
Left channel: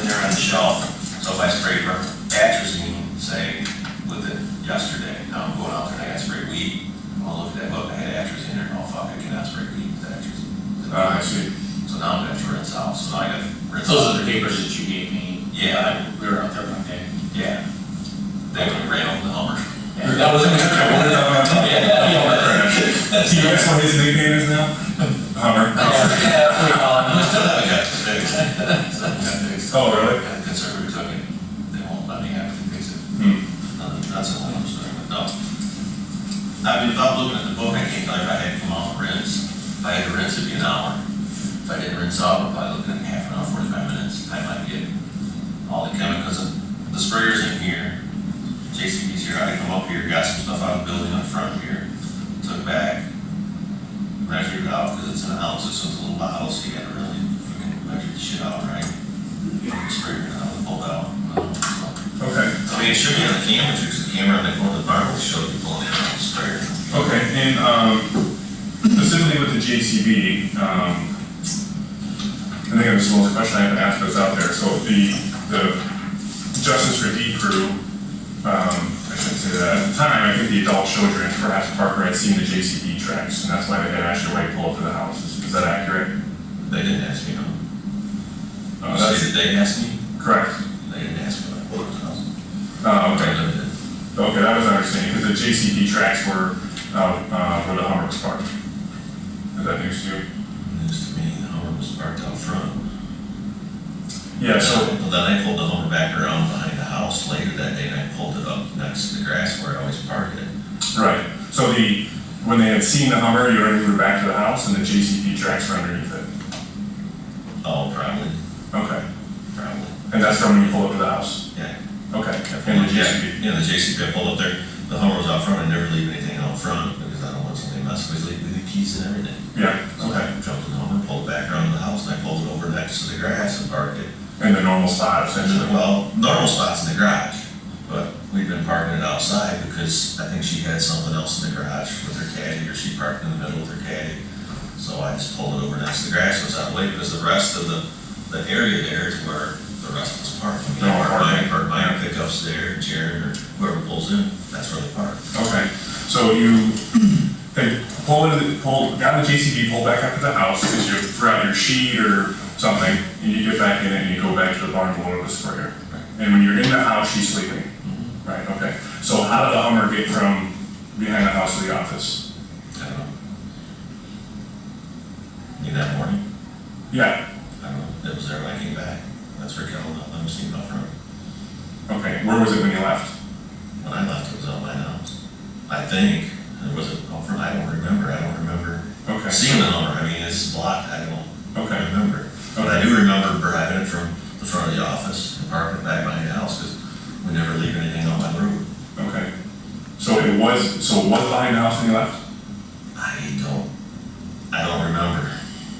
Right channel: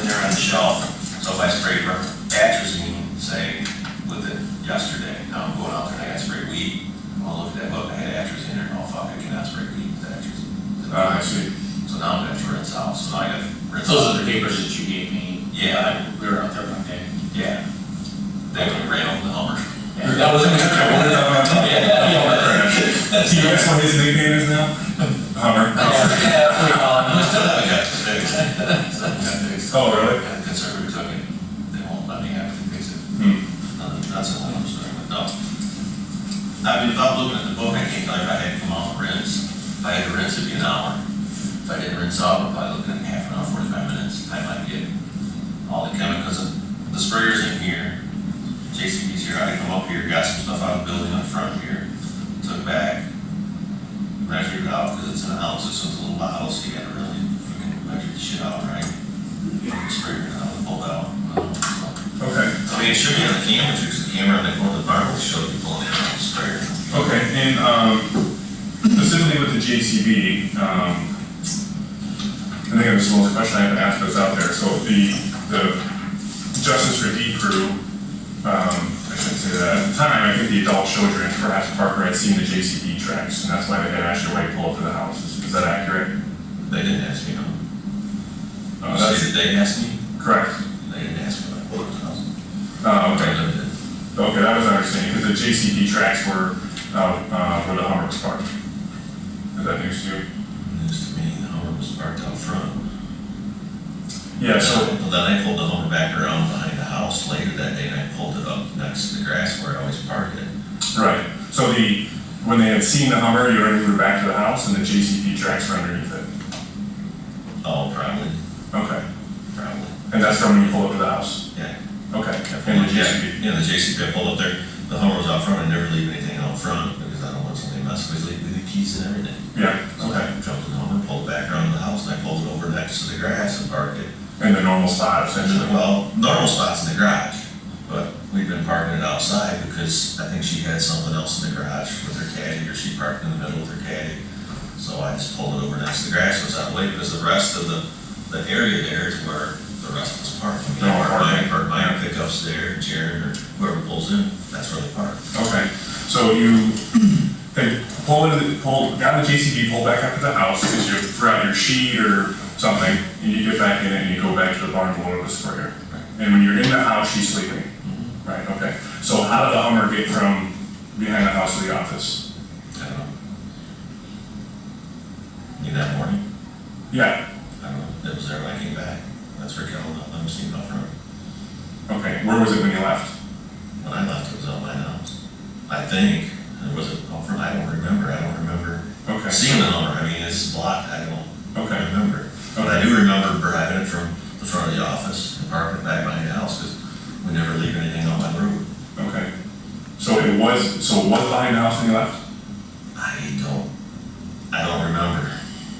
there on the shelf, so if I sprayed atrazine, say, with it yesterday, now I'm going out there and I got sprayed weed, I'll look at that book, I had atrazine in there, oh fuck, I cannot spray weed with atrazine. I see. So now I'm gonna have to rinse out, so now I gotta rinse Those out. are the papers that you gave me. Yeah. We were out there one day. Yeah. They would have ran over the Hummer. Yeah, that was Do you guess what his nickname is now? Hummer. Oh, really? Conservative took it, they won't let me have it, fix it. That's a whole other story, but no. I mean, if I'm looking at the book, I can't tell you if I had to come out and rinse. If I had to rinse, it'd be an hour. If I didn't rinse out, I'm probably looking at half an hour, 45 minutes. I might get all the chemicals. The sprayer's in here. JCB's here. I come up here, got some stuff out of the building on the front here. Took back, measured it out because it's in ounces, so it's a little bottle, so you gotta really freaking measure the shit out, right? Sprayer it out, pull it out. Okay. I mean, it should be on the camera, because the camera on the corner of the barn will show you pulling it out of the sprayer. Okay, and specifically with the JCB, I think it was the most question I had to ask that's out there. So the Justice for D crew, I shouldn't say that. At the time, I think the adult children, perhaps Parker, had seen the JCB tracks, and that's why they had asked your wife to pull up to the house. Is that accurate? They didn't ask me, no. That's They asked me? correct. They didn't ask me, I pulled up to the house. Okay. They limited. Okay, that was understanding, because the JCB tracks were where the Hummer was parked. Is that news to you? News to me, the Hummer was parked out front. Yeah, so, Well, then I pulled the Hummer back around behind the house later that day, and I pulled it up next to the grass where I always park it. right. So when they had seen the Hummer, you already moved back to the house, and the JCB tracks were underneath it. Oh, probably, Okay. probably, And that's from when you pulled up to the house? yeah. Okay. And the JCB? Yeah, the JCB, I pulled up there, the Hummer was out front, I never leave anything out front, because I don't want somebody messing with me, leave the keys and everything. Yeah, So okay. I jumped in the Hummer, pulled back around to the house, and I pulled it over next to the grass and parked it. In the normal spot, essentially? Well, normal spots in the garage, but we've been parking it outside because I think she had something else in the garage with her caddy, or she parked in the middle with her caddy. So I just pulled it over next to the grass, so it's out of the way, because the rest of the area there is where the rest of us park. No, Park mine pickups there, Jared, or whoever pulls in, that's where they park. Okay, so they got the JCB, pulled back up to the house, because you forgot your sheet or something, and you get back in it and you go back to the barn to load the sprayer. And when you're in the house, she's sleeping. Right, okay. So how did the Hummer get from behind the house to the office? I don't know. In that morning, Yeah, I don't know, it was there when I came back. That's where Kellen let me see up front. okay. Where was it when you left? When I left, it was out my house. I think, it was out front, I don't remember Okay. seeing the Hummer. I mean, it's blocked, I don't Okay. remember. But I do remember driving it from the front of the office and parking it back behind the house, because we never leave anything on my road. Okay. So it was behind the house when you left? I don't remember.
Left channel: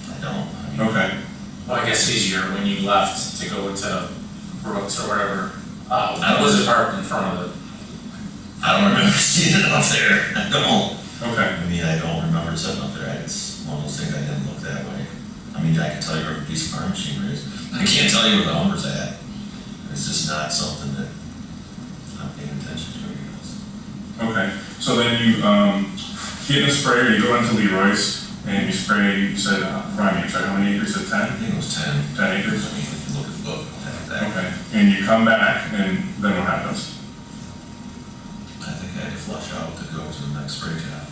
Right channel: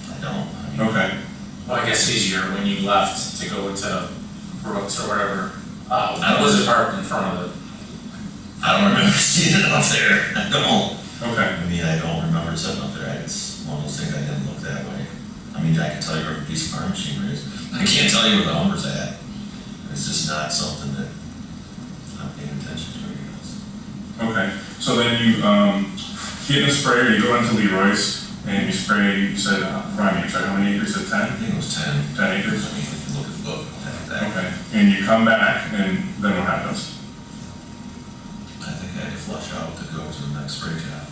I don't. I mean, Okay. Well, I guess easier when you left to go to Brooks or whatever. Was it parked in front of the? I don't remember seeing it up there. I don't. Okay. I mean, I don't remember sitting up there. It's one of those things I didn't look that way. I mean, I can tell you where a piece of farm machinery is. I can't tell you where the Hummer's at. It's just not something that I'm paying attention to, I guess. Okay. So then you get in a sprayer, you go into Leroy's, and you spray, you said, remind me, sorry, how many acres? Is it 10? I think it was 10. 10 acres? I mean, if you look at the book, I'll have that. Okay. And you come back, and then what happens? I think I had to flush out to go to the next spray job.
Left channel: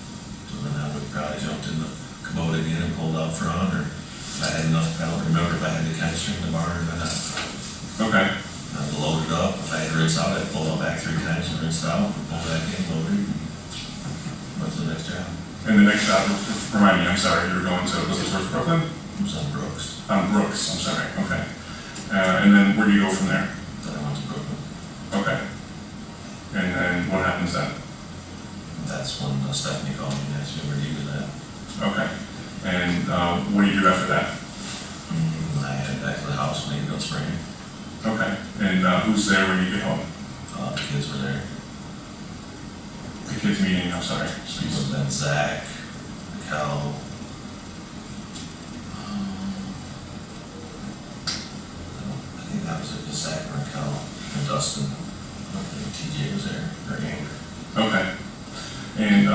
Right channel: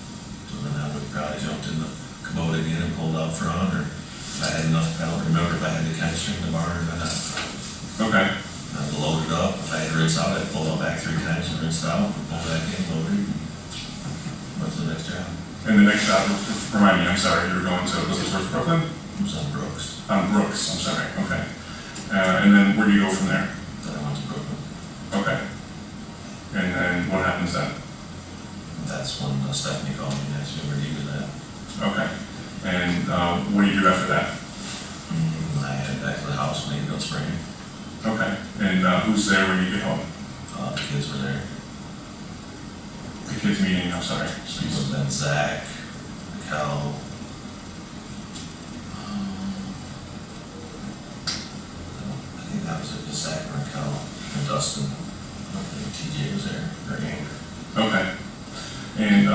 So then I would probably jumped in the Kubota again and pulled out front, or if I had enough, I don't remember if I had the chemistry in the barn or not. Okay. I loaded up, if I had to rinse out, I'd pull out back 3 times and rinse out, and pull back in, loaded. What's the next job? And the next job, remind me, I'm sorry, you were going to, was it towards Brooklyn? It was on Brooks. Brooks, I'm sorry, okay. And then where do you go from there? Then I went to Brooklyn. Okay. And then what happens then? That's when Stephanie called me and asked me where you was at. Okay. And what do you do after that? I headed back to the house and they go spraying. Okay. And who's there when you get home? The kids were there. The kids meeting, I'm sorry. It was then Zach, Cal. I think that was it, just Zach and Cal and Dustin. I don't think TJ was there, or Amber. Okay. And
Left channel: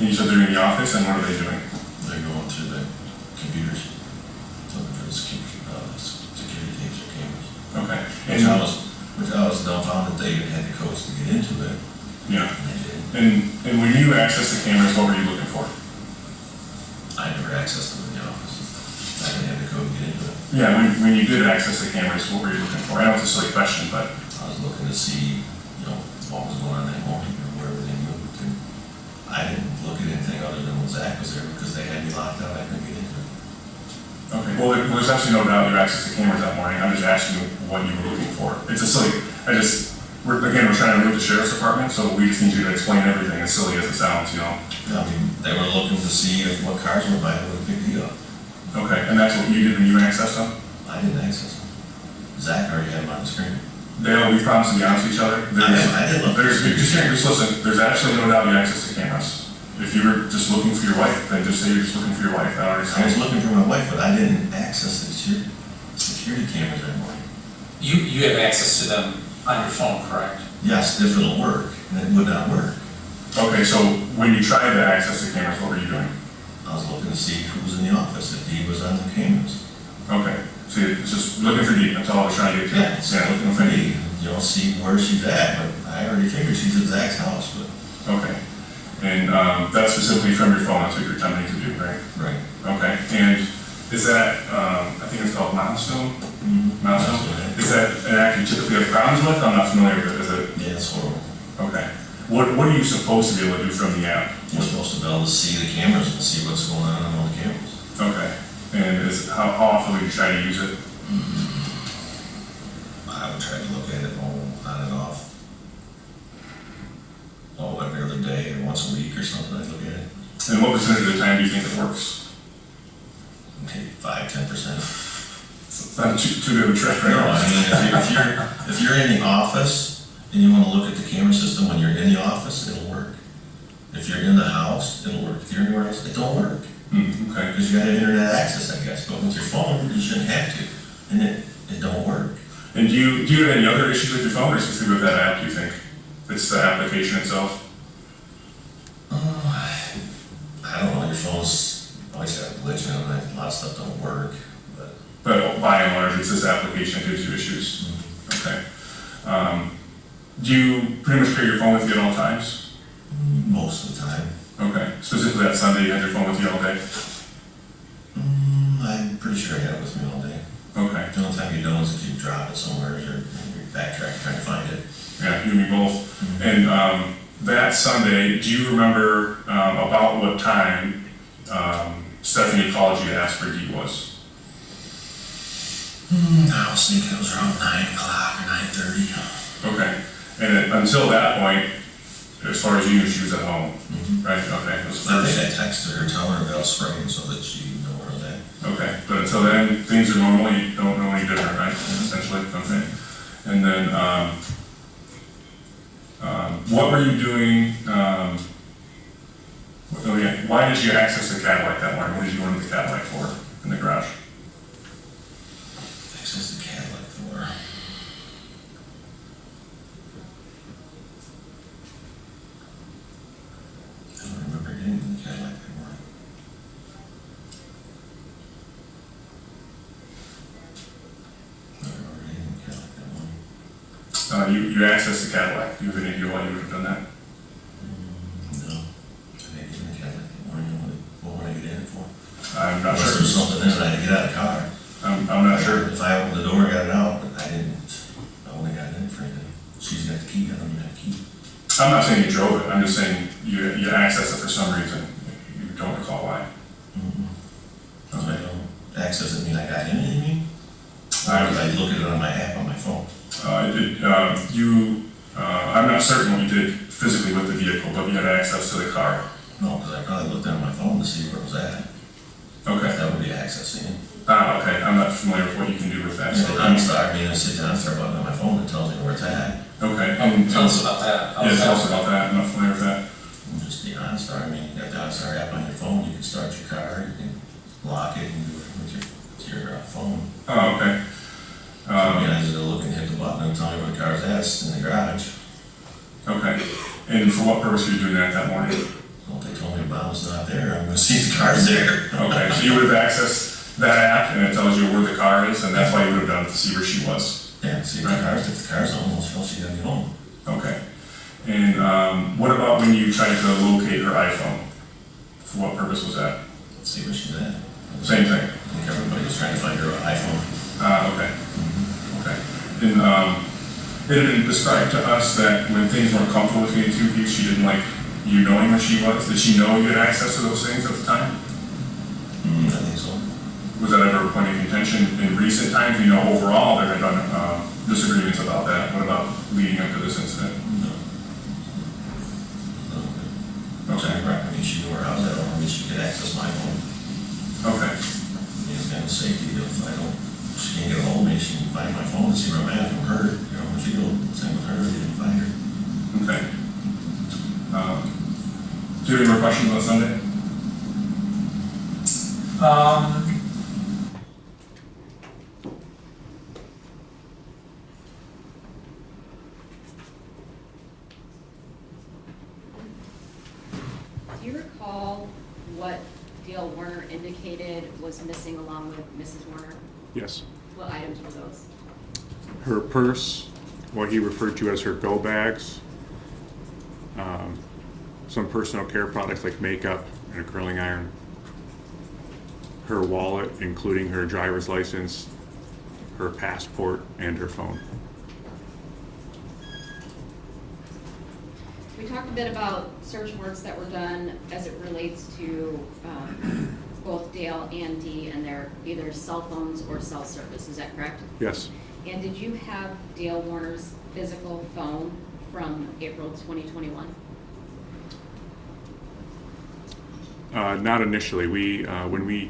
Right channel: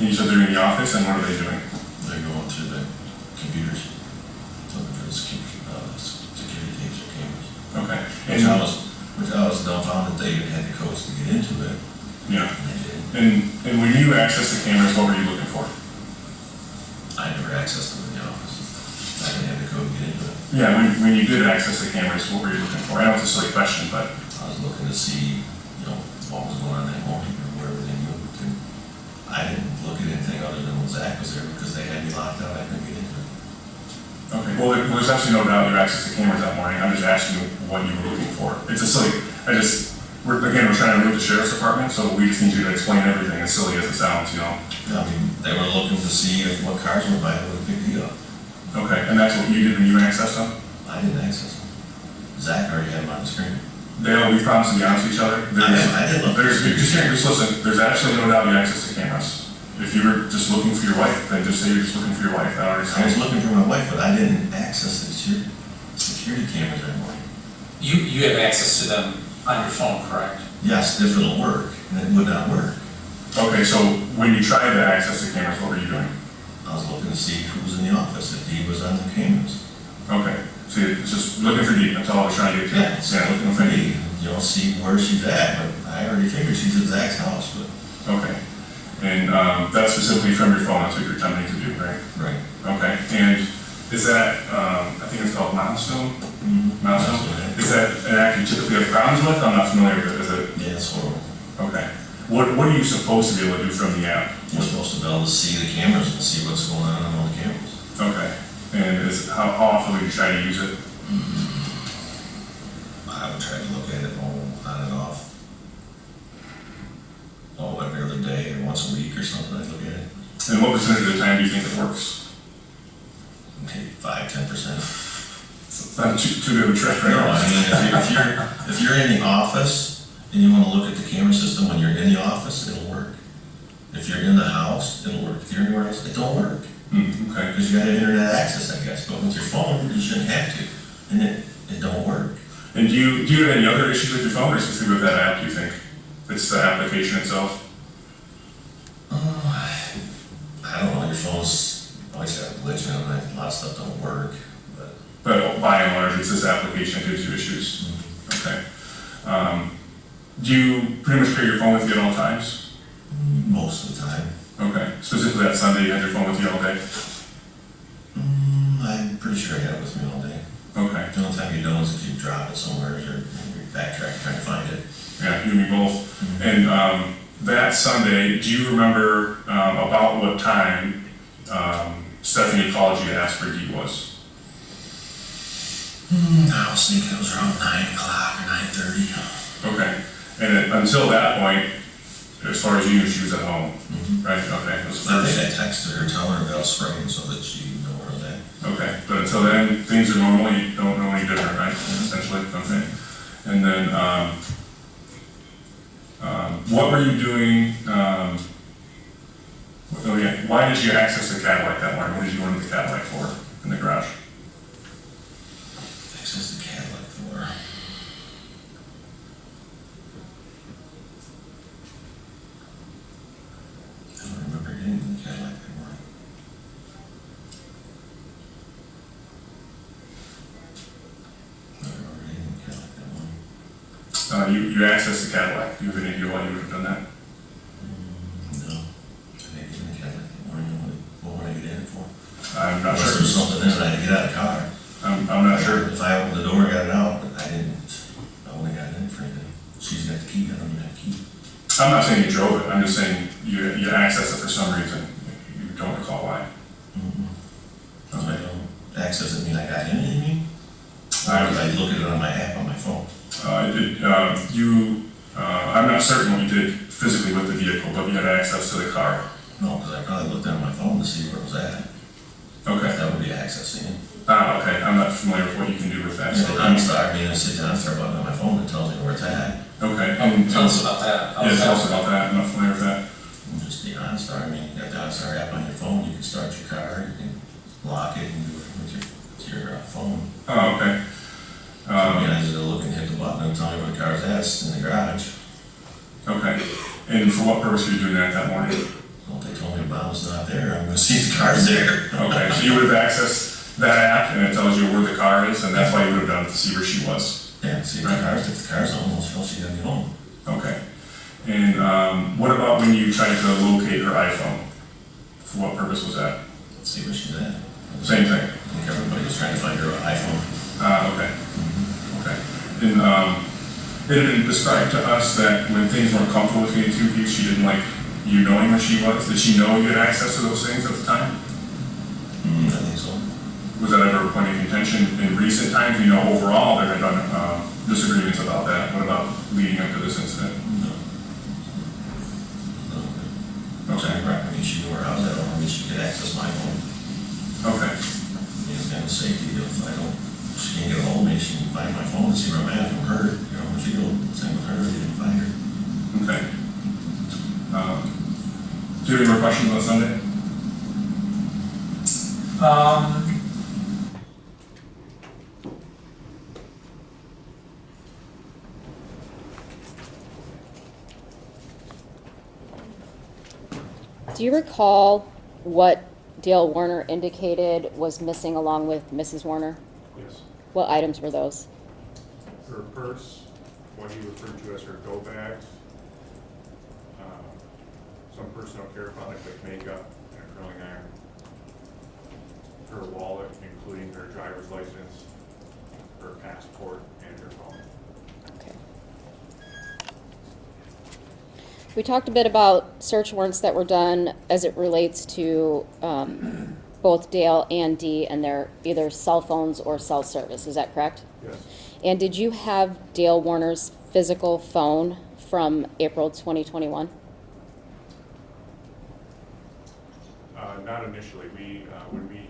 you said they're in the office, and what are they doing? They're going through the computers, looking for the security tapes or cameras. Okay. Which I was dumbfounded they even had the codes to get into it. Yeah. And they did. And when you access the cameras, what were you looking for? I never accessed them in the office. I didn't have the code to get into it. Yeah, when you did access the cameras, what were you looking for? I know it's a silly question, but I was looking to see, what was going on that morning or wherever they moved to. I didn't look at anything other than when Zach was there because they had me locked out. I couldn't get into it. okay. Well, there's absolutely no doubt you accessed the cameras that morning. I'm just asking you what you were looking for. It's a silly. We're trying to move the sheriff's department, so we just need you to explain everything, as silly as it sounds, I mean, they were looking to see what cars were buying with a big deal. Okay, and that's what you did when you accessed them? I didn't access them. Zach already had them on the screen. Dale, we promised to be honest with each other. I did look. Just listen, there's absolutely no doubt you accessed the cameras. If you were just looking for your wife, then just say you're just looking for your wife. I was looking for my wife, but I didn't access the security cameras that morning. You have access to them on your phone, correct? Yes, if it'll work, and it would not work. Okay, so when you tried to access the cameras, what were you doing? I was looking to see who was in the office, if Dee was on the cameras. Okay, so it's just looking for Dee, that's all I was trying to get to. Yeah, it's looking for Dee, see where she's at, but I already figured she's at Zach's house, but. Okay, and that's specifically from your phone, that's what you're attempting to do, right? Right. Okay, and is that, I think it's called milestone? Mm-hmm. Milestone? Is that an act you typically have problems with? I'm not familiar with it, is it? Yeah, it's horrible. Okay. What are you supposed to be able to do from the app? You're supposed to be able to see the cameras and see what's going on all the cameras. Okay. And how often would you try to use it? I would try to look at it on and off. Every other day or once a week or something, I'd look at it. And what percentage of the time do you think it works? Maybe 5–10%. It's not too good of a trick, right? No, I mean, if you're in the office and you want to look at the camera system when you're in the office, it'll work. If you're in the house, it'll work. If you're anywhere else, it don't work. Okay. Because you got internet access, I guess. But with your phone, you shouldn't have to, and it don't work. And do you have any other issues with your phone, or specifically with that app, do you think? It's the application itself? I don't know, your phone's always got a glitch in it, a lot of stuff don't work, but. But by and large, it's this application that gives you issues. Okay. Do you pretty much carry your phone with you at all times? Most of the time. Okay. Specifically that Sunday, you had your phone with you all day? I'm pretty sure I had it with me all day. Okay. The only time you don't is if you drop it somewhere or you're backtracking trying to find it. Yeah, you and me both. And that Sunday, do you remember about what time Stephanie called you to ask where Dee was? I was thinking it was around 9 o'clock or 9:30. Okay. And until that point, as far as you knew, she was at home, right? Okay. It was I first. think I texted her telling her about spraying so that she knew where I was at. Okay. But until then, things are normal. You don't know any different, right? Essentially. Okay. And then, what were you doing? Why did you access the Cadillac that morning? What did you want the Cadillac for in the garage? Access the Cadillac for. I don't remember getting the Cadillac that morning. I don't remember getting the Cadillac that morning. You accessed the Cadillac. Do you have any idea why you would have done that? No. I didn't get in the Cadillac that morning. What would I get in it for? I'm not Unless sure. there was something in it, I had to get out of the car. I'm not sure. If I opened the door, I got it out, but I didn't. I only got it in for anything. She's got the key, I don't even have the key. I'm not saying you drove it. I'm just saying you accessed it for some reason. You don't recall why. So I don't access it, mean I got in it, you mean? Or if I look at it on my app on my phone? I'm not certain what you did physically with the vehicle, but you had access to the car. No, because I probably looked at my phone to see where it was at. Okay. That would be accessing it. Ah, okay, I'm not familiar with what you can do with that. So So, OnStar, I mean, I sit down, I start button on my phone that tells me where it's at. okay, Tell us about that. How Yeah, does tell us that about that, I'm not familiar with that. And just the OnStar, I mean, you got the OnStar app on your phone, you can start your car, you can lock it and do it with your phone. Oh, okay. I mean, I just look and hit the button and tell me where the car's at, it's in the garage. Okay, and for what purpose were you doing that morning? Well, they told me Mom's not there, I'm gonna see the car's there. Okay, so you would have accessed that app and it tells you where the car is, and that's why you would have done it to see where she was. Yeah, see if the car's on, well, she gotta get home. Okay. And what about when you tried to locate her iPhone? For what purpose was that? Let's see where she's at. Same thing. I think everybody was trying to find her iPhone. Okay. Okay. And it had been described to us that when things weren't comfortable between the two of you, she didn't like you knowing where she was. Did she know you had access to those things at the time? I think so. Was that ever a point of contention in recent times? You know, overall there had been disagreements about that. What about leading up to this incident? No. Okay. I mean, she knew where I was at, I mean, she could access my phone. Okay. I mean, it's kind of safety, if I don't, she can't get a hold of me, she can find my phone and see where I'm at from her, you know, if you go, same with her, if you didn't find her. Okay. Do you have any more questions on Sunday? Do you recall what Dale Warner indicated was missing along with Mrs. Warner? Yes. What items were those? Her purse, what he referred to as her go bags, some personal care products like makeup and a curling iron, her wallet, including her driver's license, her passport, and her phone. We talked a bit about search warrants that were done as it relates to both Dale and Dee and their either cell phones or cell service. Is that correct? Yes. And did you have Dale Warner's physical phone from April 2021? Not initially. When we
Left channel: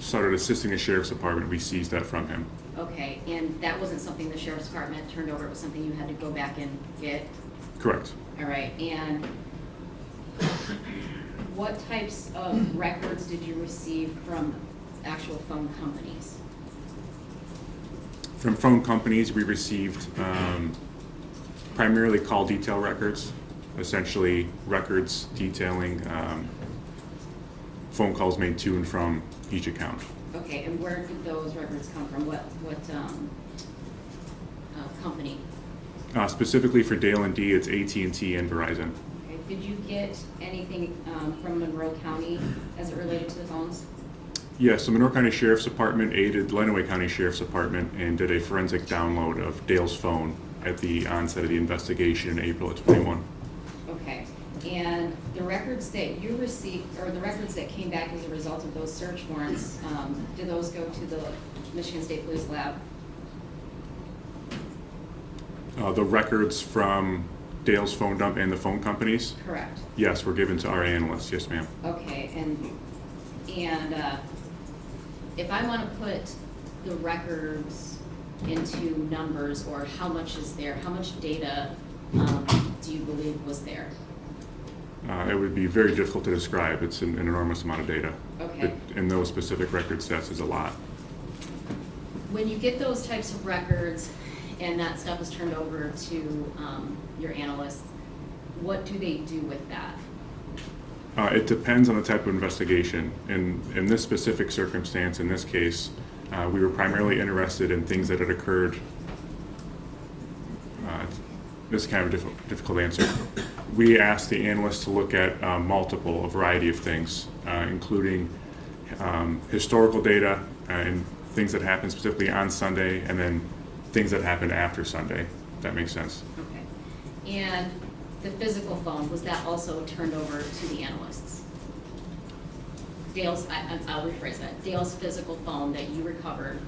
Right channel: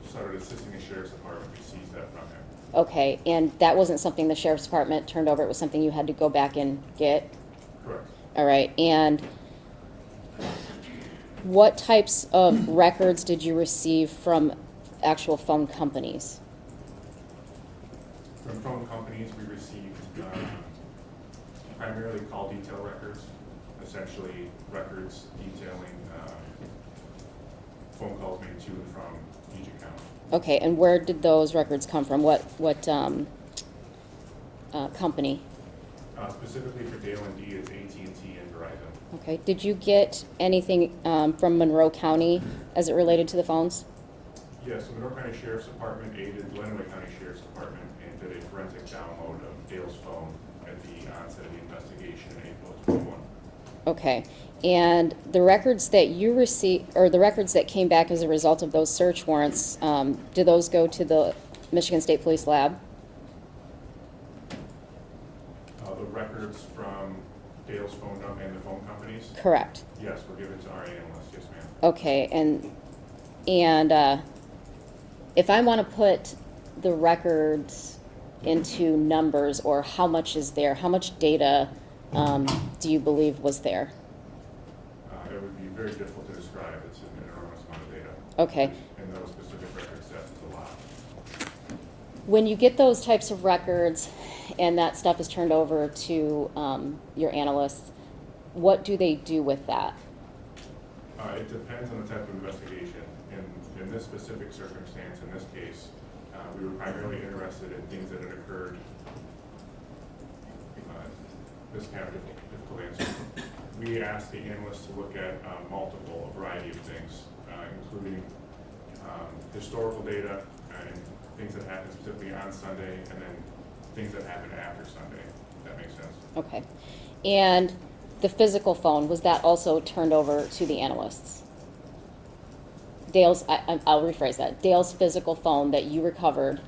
started assisting the sheriff's department, we seized that from him. Okay, and that wasn't something the sheriff's department turned over, it was something you had to go back and get? Correct. All right, and what types of records did you receive from actual phone companies? From phone companies, we received primarily call detail records, essentially records detailing phone calls made to and from each account. Okay, and where did those records come from? What company? Specifically for Dale and Dee, it's AT&T and Verizon. Okay, did you get anything from Monroe County as it related to the phones? Yes, the Monroe County Sheriff's Department aided Lenawee County Sheriff's Department and did a forensic download of Dale's phone at the onset of the investigation in April of 21. Okay, and the records that you received, or the records that came back as a result of those search warrants, do those go to the Michigan State Police Lab? The records from Dale's phone dump and the phone companies, Correct. yes, were given to our analysts. Yes, ma'am. Okay, and if I want to put the records into numbers, or how much is there, how much data do you believe was there? It would be very difficult to describe. It's an enormous amount of data. Okay. In those specific record sets is a lot. When you get those types of records and that stuff is turned over to your analysts, what do they do with that? It depends on the type of investigation. In this specific circumstance, in this case, we were primarily interested in things that had occurred. This is kind of a difficult answer. We asked the analysts to look at a variety of things, including historical data and things that happened specifically on Sunday, and then things that happened after Sunday, if that makes sense. Okay. And the physical phone, was that also turned over to the analysts? Dale's, I'll rephrase that. Dale's physical phone that you recovered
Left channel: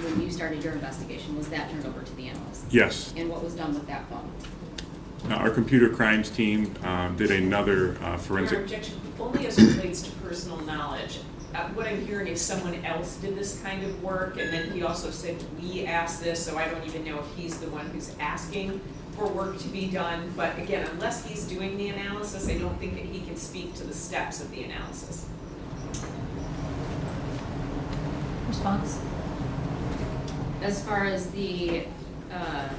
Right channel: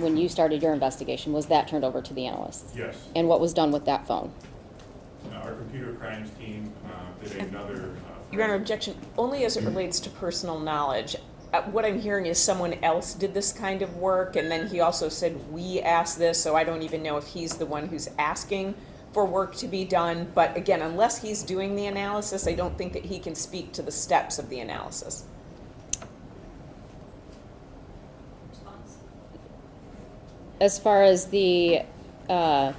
when you started your investigation, was that turned over to the analysts? Yes. And what was done with that phone? Our computer crimes team did another Your forensic. objection, only as it relates to personal knowledge. what I'm hearing is someone else did this kind of work, and then he also said, we asked this, so I don't even know if he's the one who's asking for work to be done. But again, unless he's doing the analysis, I don't think that he can speak to the steps of the analysis. Response? As far as the, I'll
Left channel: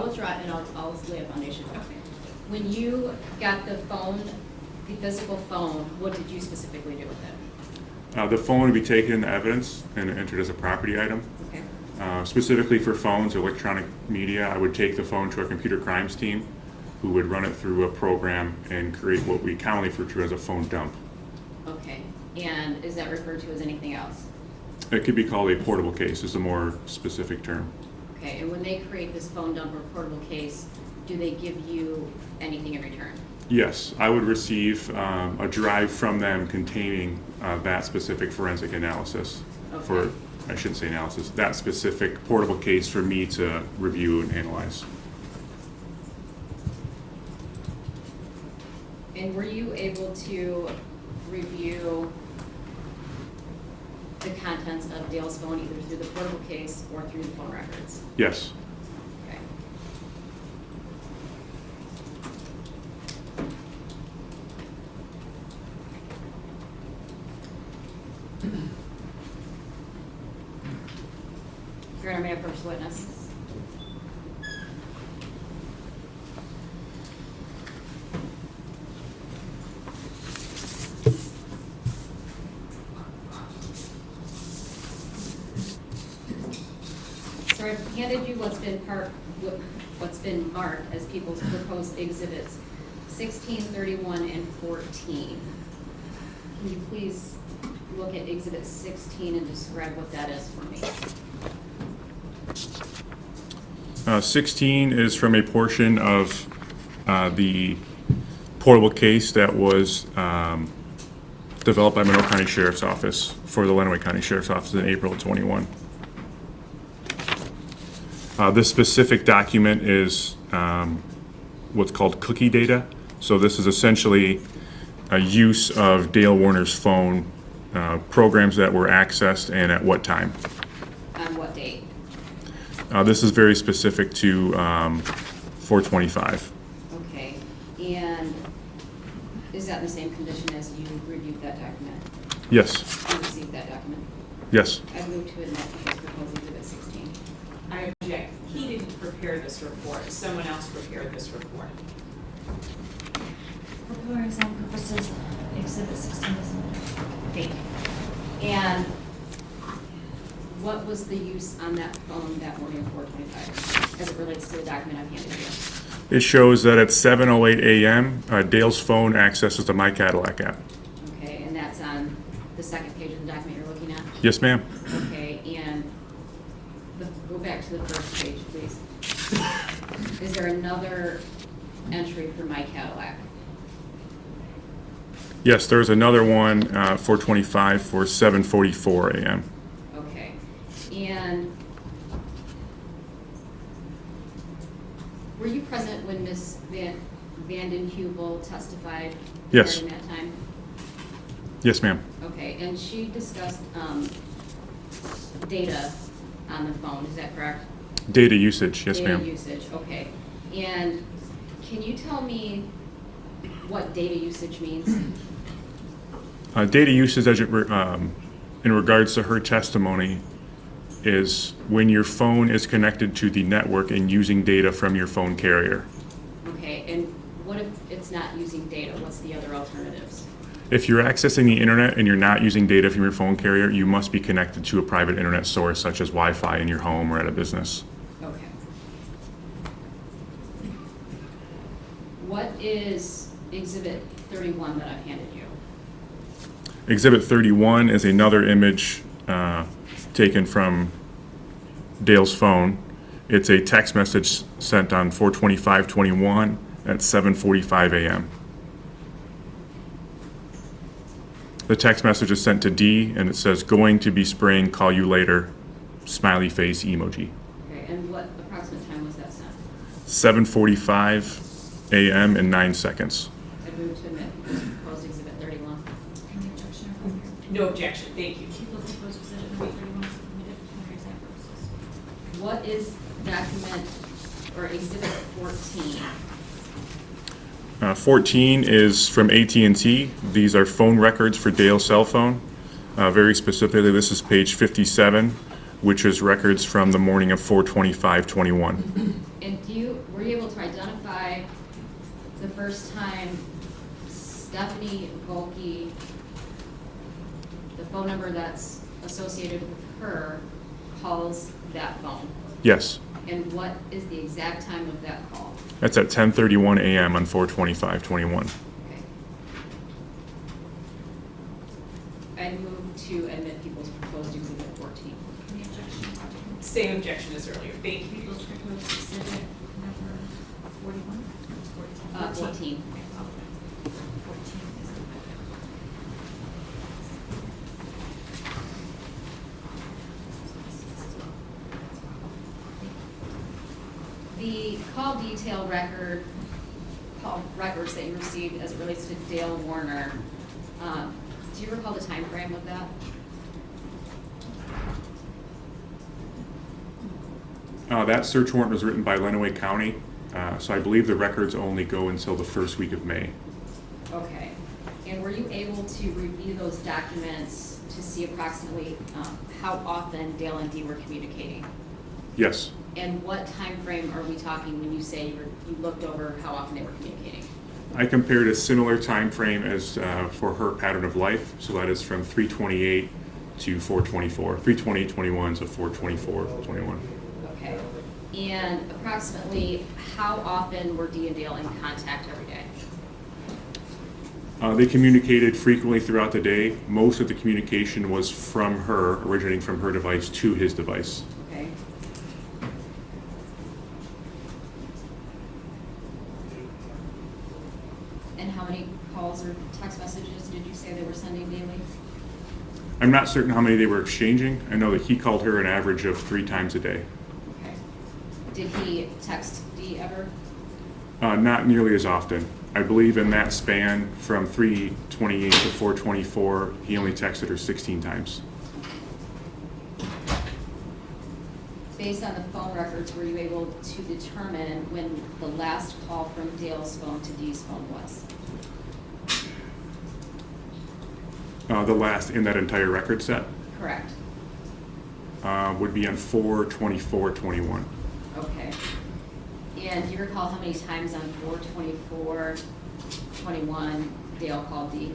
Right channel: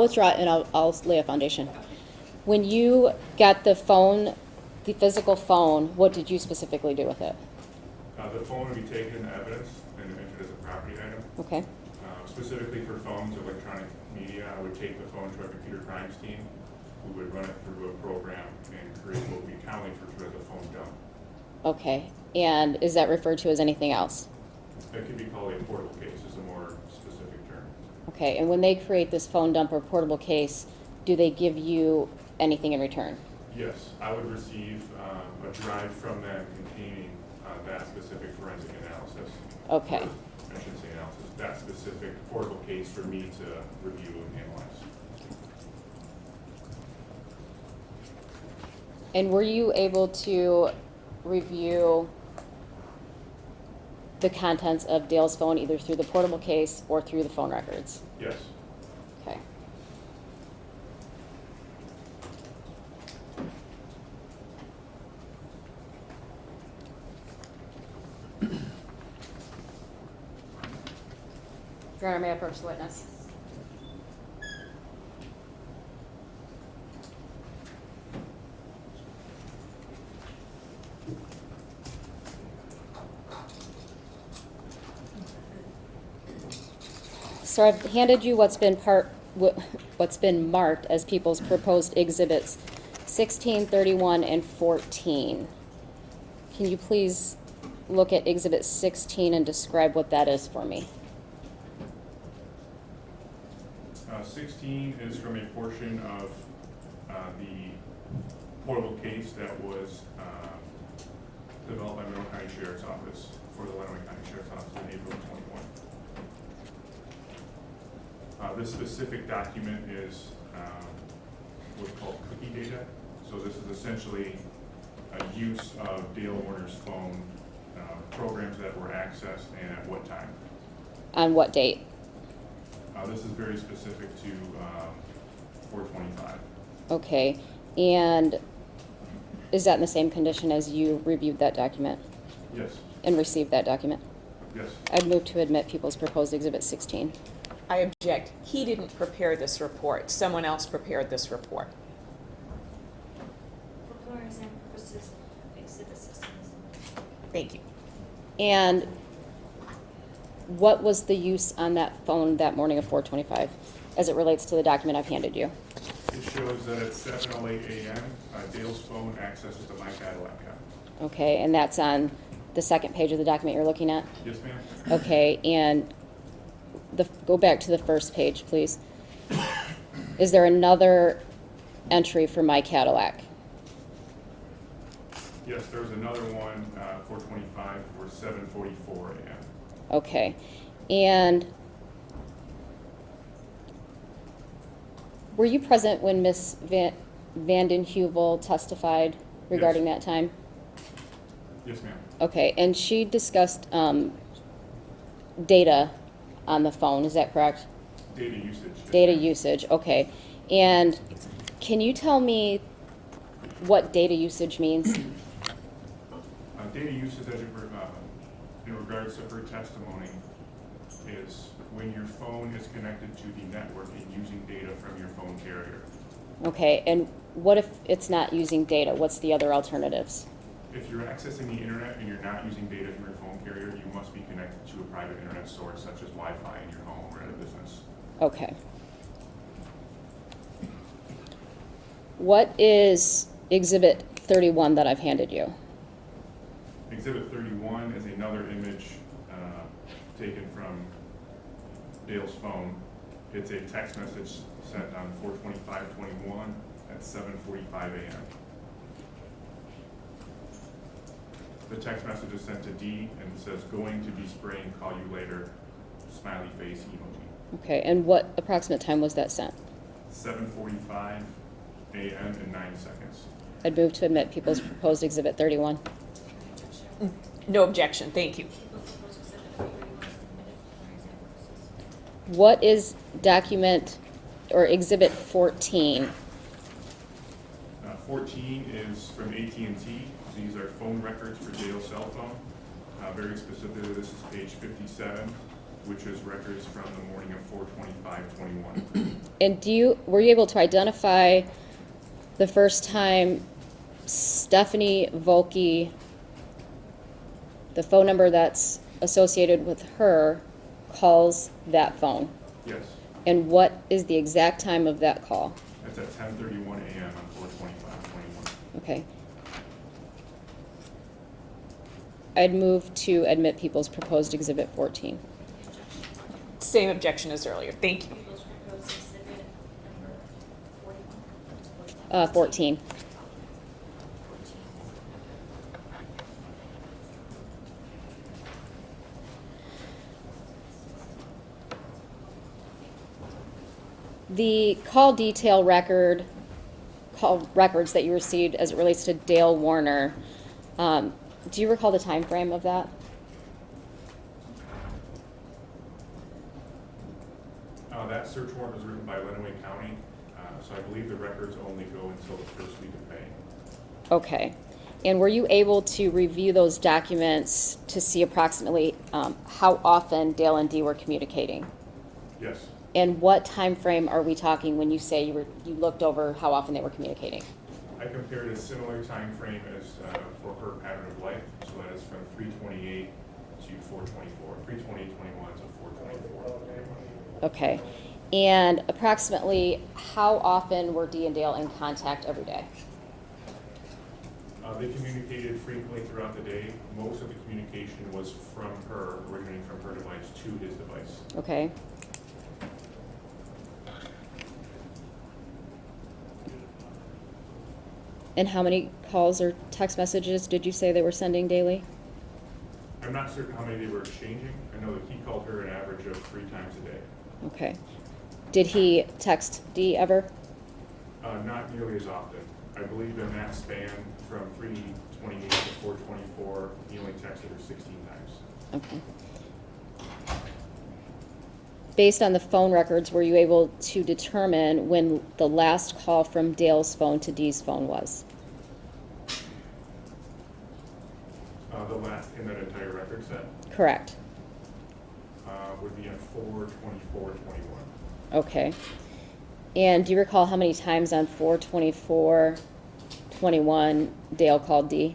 withdraw and I'll lay a foundation. When you got the phone, the physical phone, what did you specifically do with it? The phone would be taken into evidence and entered as a property item. Okay. Specifically for phones, electronic media, I would take the phone to our computer crimes team, who would run it through a program and create what we commonly refer to as a phone dump. Okay. And is that referred to as anything else? It could be called a portable case, is a more specific term. Okay. And when they create this phone dump or portable case, do they give you anything in return? Yes, I would receive a drive from them containing that specific forensic analysis. Okay. For, I shouldn't say analysis, that specific portable case for me to review and analyze. And were you able to review the contents of Dale's phone either through the portable case or through the phone records? Yes. Okay. Your Honor, may I approach the witness? So I've handed you what's been marked as people's proposed exhibits 16, 31, and 14. Can you please look at exhibit 16 and describe what that is for me? 16 is from a portion of the portable case that was developed by Monroe County Sheriff's Office for the Lenawee County Sheriff's Office in April of 21. This specific document is what's called cookie data. So this is essentially a use of Dale Warner's phone, programs that were accessed and at what time. On what date? This is very specific to 425. Okay, and is that in the same condition as you reviewed that document Yes, and received that document? yes. I'd move to admit people's proposed exhibit 16. I object. He didn't prepare this report. Someone else prepared this report. For comparison purposes, exhibit 16 doesn't. Thank you. And what was the use on that phone that morning of 425 as it relates to the document I've handed you? It shows that at 7:08 a.m., Dale's phone accesses the My Cadillac app. Okay, and that's on the second page of the document you're looking at? Yes, ma'am. Okay, and go back to the first page, please. Is there another entry for My Cadillac? Yes, there's another one, 425 for 7:44 a.m. Okay, and were you present when Ms. Vanden Heuvel testified Yes. regarding that time? Yes, ma'am. Okay, and she discussed data on the phone, is that correct? Data usage, yes, Data ma'am. usage, okay. And can you tell me what data usage means? Data usage, in regards to her testimony, is when your phone is connected to the network and using data from your phone carrier. Okay, and what if it's not using data? What's the other alternatives? If you're accessing the internet and you're not using data from your phone carrier, you must be connected to a private internet source such as Wi-Fi in your home or at a business. Okay. What is Exhibit 31 that I've handed you? Exhibit 31 is another image taken from Dale's phone. It's a text message sent on 4/25/21 at 7:45 a.m. The text message is sent to D, and it says, "Going to be spraying, call you later," smiley face emoji. Okay, and what approximate time was that sent? 7:45 a.m. and 9 seconds. I'd move to admit people's proposed Exhibit 31. Can I touch there? No objection, thank you. People's proposed exhibit number 31 submitted under exam purposes. What is document or exhibit 14? 14 is from AT&T. These are phone records for Dale's cell phone. Very specifically, this is page 57, which is records from the morning of 4/25/21. And were you able to identify the first time Stephanie Volke, the phone number that's associated with her, calls that phone? Yes, And what is the exact time of that call? that's at 10:31 a.m. on 4/25/21. Okay. I'd move to admit people's proposed exhibit 14. Any objection? Same objection as earlier, thank you. People's proposed exhibit number 41? 14. 14 is The call detail call records that you received as it relates to Dale Warner, do you recall the time frame of that? That search warrant was written by Lenawee County, so I believe the records only go until the first week of May. Okay. And were you able to review those documents to see approximately how often Dale and Dee were communicating? Yes, And what time frame are we talking when you say you looked over how often they were communicating? I compared a similar time frame as for her pattern of life, so that is from 3/28 to 4/24, 3/20/21 to 4/24/21. Okay. And approximately how often were Dee and Dale in contact every day? They communicated frequently throughout the day. Most of the communication was from her, originating from her device to his device. Okay. And how many calls or text messages did you say they were sending daily? I'm not certain how many they were exchanging. I know that he called her an average of 3 times a day. Okay. Did he text Dee ever? Not nearly as often. I believe in that span from 3/28 to 4/24, he only texted her 16 times. Okay. Based on the phone records, were you able to determine when the last call from Dale's phone to Dee's phone was? The last in that entire record set Correct. would be on 4/24/21. Okay. And do you recall how many times on 4/24/21 Dale called Dee?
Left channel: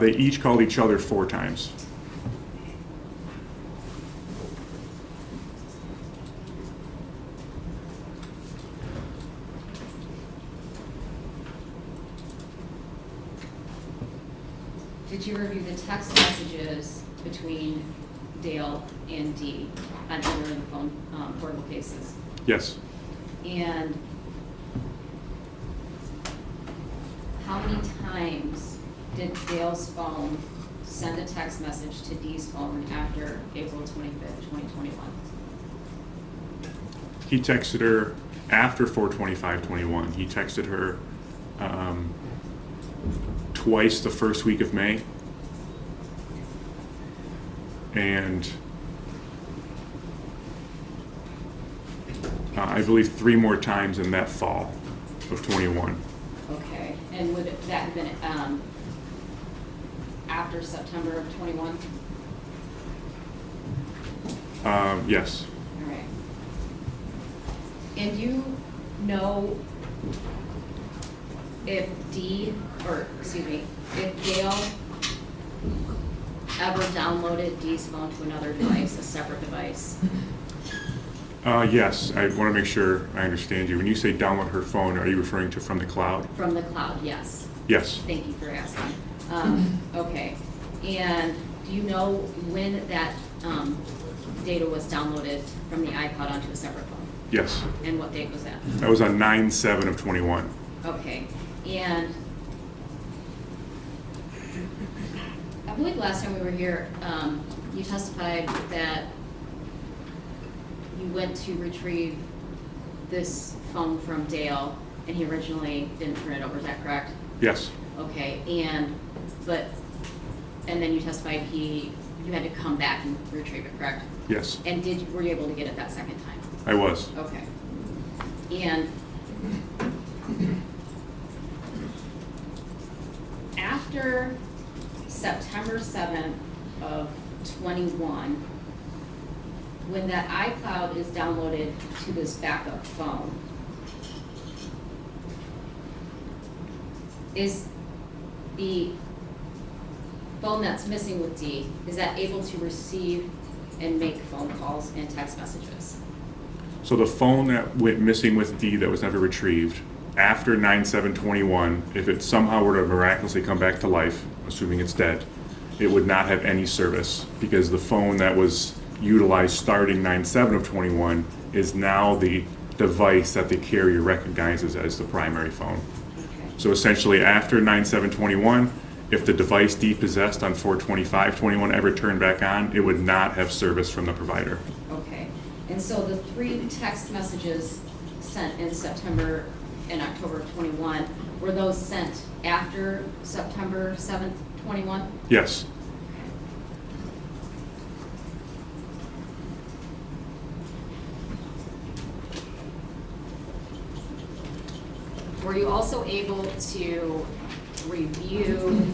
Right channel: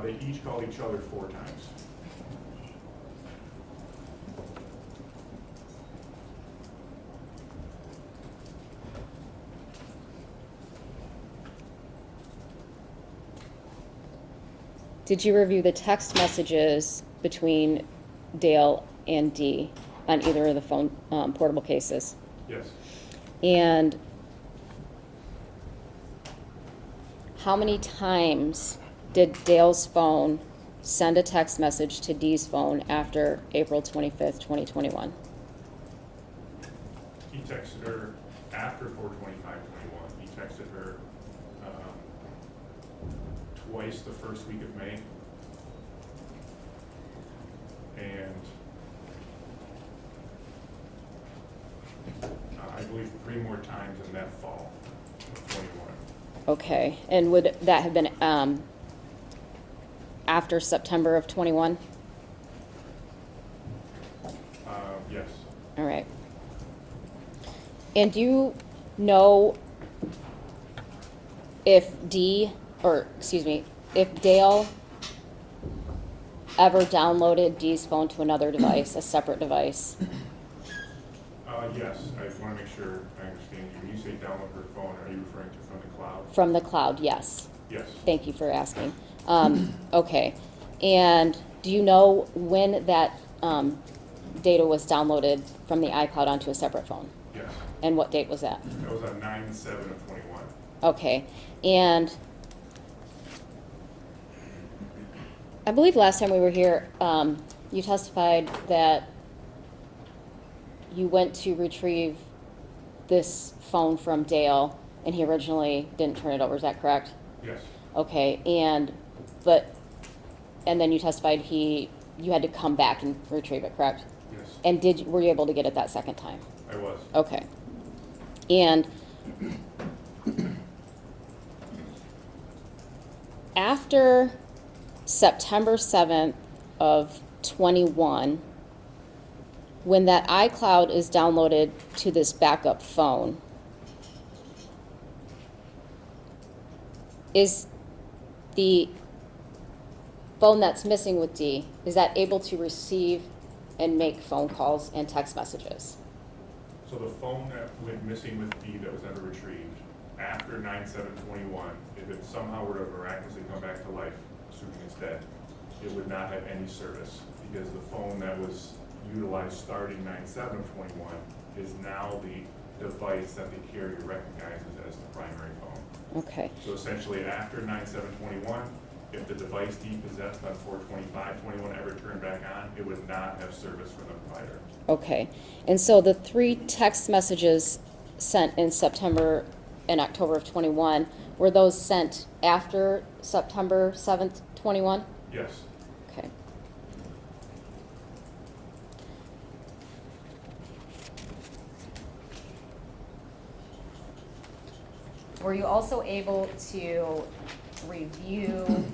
They each called each other 4 times. Did you review the text messages between Dale and Dee on either of the phone portable cases? Yes. And how many times did Dale's phone send a text message to Dee's phone after April 25th, 2021? He texted her after 4/25/21. He texted her twice the first week of May, and I believe 3 more times in that fall of 21. Okay, and would that have been after September of 21? Yes. All right. And do you know if if Dale ever downloaded Dee's phone to another device, a separate device? Yes, I want to make sure I understand you. When you say download her phone, are you referring to from the cloud? From the cloud, yes. Yes. Thank you for asking. Okay. And do you know when that data was downloaded from the iCloud onto a separate phone? Yes. And what date was that? That was on 9/7/21. Okay. And I believe last time we were here, you testified that you went to retrieve this phone from Dale, and he originally didn't turn it over. Is that correct? Yes. Okay. But and then you testified you had to come back and retrieve it, correct? Yes, And were you able to get it that second time? I was. Okay. And after September 7th of 21, when that iCloud is downloaded to this backup phone, is the phone that's missing with D, is that able to receive and make phone calls and text messages? So the phone that went missing with D that was never retrieved, after 9/7/21, if it somehow were to miraculously come back to life, assuming it's dead, it would not have any service, because the phone that was utilized starting 9/7/21 is now the device that the carrier recognizes as the primary phone. Okay. So essentially, after 9/7/21, if the device depossessed on 4/25/21 ever turned back on, it would not have service from the provider. Okay. And so the 3 text messages sent in September and October of 21, were those sent after September 7th, 21? Yes, Okay. Were you also able to review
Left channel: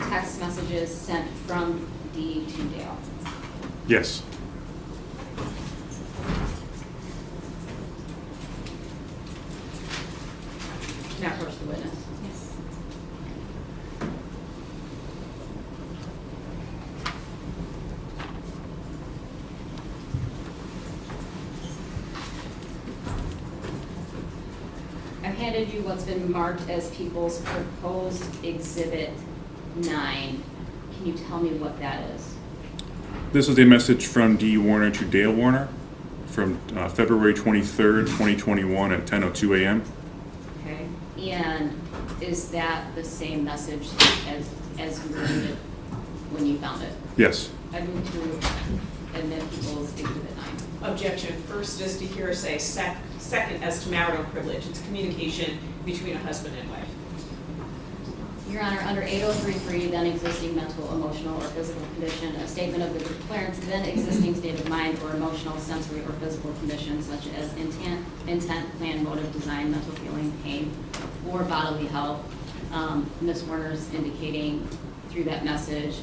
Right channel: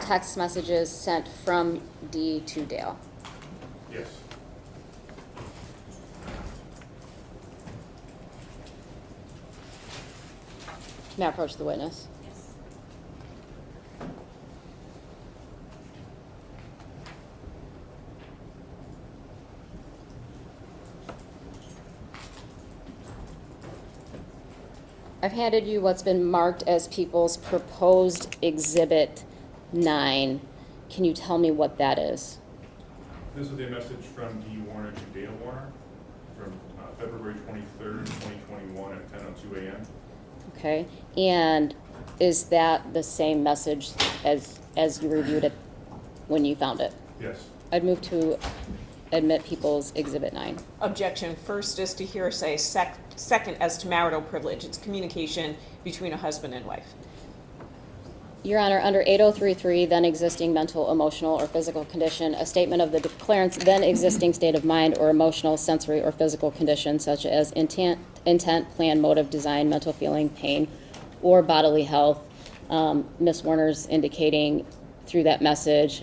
text messages sent from D to Dale? yes. Now approach the witness. Yes. I've handed you what's been marked as people's proposed Exhibit 9. Can you tell me what that is? This is a message from D. Warner to Dale Warner from February 23rd, 2021 at 10:02 a.m. Okay, and is that the same message as you reviewed it when you found it? Yes, I've moved to admit people's Exhibit 9. Objection. First is to hearsay, second as to marital privilege. It's communication between a husband and wife. Your Honor, under 8033, then existing mental, emotional, or physical condition, a statement of the declarant's then existing state of mind or emotional, sensory, or physical condition, such as intent, plan, motive, design, mental feeling, pain, or bodily health. Ms. Warner's indicating through that message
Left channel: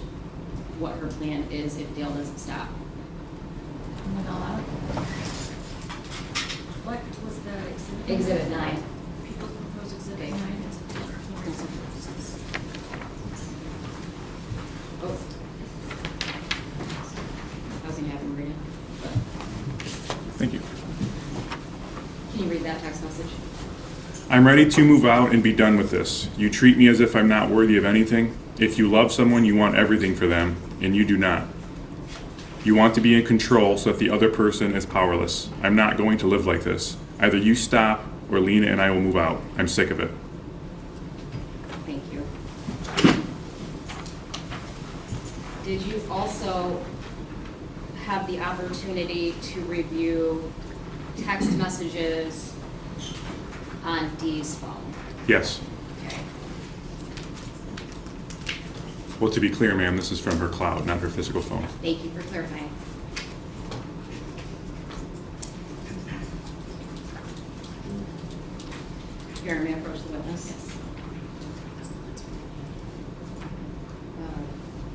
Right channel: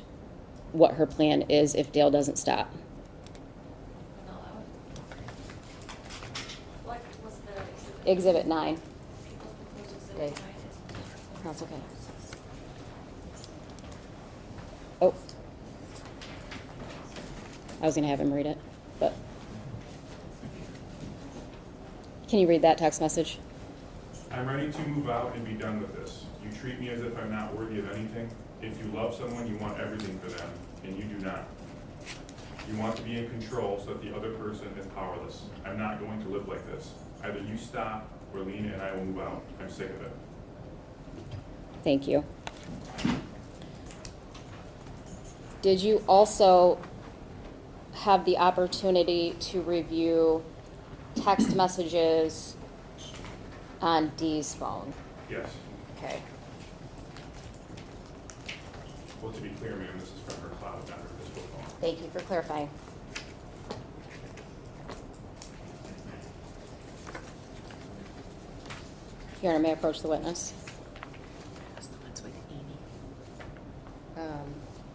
what her plan is if Dale doesn't stop. Went all out. What was the exhibit? Exhibit 9. People's proposed exhibit Okay. 9 Oh. I was gonna have him read it, but thank you. can you read that text message? I'm ready to move out and be done with this. You treat me as if I'm not worthy of anything. If you love someone, you want everything for them, and you do not. You want to be in control so that the other person is powerless. I'm not going to live like this. Either you stop, or Lena and I will move out. I'm sick of it. Thank you. Did you also have the opportunity to review text messages on Dee's phone? Yes. Okay. Well, to be clear, ma'am, this is from her cloud, not her physical phone. Thank you for clarifying. Your Honor, may I approach the witness?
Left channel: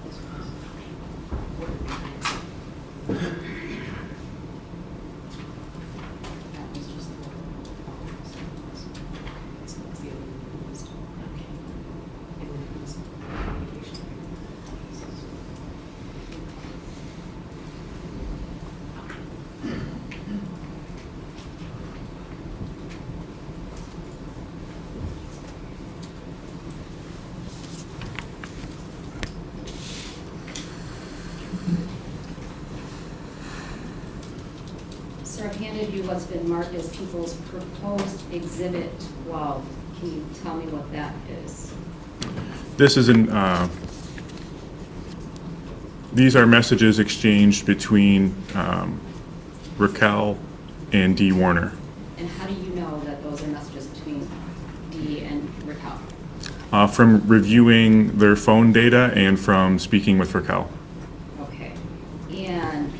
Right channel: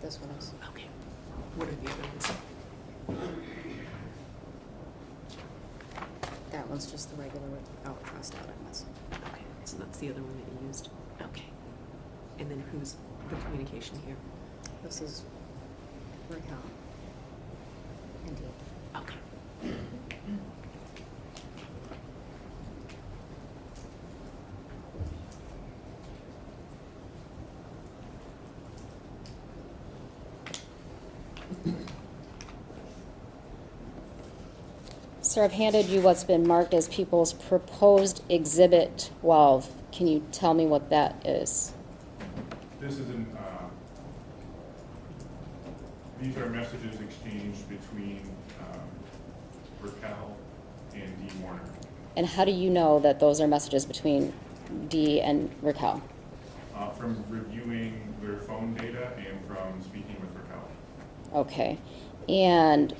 This one. That one's just the regular. So that's the other one you used. Okay. And then who's the communication here? This is. Okay. Sir, I've handed you what's been marked as people's proposed Exhibit 12. Can you tell me what that is? This is these are messages exchanged between Raquel and D. Warner. And how do you know that those are messages between Dee and Raquel? From reviewing their phone data and from speaking with Raquel. Okay, and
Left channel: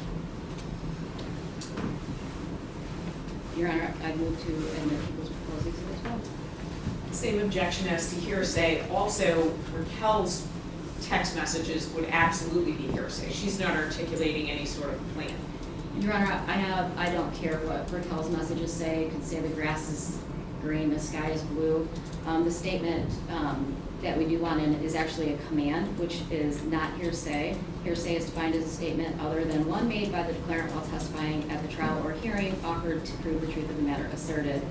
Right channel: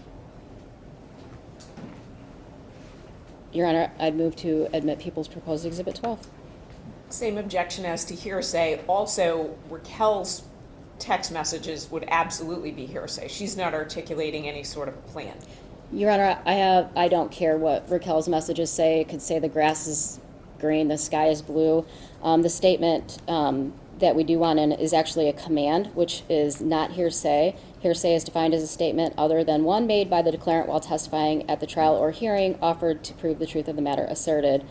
Your Honor, I'd move to admit People's Proposed Exhibit 12. Same objection as to hearsay. Also, Raquel's text messages would absolutely be hearsay. She's not articulating any sort of plan. Your Honor, I don't care what Raquel's messages say. It could say the grass is green, the sky is blue. The statement that we do want in is actually a command, which is not hearsay. Hearsay is defined as a statement other than one made by the declarant while testifying at the trial or hearing, offered to prove the truth of the matter asserted.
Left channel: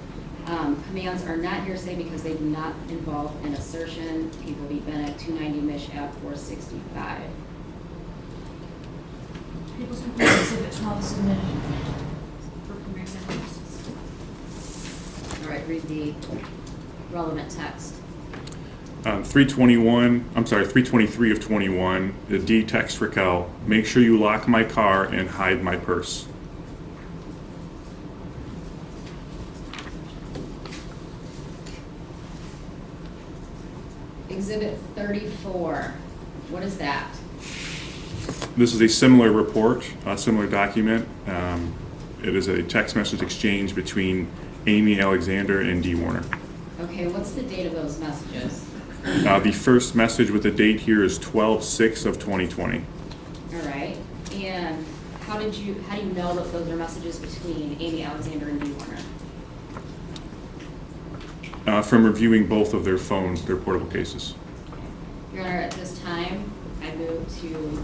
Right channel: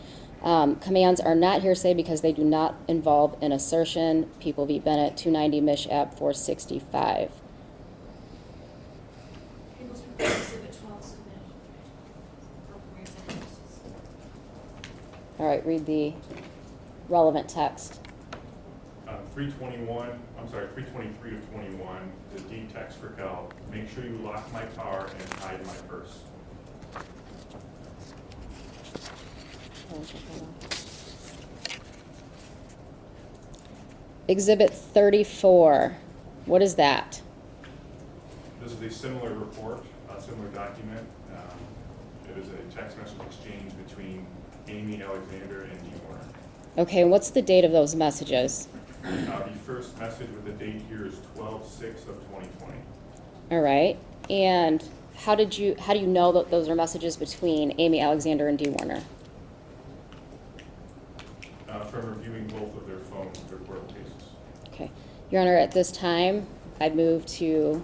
Commands are not hearsay because they do not involve an assertion. People v. Bennett, 290 Mich. App. 465. People's Proposed Exhibit 12 is submitted for permissive purposes. All right, read the relevant text. 323 of 21, the D text Raquel, make sure you lock my car and hide my purse. Exhibit 34, what is that? This is a similar report, a similar document. It is a text message exchange between Amy Alexander and D. Warner. Okay, what's the date of those messages? The first message with the date here is 12/6 of 2020. All right, and how do you know that those are messages between Amy Alexander and D. Warner? From reviewing both of their portable cases. Okay, Your Honor, at this time, I'd move to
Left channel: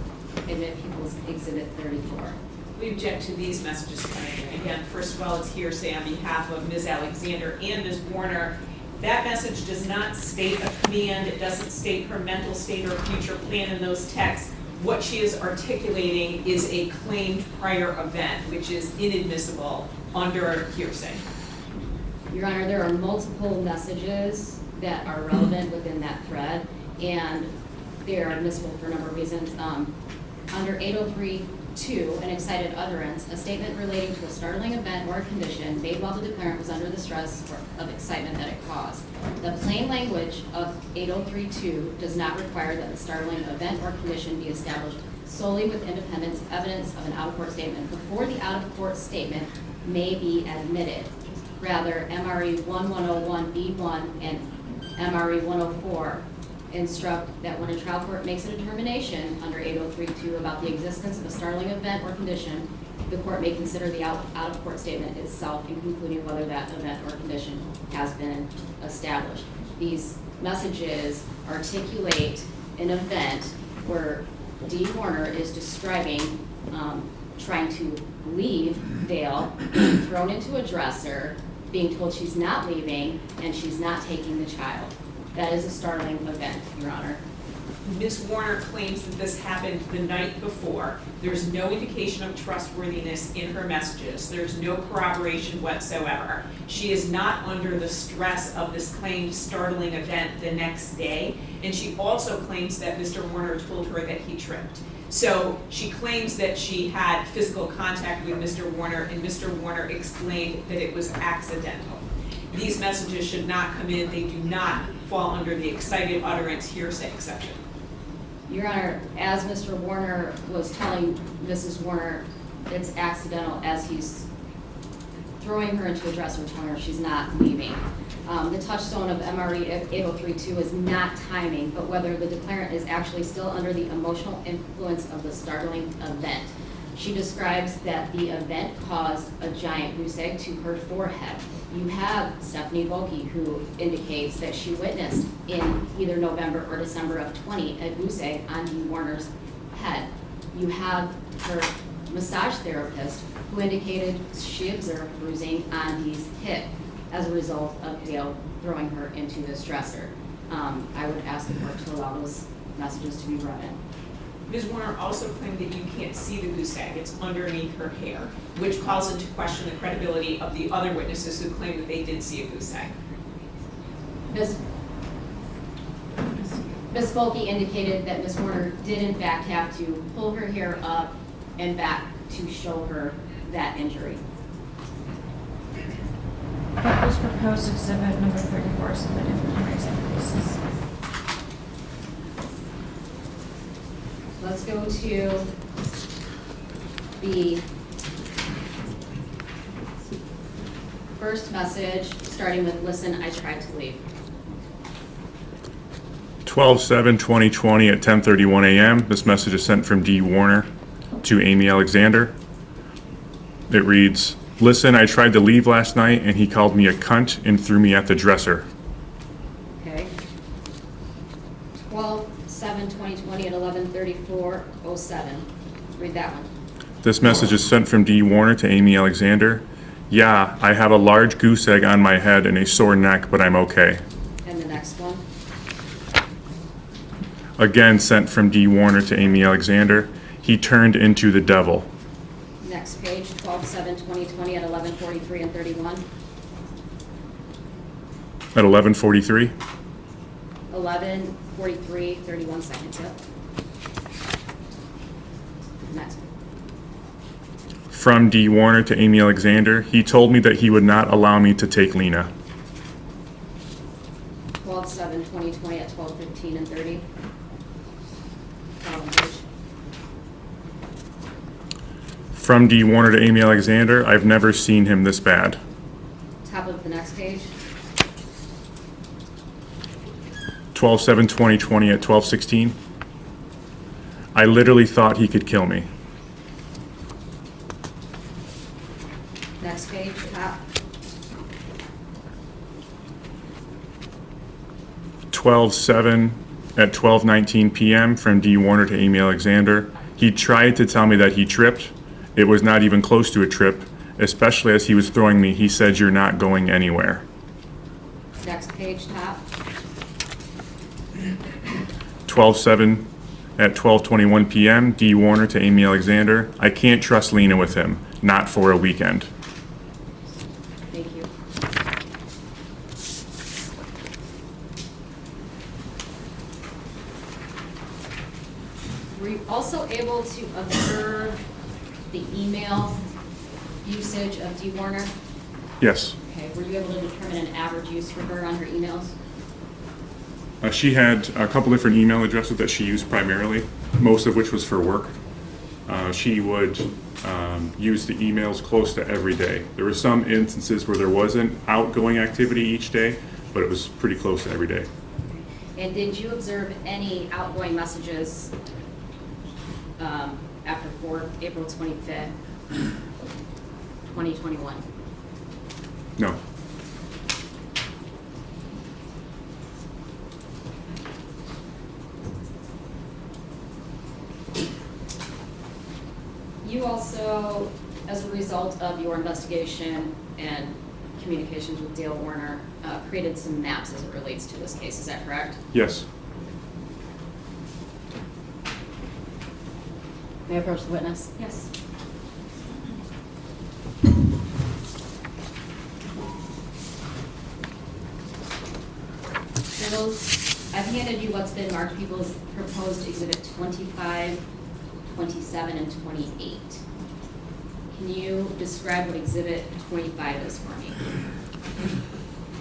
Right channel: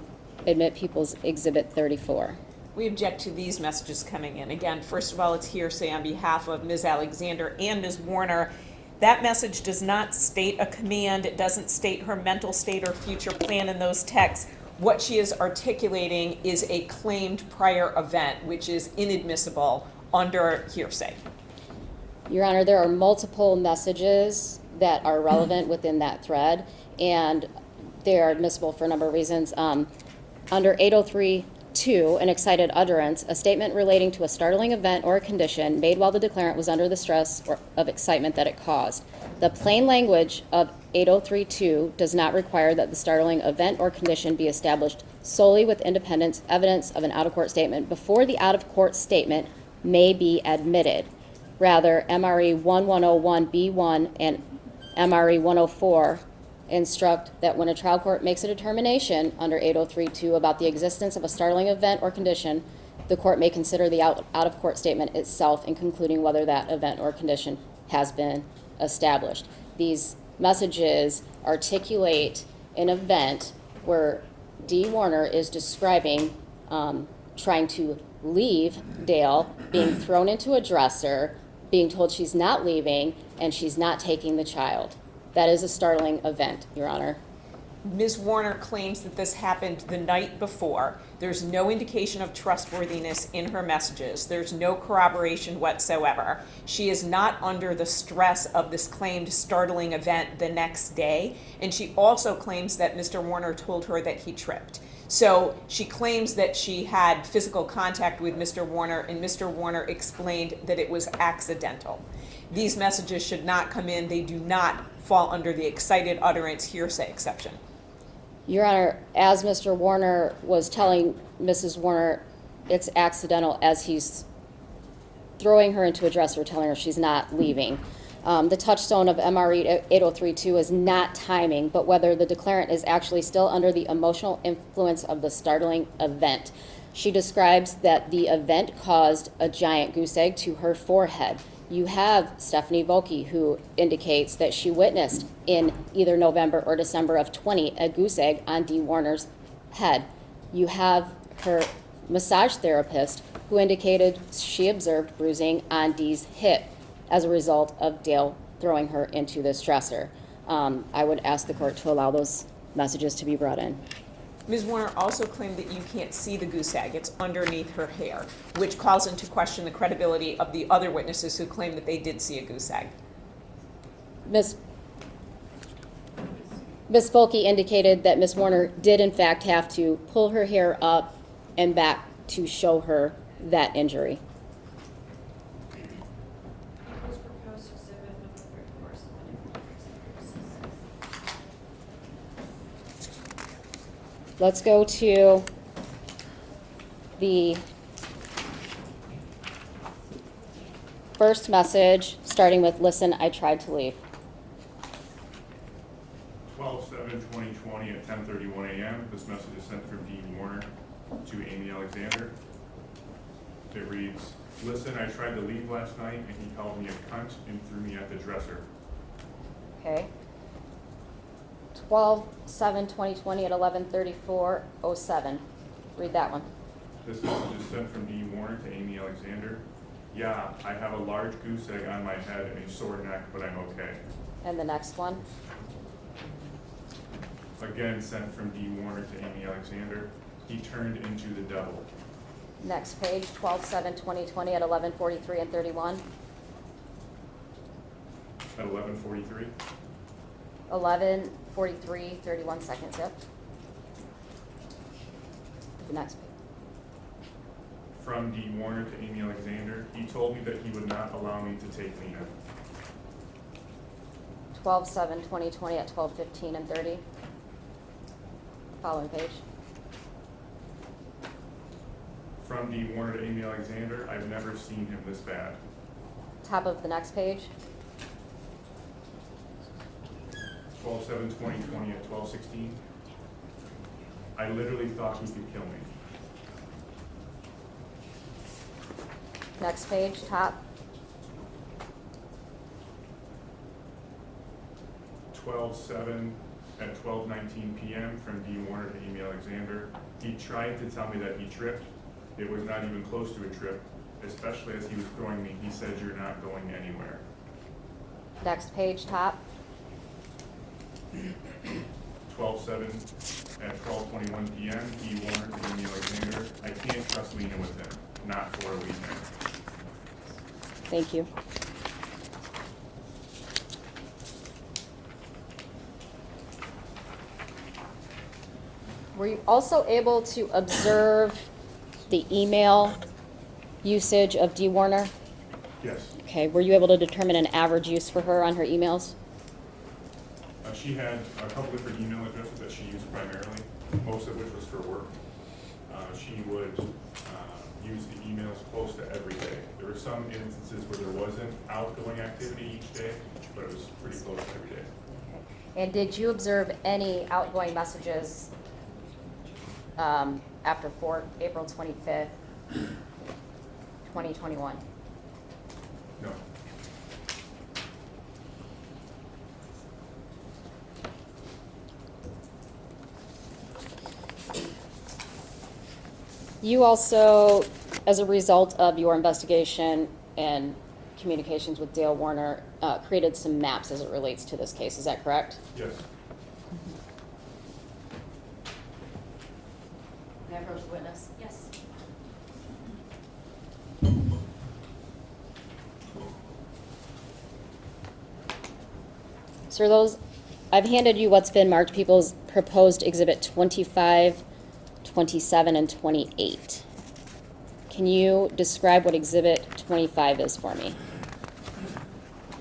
admit People's Exhibit 34. We object to these messages coming in. Again, first of all, it's hearsay on behalf of Ms. Alexander and Ms. Warner. That message does not state a command. It doesn't state her mental state or future plan in those texts. What she is articulating is a claimed prior event, which is inadmissible under hearsay. Your Honor, there are multiple messages that are relevant within that thread, and they are admissible for a number of reasons. Under 803.2, an excited utterance, a statement relating to a startling event or a condition made while the declarant was under the stress of excitement that it caused. The plain language of 803.2 does not require that the startling event or condition be established solely with independent evidence of an out-of-court statement before the out-of-court statement may be admitted. Rather, MRE 1101B1 and MRE 104 instruct that when a trial court makes a determination under 803.2 about the existence of a startling event or condition, the court may consider the out-of-court statement itself in concluding whether that event or condition has been established. These messages articulate an event where D. Warner is describing trying to leave Dale, being thrown into a dresser, being told she's not leaving, and she's not taking the child. That is a startling event, Your Honor. Ms. Warner claims that this happened the night before. There's no indication of trustworthiness in her messages. There's no corroboration whatsoever. She is not under the stress of this claimed startling event the next day, and she also claims that Mr. Warner told her that he tripped. So she claims that she had physical contact with Mr. Warner, and Mr. Warner explained that it was accidental. These messages should not come in. They do not fall under the excited utterance hearsay exception. Your Honor, as Mr. Warner was telling Mrs. Warner it's accidental as he's throwing her into a dresser, telling her she's not leaving. The touchstone of MRE 803.2 is not timing, but whether the declarant is actually still under the emotional influence of the startling event. She describes that the event caused a giant goose egg to her forehead. You have Stephanie Volke, who indicates that she witnessed in either November or December of 20 a goose egg on D. Warner's head. You have her massage therapist, who indicated she observed bruising on Dee's hip as a result of Dale throwing her into this dresser. I would ask the court to allow those messages to be brought in. Ms. Warner also claimed that you can't see the goose egg. It's underneath her hair, which calls into question the credibility of the other witnesses who claim that they did see a goose egg. Ms. Volke indicated that Ms. Warner did in fact have to pull her hair up and back to show her that injury. People's Proposed Exhibit number 34 submitted for permissive purposes. let's go to the first message, starting with, listen, I tried to leave. 12/7/2020 at 10:31 a.m. This message is sent from D. Warner to Amy Alexander. It reads, listen, I tried to leave last night and he called me a cunt and threw me at the dresser. Okay. 12/7/2020 at 11:34:07. Read that one. This message is sent from D. Warner to Amy Alexander. Yeah, I have a large goose egg on my head and a sore neck, but I'm okay. And the next one. Again sent from D. Warner to Amy Alexander. He turned into the devil. Next page, 12/7/2020 at 11:43 and 31. At 11:43. 11:43, 31 seconds, yep. The next. From D. Warner to Amy Alexander. He told me that he would not allow me to take Lena. 12/7/2020 at 12:15 and 30. Following page. From D. Warner to Amy Alexander. I've never seen him this bad. Top of the next page. 12/7/2020 at 12:16. I literally thought he could kill me. Next page, top. 12/7 at 12:19 p.m. from D. Warner to Amy Alexander. He tried to tell me that he tripped. It was not even close to a trip, especially as he was throwing me. He said, you're not going anywhere. Next page, top. 12/7 at 12:21 p.m. D. Warner to Amy Alexander. I can't trust Lena with him. Not for a weekend. Thank you. Were you also able to observe the email usage of D. Warner? Yes. Okay, were you able to determine an average use for her on her emails? She had a couple different email addresses that she used primarily, most of which was for work. She would use the emails close to every day. There were some instances where there wasn't outgoing activity each day, but it was pretty close to every day. And did you observe any outgoing messages after April 25th, 2021? No. You also, as a result of your investigation and communications with Dale Warner, created some maps as it relates to this case, is that correct? Yes. May I approach the witness? Yes. So those, I've handed you what's been marked people's proposed exhibit 25, 27, and 28. Can you describe what exhibit 25 is for me?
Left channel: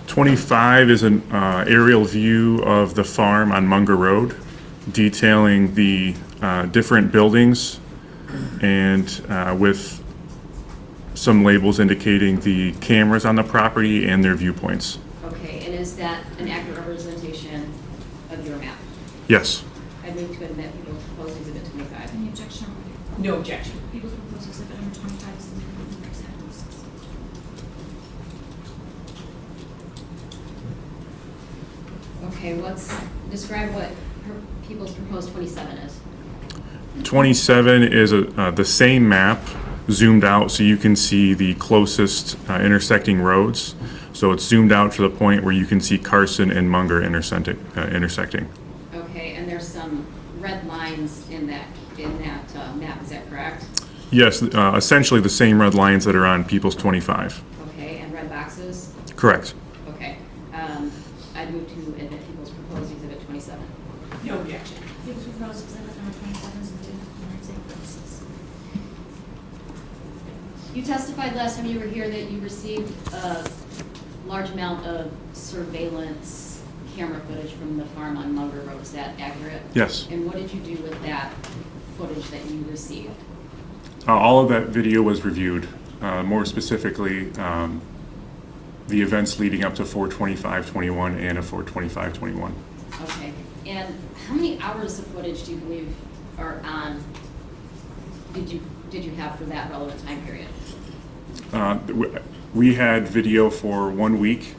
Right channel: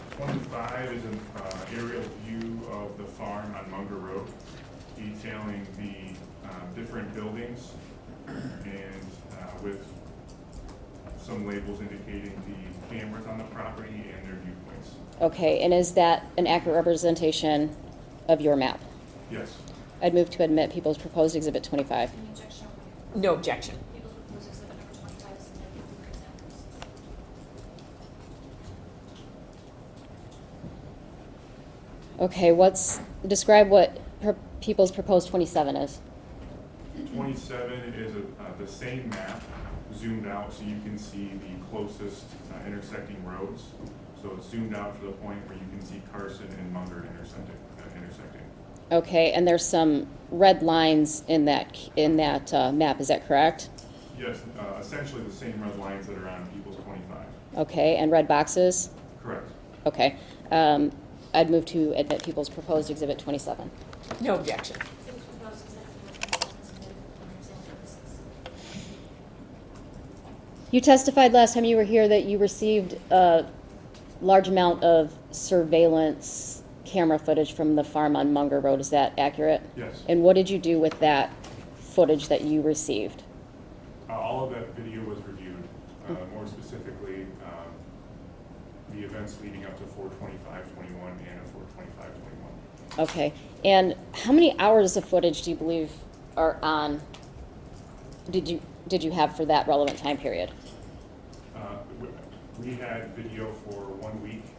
25 is an aerial view of the farm on Munger Road, detailing the different buildings and with some labels indicating the cameras on the property and their viewpoints. Okay, and is that an accurate representation of your map? Yes. I'd move to admit people's proposed exhibit 25. Any objection? No objection. People's proposed exhibit number 25 is amended with examples. Okay, describe what people's proposed 27 is. 27 is the same map zoomed out so you can see the closest intersecting roads. So it's zoomed out to the point where you can see Carson and Munger intersecting. Okay, and there's some red lines in that map, is that correct? Yes, essentially the same red lines that are on People's 25. Okay, and red boxes? Correct. Okay. I'd move to admit people's proposed exhibit 27. No objection. People's proposed exhibit number 27 is amended for exam purposes. You testified last time you were here that you received a large amount of surveillance camera footage from the farm on Munger Road. Is that accurate? Yes. And what did you do with that footage that you received? All of that video was reviewed, more specifically, the events leading up to 4/25/21 and a 4/25/21. Okay, and how many hours of footage do you believe are on, did you have for that relevant time period? We had video for 1 week,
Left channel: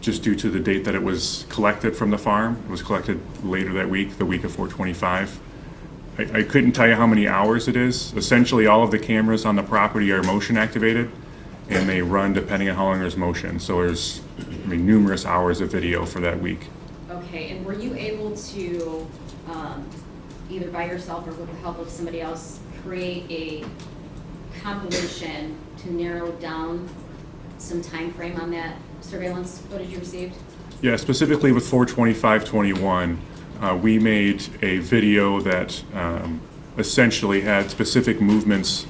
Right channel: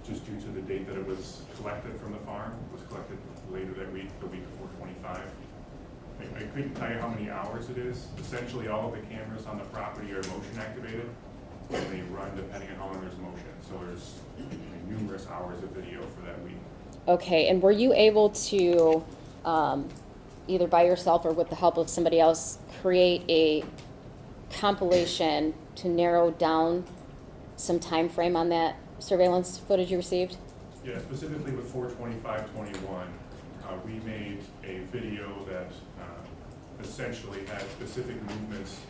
just due to the date that it was collected from the farm. It was collected later that week, the week of 4/25. I couldn't tell you how many hours it is. Essentially, all of the cameras on the property are motion activated, and they run depending on how long there's motion. So there's, numerous hours of video for that week. Okay, and were you able to, either by yourself or with the help of somebody else, create a compilation to narrow down some time frame on that surveillance footage you received? Yeah, specifically with 4/25/21, we made a video that essentially had specific movements,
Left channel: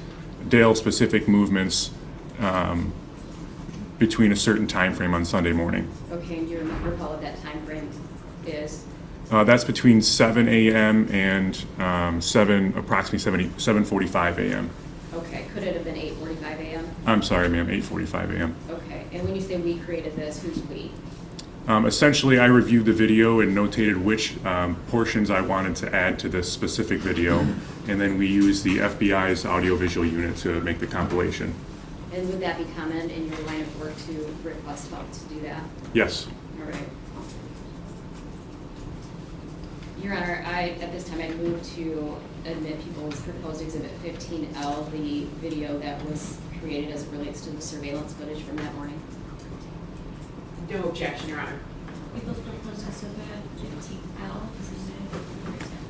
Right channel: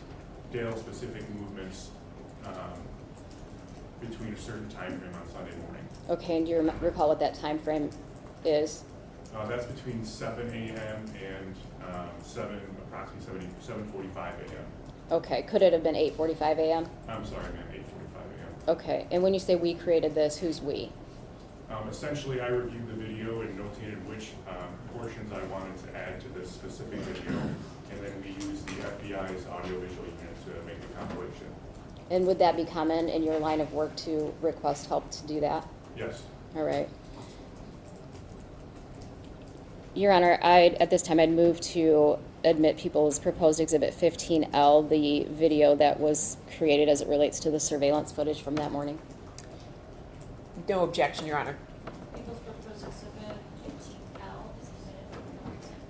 Dale-specific movements, between a certain time frame on Sunday morning. Okay, do you recall what that time frame is? That's between 7 a.m. and approximately 7:45 a.m. Okay, could it have been 8:45 a.m.? I'm sorry, ma'am, 8:45 a.m. Okay, and when you say we created this, who's we? Essentially, I reviewed the video and notated which portions I wanted to add to this specific video, and then we used the FBI's audiovisual unit to make the compilation. And would that be common in your line of work to request help to do that? Yes. All right. Your Honor, at this time, I'd move to admit people's proposed Exhibit 15L, the video that was created as it relates to the surveillance footage from that morning. No objection, Your Honor. People's proposed exhibit 15L is admitted for example.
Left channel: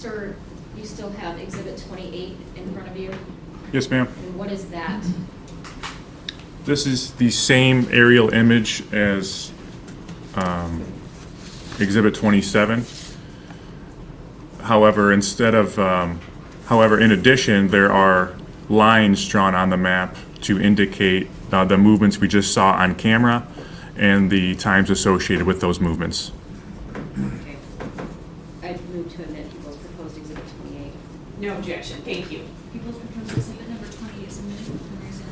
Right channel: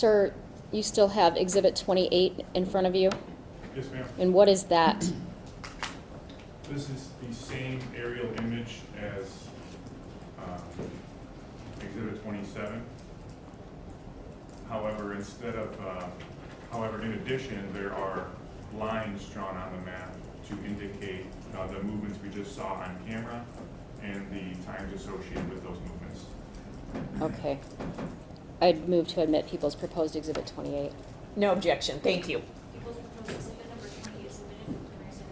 Sir, you still have Exhibit 28 in front of you, Yes, ma'am. and what is that? This is the same aerial image as Exhibit 27. However, in addition, there are lines drawn on the map to indicate the movements we just saw on camera and the times associated with those movements. Okay. I'd move to admit People's proposed Exhibit 28. No objection, thank you. People's proposed exhibit number 20 is admitted for reason.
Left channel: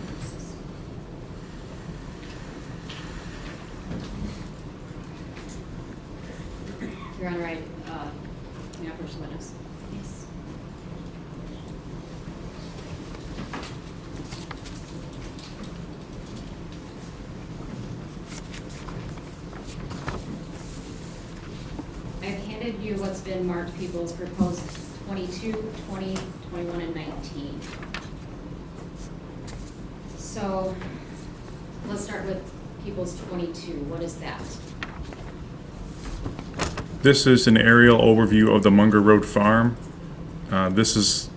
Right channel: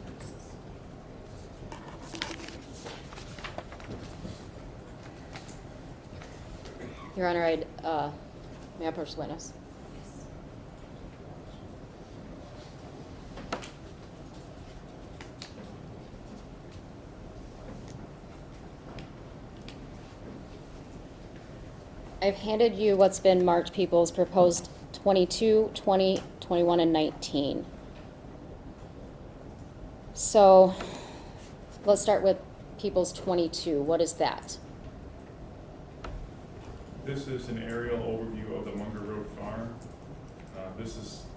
Your Honor, may I approach the witness? Yes. I've handed you what's been marked People's proposed 22, 20, 21, and 19. So let's start with People's 22. What is that? This is an aerial overview of the Munger Road Farm. This is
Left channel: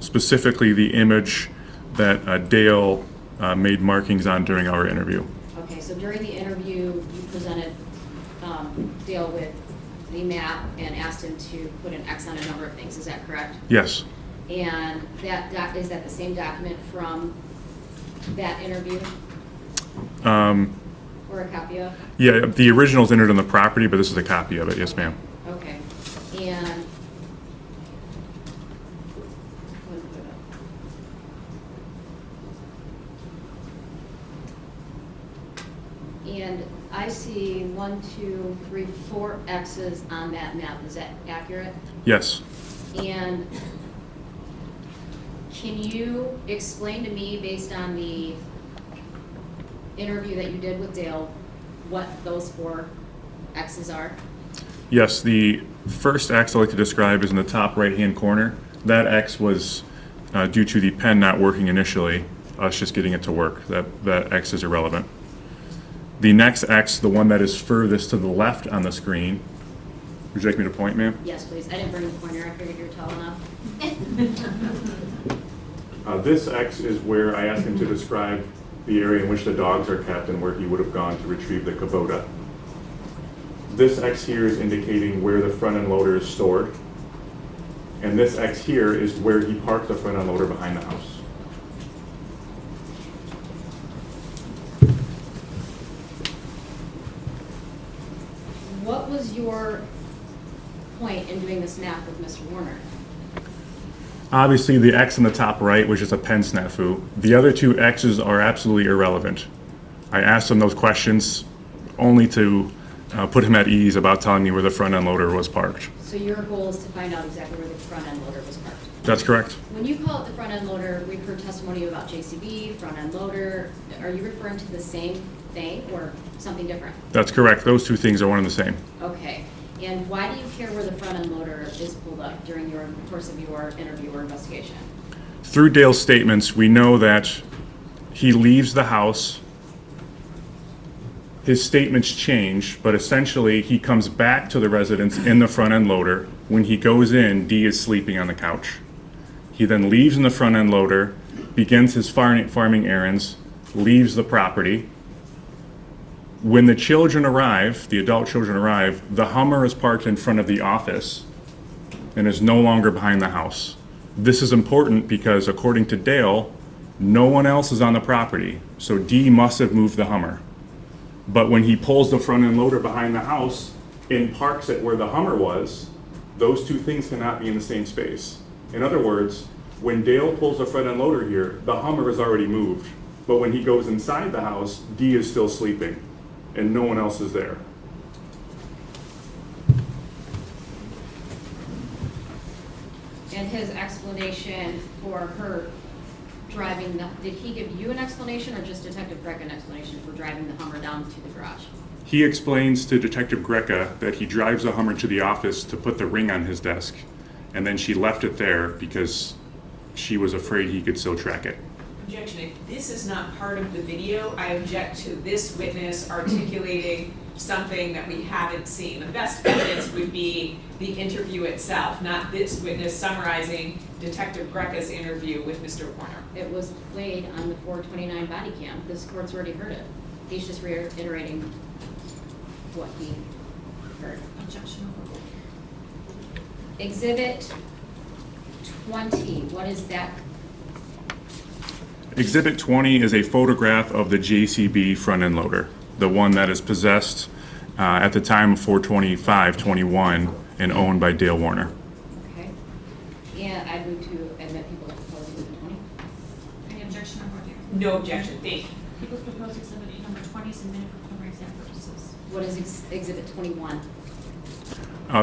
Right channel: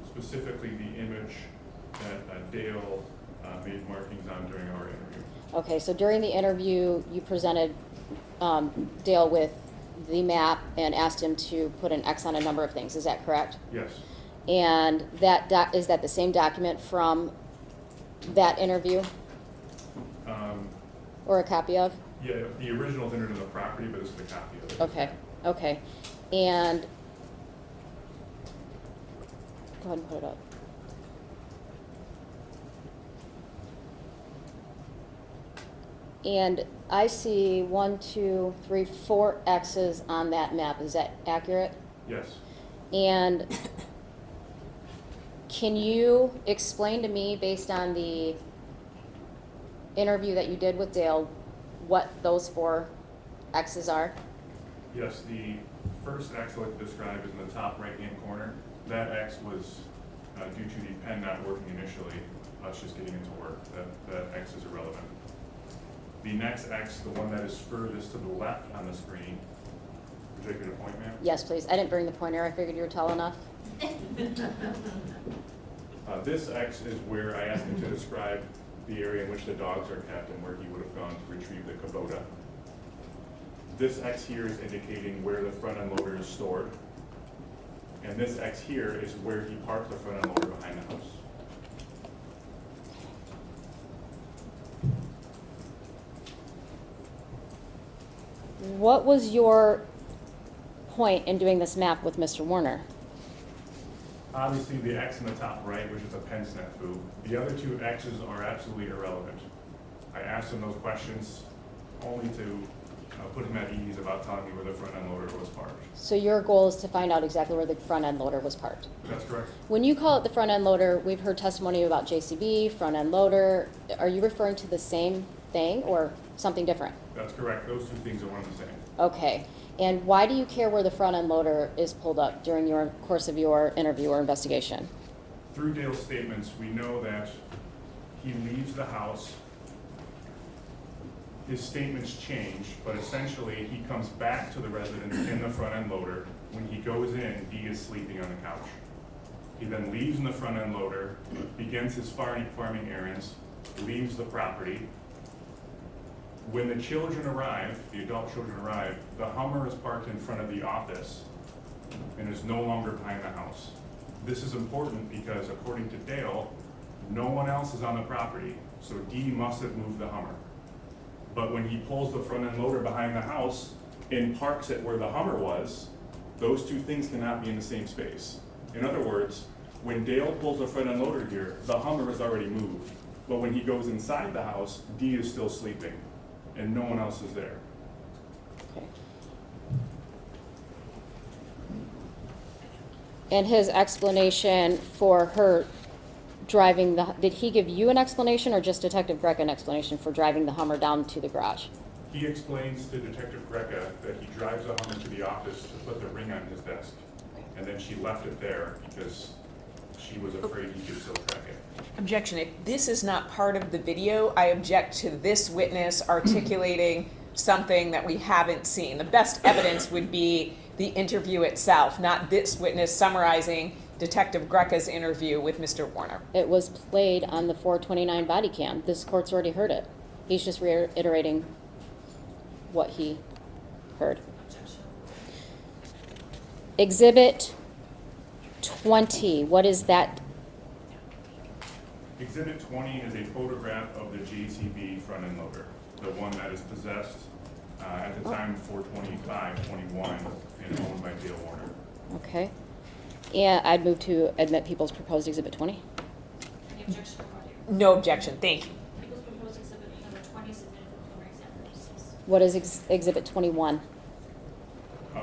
specifically the image that Dale made markings on during our interview. Okay, so during the interview, you presented Dale with the map and asked him to put an X on a number of things. Is that correct? Yes. And is that the same document from that interview? Or a copy of? Yeah, the original's entered on the property, but this is a copy of it. Yes, ma'am. Okay, and, go ahead and put it up. And I see 1, 2, 3, 4 X's on that map. Is that accurate? Yes. And can you explain to me, based on the interview that you did with Dale, what those 4 X's are? Yes, the first X I'd like to describe is in the top right-hand corner. That X was due to the pen not working initially, us just getting it to work. That X is irrelevant. The next X, the one that is furthest to the left on the screen, would you like me to point, ma'am? Yes, please. I didn't bring the pointer. I figured you were tall enough. This X is where I asked him to describe the area in which the dogs are kept and where he would have gone to retrieve the Kubota. This X here is indicating where the front end loader is stored. And this X here is where he parked the front end loader behind the house. What was your point in doing this map with Mr. Warner? Obviously, the X in the top right was just a pen snafu. The other 2 X's are absolutely irrelevant. I asked him those questions only to put him at ease about telling me where the front end loader was parked. So your goal is to find out exactly where the front end loader was parked. That's correct. When you call it the front end loader, we've heard testimony about JCB, front end loader. Are you referring to the same thing or something different? That's correct. Those 2 things are one and the same. Okay. And why do you care where the front end loader is pulled up during your course of your interview or investigation? Through Dale's statements, we know that he leaves the house. His statements change, but essentially he comes back to the residence in the front end loader. When he goes in, Dee is sleeping on the couch. He then leaves in the front end loader, begins his farming errands, leaves the property. When the children arrive, the adult children arrive, the Hummer is parked in front of the office and is no longer behind the house. This is important because according to Dale, no one else is on the property, so Dee must have moved the Hummer. But when he pulls the front end loader behind the house and parks it where the Hummer was, those 2 things cannot be in the same space. In other words, when Dale pulls the front end loader here, the Hummer is already moved. But when he goes inside the house, Dee is still sleeping and no one else is there. And his explanation for her driving did he give you an explanation or just Detective Greca an explanation for driving the Hummer down to the garage? He explains to Detective Greca that he drives the Hummer to the office to put the ring on his desk, and then she left it there because she was afraid he could still track it. Objection, if this is not part of the video, I object to this witness articulating something that we haven't seen. The best evidence would be the interview itself, not this witness summarizing Detective Greca's interview with Mr. Warner. It was played on the 429 body cam. This court's already heard it. He's just reiterating what he heard. Objection. Exhibit 20, what is that? Exhibit 20 is a photograph of the JCB front end loader, the one that is possessed at the time of 4/25/21 and owned by Dale Warner. Okay. And I'd move to admit people's proposed exhibit 20. Any objection or more? No objection, thank you. People's proposed exhibit number 20 is submitted for preliminary exam purposes. What is exhibit 21?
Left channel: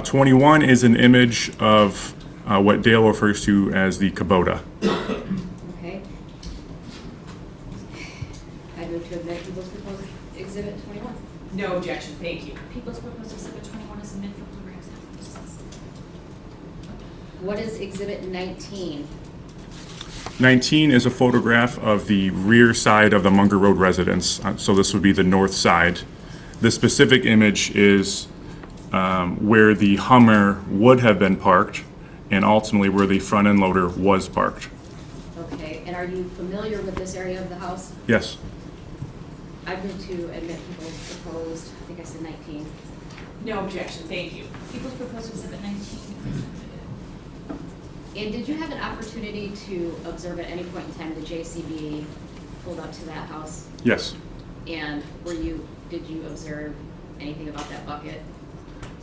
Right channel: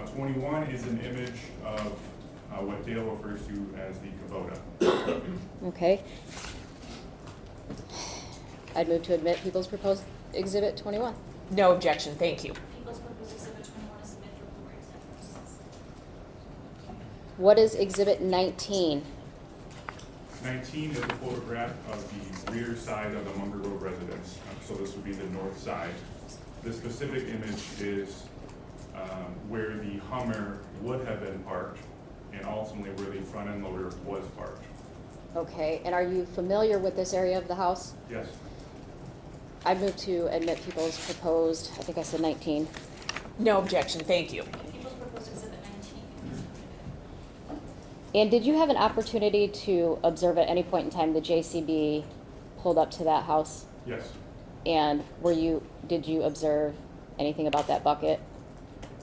21 is an image of what Dale refers to as the Kubota. Okay. I'd move to admit people's proposed exhibit 21. No objection, thank you. People's proposed exhibit 21 is submitted for preliminary exam purposes. What is exhibit 19? 19 is a photograph of the rear side of the Munger Road residence, so this would be the north side. The specific image is where the Hummer would have been parked and ultimately where the front end loader was parked. Okay, and are you familiar with this area of the house? Yes. I move to admit people's proposed, I think I said 19. No objection, thank you. People's proposed exhibit 19 is submitted. And did you have an opportunity to observe at any point in time the JCB pulled up to that house? Yes. And did you observe anything about that bucket?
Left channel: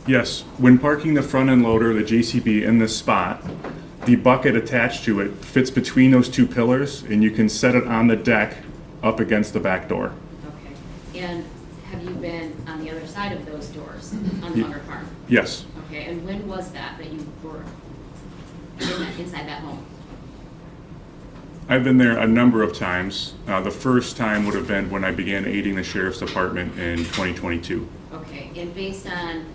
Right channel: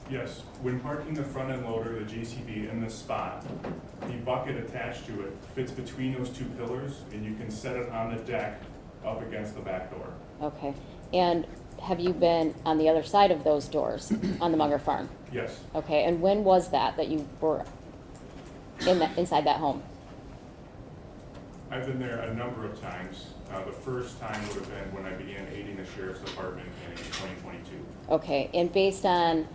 Yes. When parking the front end loader, the JCB, in this spot, the bucket attached to it fits between those two pillars, and you can set it on the deck up against the back door. Okay. And have you been on the other side of those doors on the Munger farm? Yes. Okay, and when was that you were inside that home? I've been there a number of times. The first time would have been when I began aiding the sheriff's department in 2022. Okay, and based on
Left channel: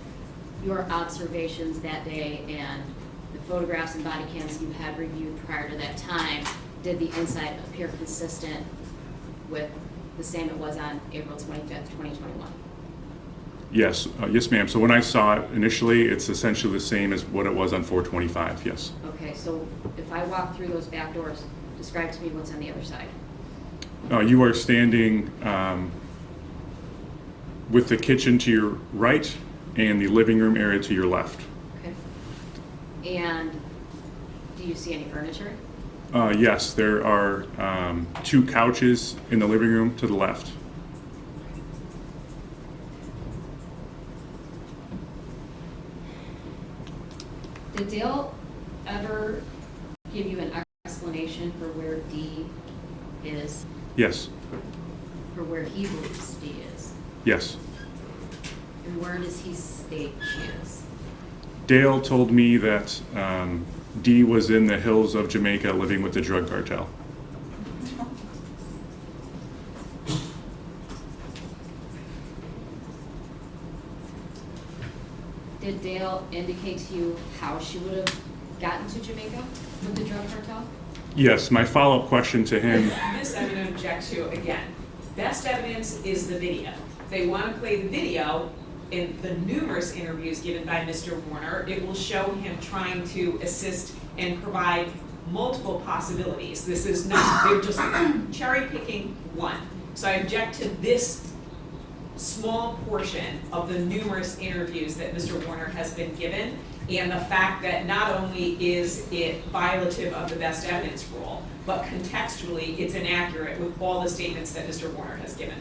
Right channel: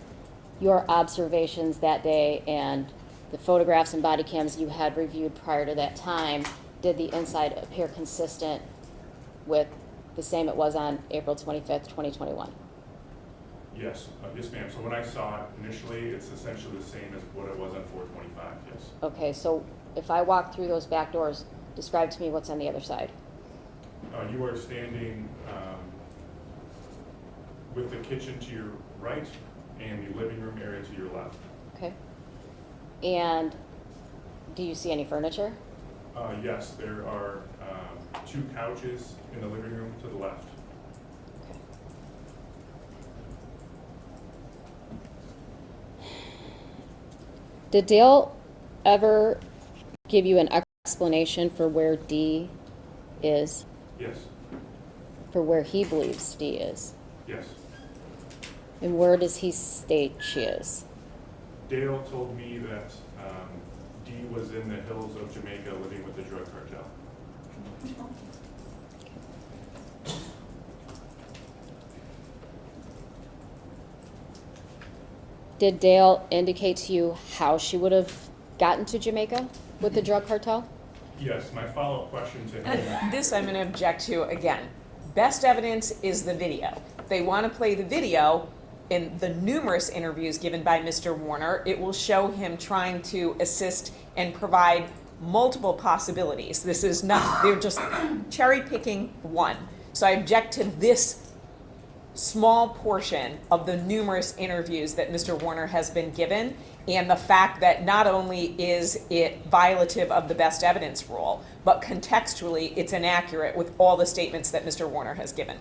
your observations that day and the photographs and body cams you had reviewed prior to that time, did the inside appear consistent with the same it was on April 25th, 2021? Yes, yes, ma'am. So when I saw it initially, it's essentially the same as what it was on 4/25, yes. Okay, so if I walk through those back doors, describe to me what's on the other side. You are standing with the kitchen to your right and the living room area to your left. Okay. And do you see any furniture? Yes, there are 2 couches in the living room to the left. Did Dale ever give you an explanation for where D is, Yes, for where he believes D is? yes. And where does he state she is? Dale told me that Dee was in the hills of Jamaica living with the drug cartel. Did Dale indicate to you how she would have gotten to Jamaica with the drug cartel? Yes, my follow-up question to him, This I'm going to object to again. Best evidence is the video. They want to play the video. In the numerous interviews given by Mr. Warner, it will show him trying to assist and provide multiple possibilities. This is not, they're just cherry picking one. So I object to this small portion of the numerous interviews that Mr. Warner has been given, and the fact that not only is it violative of the best evidence rule, but contextually it's inaccurate with all the statements that Mr. Warner has given.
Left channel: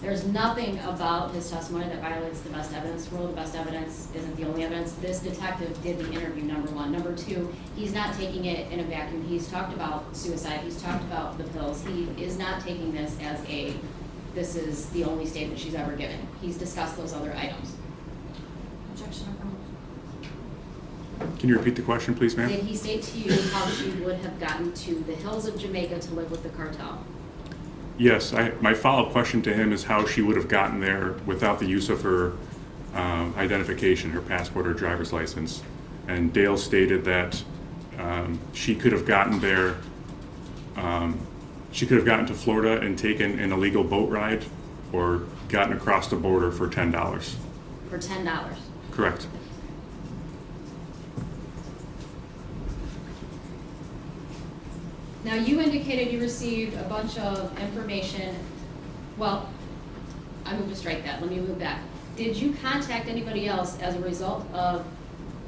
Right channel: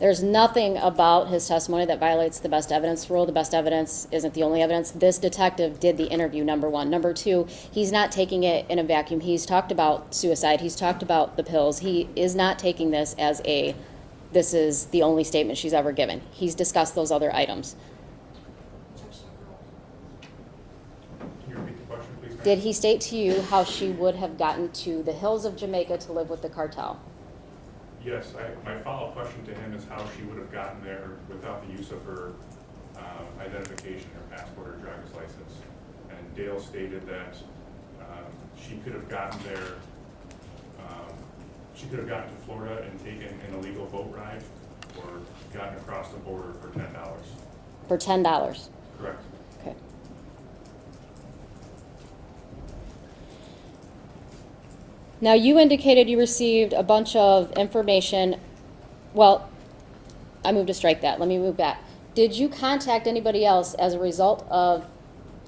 There's nothing about his testimony that violates the best evidence rule. The best evidence isn't the only evidence. This detective did the interview, number one. Number two, he's not taking it in a vacuum. He's talked about suicide. He's talked about the pills. He is not taking this as this is the only statement she's ever given. He's discussed those other items. Objection overruled. can you repeat the question, please, ma'am? Did he state to you how she would have gotten to the hills of Jamaica to live with the cartel? Yes, my follow-up question to him is how she would have gotten there without the use of her identification, her passport or driver's license. And Dale stated that she could have gotten there, she could have gotten to Florida and taken an illegal boat ride or gotten across the border for $10. For $10. Correct. Okay. Now, you indicated you received a bunch of information. Well, I moved to strike that. Let me move back. Did you contact anybody else as a result of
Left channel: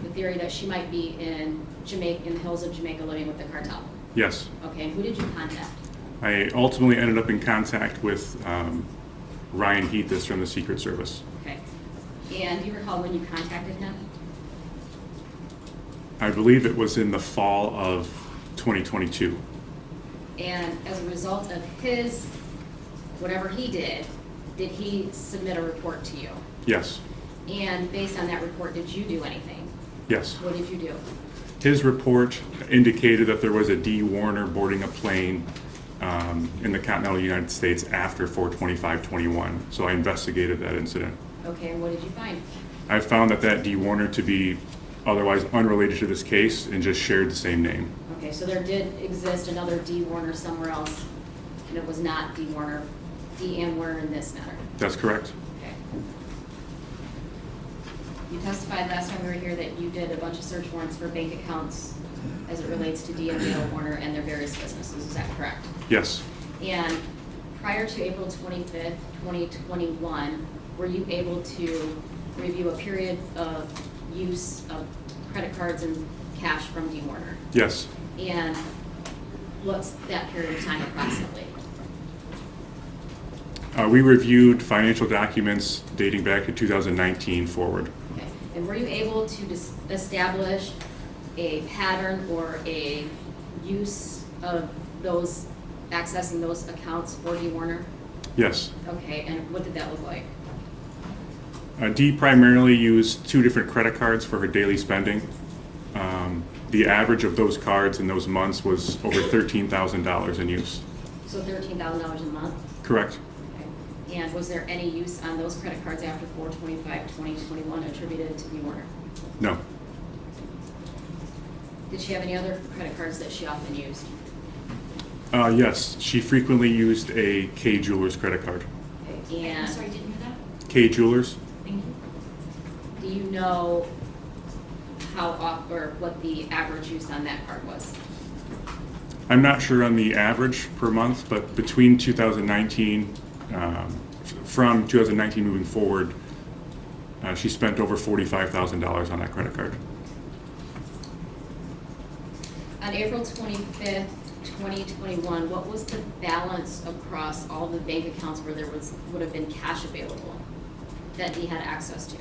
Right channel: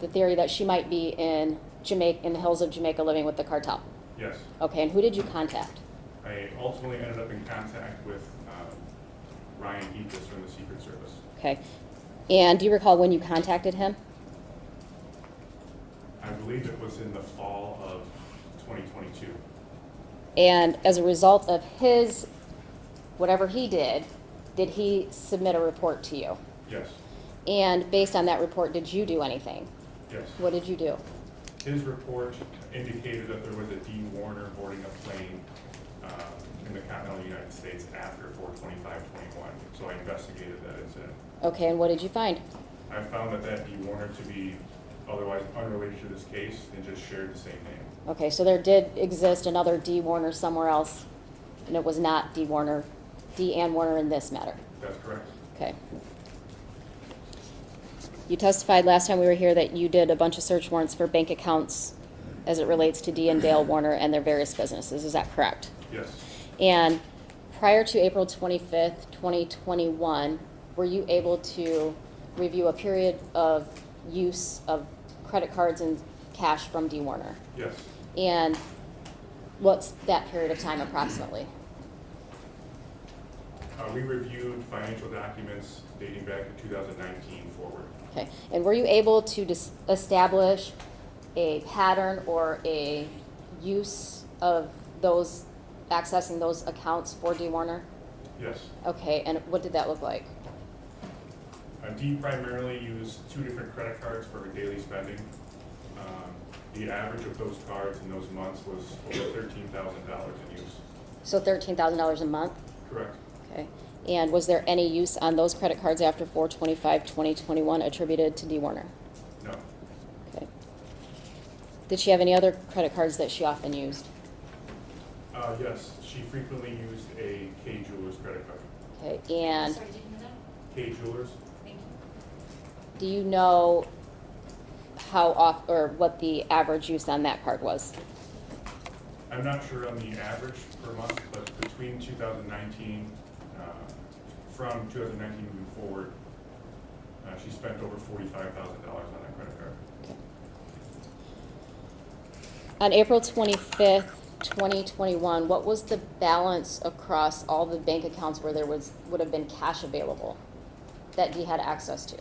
the theory that she might be in Jamaica, in the hills of Jamaica, living with the cartel? Yes. Okay, and who did you contact? I ultimately ended up in contact with Ryan Heathis from the Secret Service. Okay. And do you recall when you contacted him? I believe it was in the fall of 2022. And as a result of his, whatever he did he submit a report to you? Yes. And based on that report, did you do anything? Yes. What did you do? His report indicated that there was a D. Warner boarding a plane in the continental United States after 4/25/21. So I investigated that incident. Okay, and what did you find? I found that D. Warner to be otherwise unrelated to this case and just shared the same name. Okay, so there did exist another D. Warner somewhere else, and it was not D. Warner, D. Ann Warner in this matter. That's correct. Okay. You testified last time we were here that you did a bunch of search warrants for bank accounts as it relates to D. and Dale Warner and their various businesses. Is that correct? Yes. And prior to April 25th, 2021, were you able to review a period of use of credit cards and cash from D. Warner? Yes. And what's that period of time approximately? We reviewed financial documents dating back to 2019 forward. Okay. And were you able to establish a pattern or a use of those, accessing those accounts for D. Warner? Yes. Okay, and what did that look like? Dee primarily used 2 different credit cards for her daily spending. The average of those cards in those months was over $13,000 in use. So $13,000 a month? Correct. Okay. And was there any use on those credit cards after 4/25/2021 attributed to D. Warner? No. Okay. Did she have any other credit cards that she often used? Yes, she frequently used a K Jewelers credit card. Okay, I'm and sorry, didn't hear that. K Jewelers? Thank you. do you know how off, or what the average use on that card was? I'm not sure on the average per month, but between 2019, from 2019 moving forward, she spent over $45,000 on that credit card. On April 25th, 2021, what was the balance across all the bank accounts where there would have been cash available that Dee had access to?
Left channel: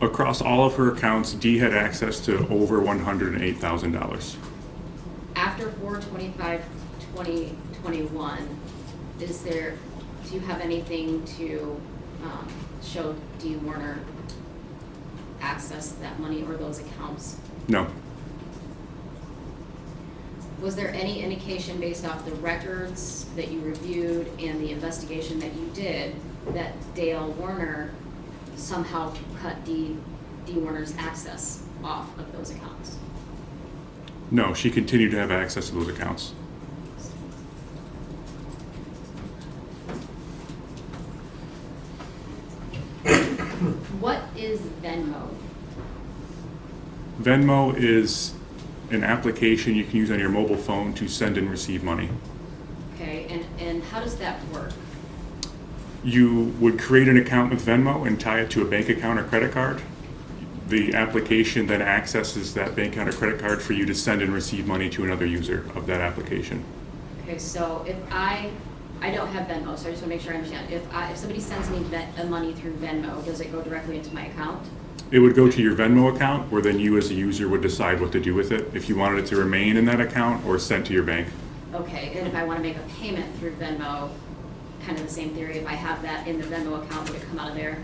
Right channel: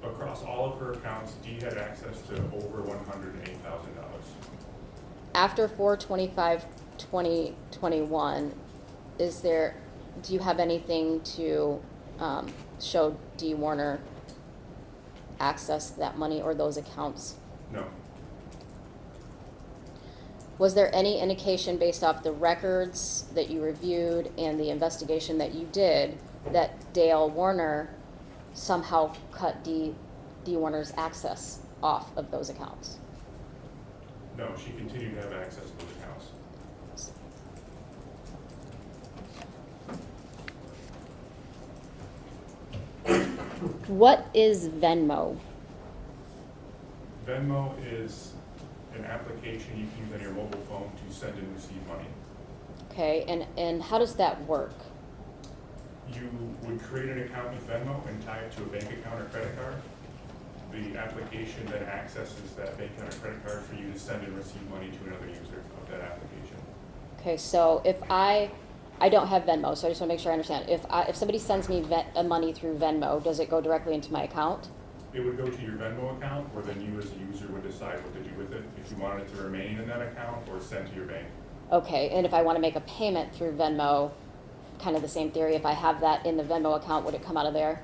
Across all of her accounts, Dee had access to over $108,000. After 4/25/2021, do you have anything to show Dee Warner access to that money or those accounts? No. Was there any indication based off the records that you reviewed and the investigation that you did that Dale Warner somehow cut Dee Warner's access off of those accounts? No, she continued to have access to those accounts. What is Venmo? Venmo is an application you can use on your mobile phone to send and receive money. Okay, and how does that work? You would create an account with Venmo and tie it to a bank account or credit card. The application then accesses that bank account or credit card for you to send and receive money to another user of that application. Okay, so if I don't have Venmo, so I just want to make sure I understand. If somebody sends me money through Venmo, does it go directly into my account? It would go to your Venmo account, where then you as a user would decide what to do with it, if you wanted it to remain in that account or sent to your bank. Okay, and if I want to make a payment through Venmo, kind of the same theory, if I have that in the Venmo account, would it come out of there?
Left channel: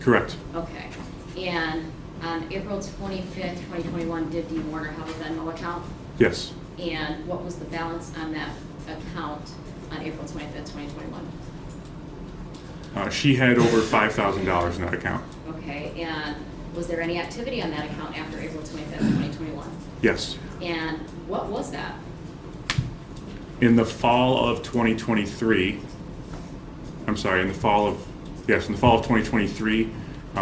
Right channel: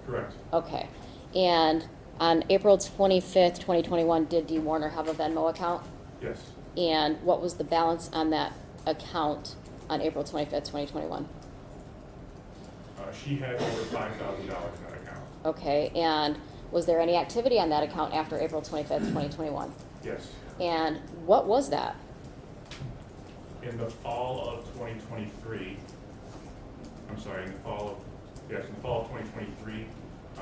Correct. Okay, and on April 25th, 2021, did Dee Warner have a Venmo account? Yes. And what was the balance on that account on April 25th, 2021? She had over $5,000 in that account. Okay, and was there any activity on that account after April 25th, 2021? Yes. And what was that? In the fall of 2023, I'm sorry, in the fall of 2023,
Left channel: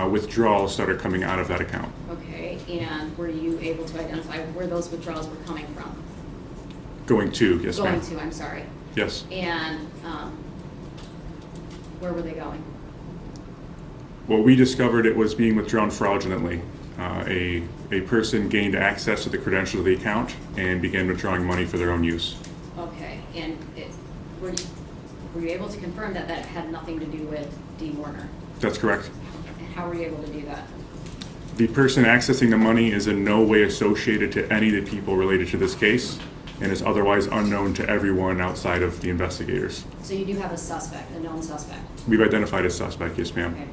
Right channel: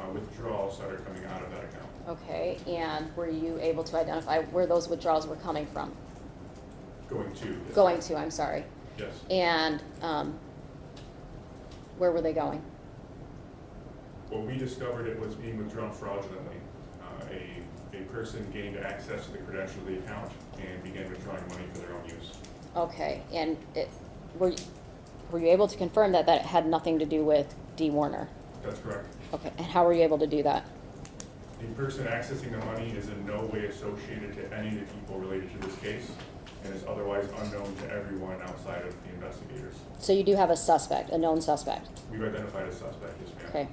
withdrawals started coming out of that account. Okay, and were you able to identify where those withdrawals were coming from? Going to, yes, ma'am. Going to, I'm sorry. Yes. And where were they going? Well, we discovered it was being withdrawn fraudulently. A person gained access to the credentials of the account and began withdrawing money for their own use. Okay, and were you able to confirm that that had nothing to do with D. Warner? That's correct. Okay, and how were you able to do that? The person accessing the money is in no way associated to any of the people related to this case and is otherwise unknown to everyone outside of the investigators. So you do have a suspect, a known suspect? We've identified a suspect, yes, ma'am. Okay.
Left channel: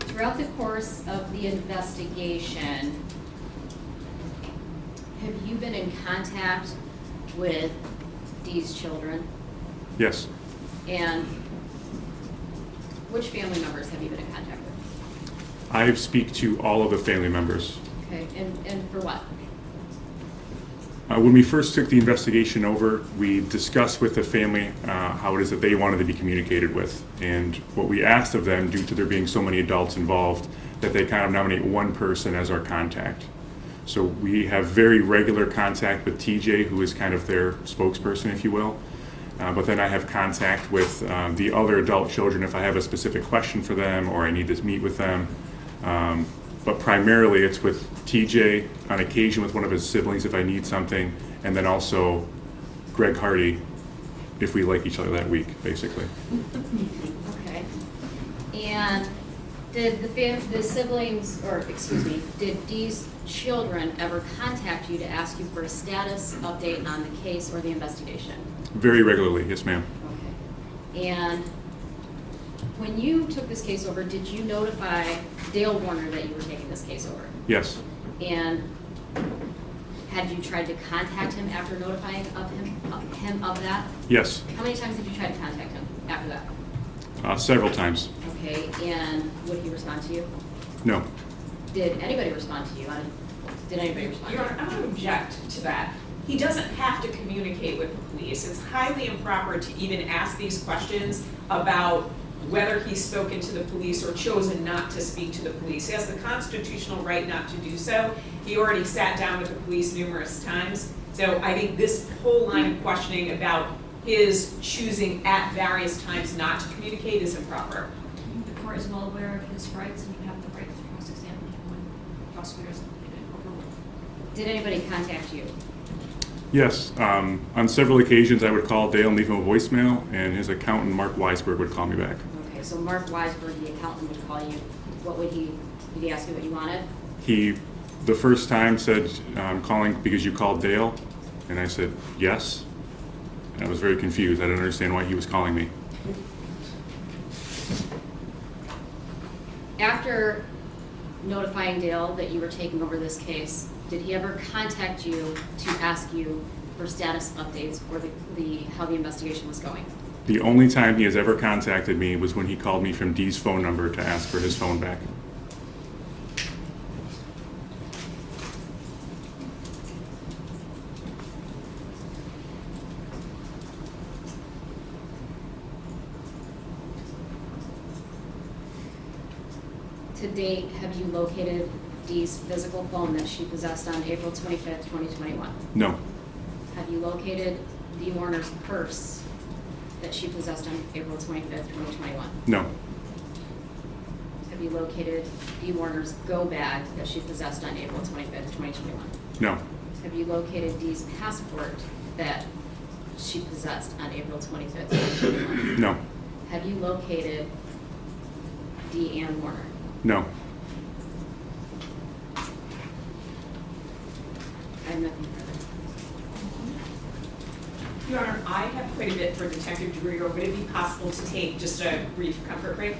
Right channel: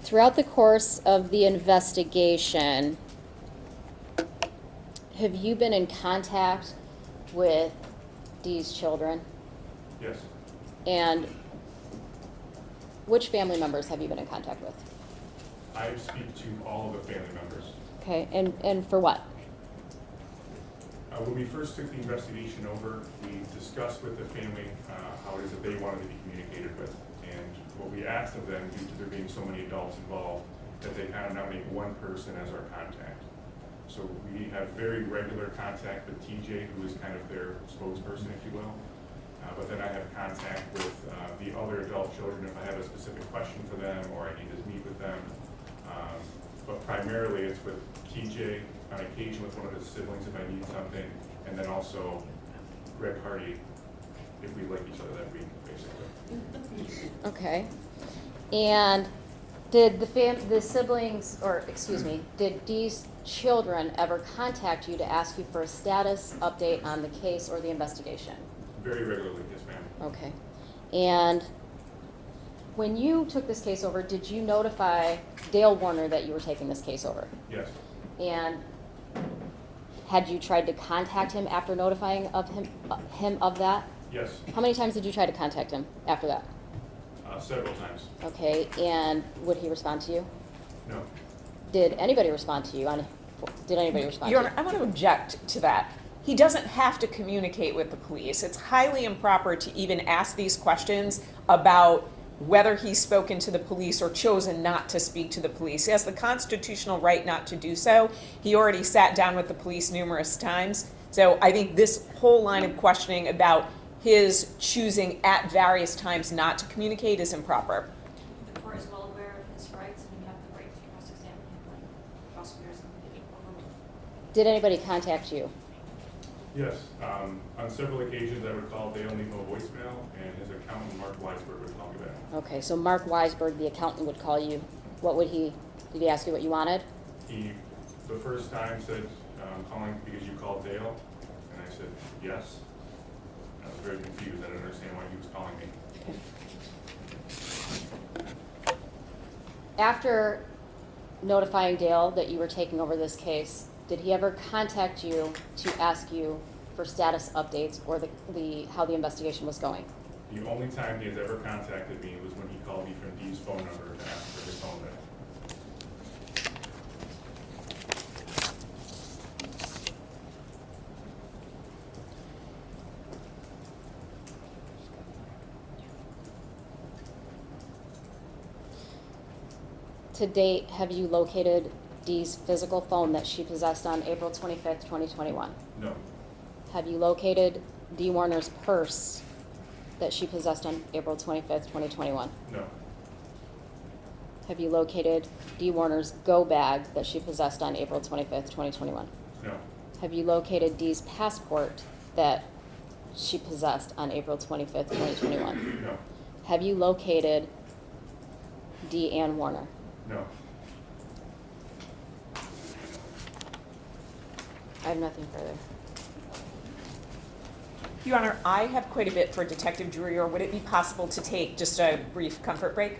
Throughout the course of the investigation, have you been in contact with Dee's children? Yes. And which family members have you been in contact with? I speak to all of the family members. Okay, and for what? When we first took the investigation over, we discussed with the family how it is that they wanted to be communicated with. And what we asked of them, due to there being so many adults involved, that they kind of nominate one person as our contact. So we have very regular contact with TJ, who is kind of their spokesperson, if you will. But then I have contact with the other adult children if I have a specific question for them or I need to meet with them. But primarily it's with TJ, on occasion with one of his siblings if I need something, and then also Greg Hardy if we like each other that week, basically. Okay. And did the siblings, or excuse me, did Dee's children ever contact you to ask you for a status update on the case or the investigation? Very regularly, yes, ma'am. Okay. And when you took this case over, did you notify Dale Warner that you were taking this case over? Yes. And had you tried to contact him after notifying him of that? Yes. How many times did you try to contact him after that? Several times. Okay, and would he respond to you? No. Did anybody respond to you? Did anybody respond Your to Honor, you? I'm going to object to that. He doesn't have to communicate with the police. It's highly improper to even ask these questions about whether he's spoken to the police or chosen not to speak to the police. He has the constitutional right not to do so. He already sat down with the police numerous times. So I think this whole line of questioning about his choosing at various times not to communicate is improper. The court is well aware of his rights, and you have the right to cross-examine him when prosecutors overrule. Did anybody contact you? Yes. On several occasions, I would call Dale and leave him a voicemail, and his accountant, Mark Weisberg, would call me back. Okay, so Mark Weisberg, the accountant, would call you. What would did he ask you what you wanted? He, the first time, said, I'm calling because you called Dale, and I said, yes. And I was very confused. I didn't understand why he was calling me. After notifying Dale that you were taking over this case, did he ever contact you to ask you for status updates or how the investigation was going? The only time he has ever contacted me was when he called me from Dee's phone number to ask for his phone back. To date, have you located Dee's physical phone that she possessed on April 25th, 2021? No. Have you located Dee Warner's purse that she possessed on April 25th, 2021? No. Have you located Dee Warner's go bag that she possessed on April 25th, 2021? No. Have you located Dee's passport that she possessed on April 25th, 2021? No. Have you located Dee Ann Warner? No. I have nothing further. Your Honor, I have quite a bit for Detective Drewyor. Would it be possible to take just a brief comfort break?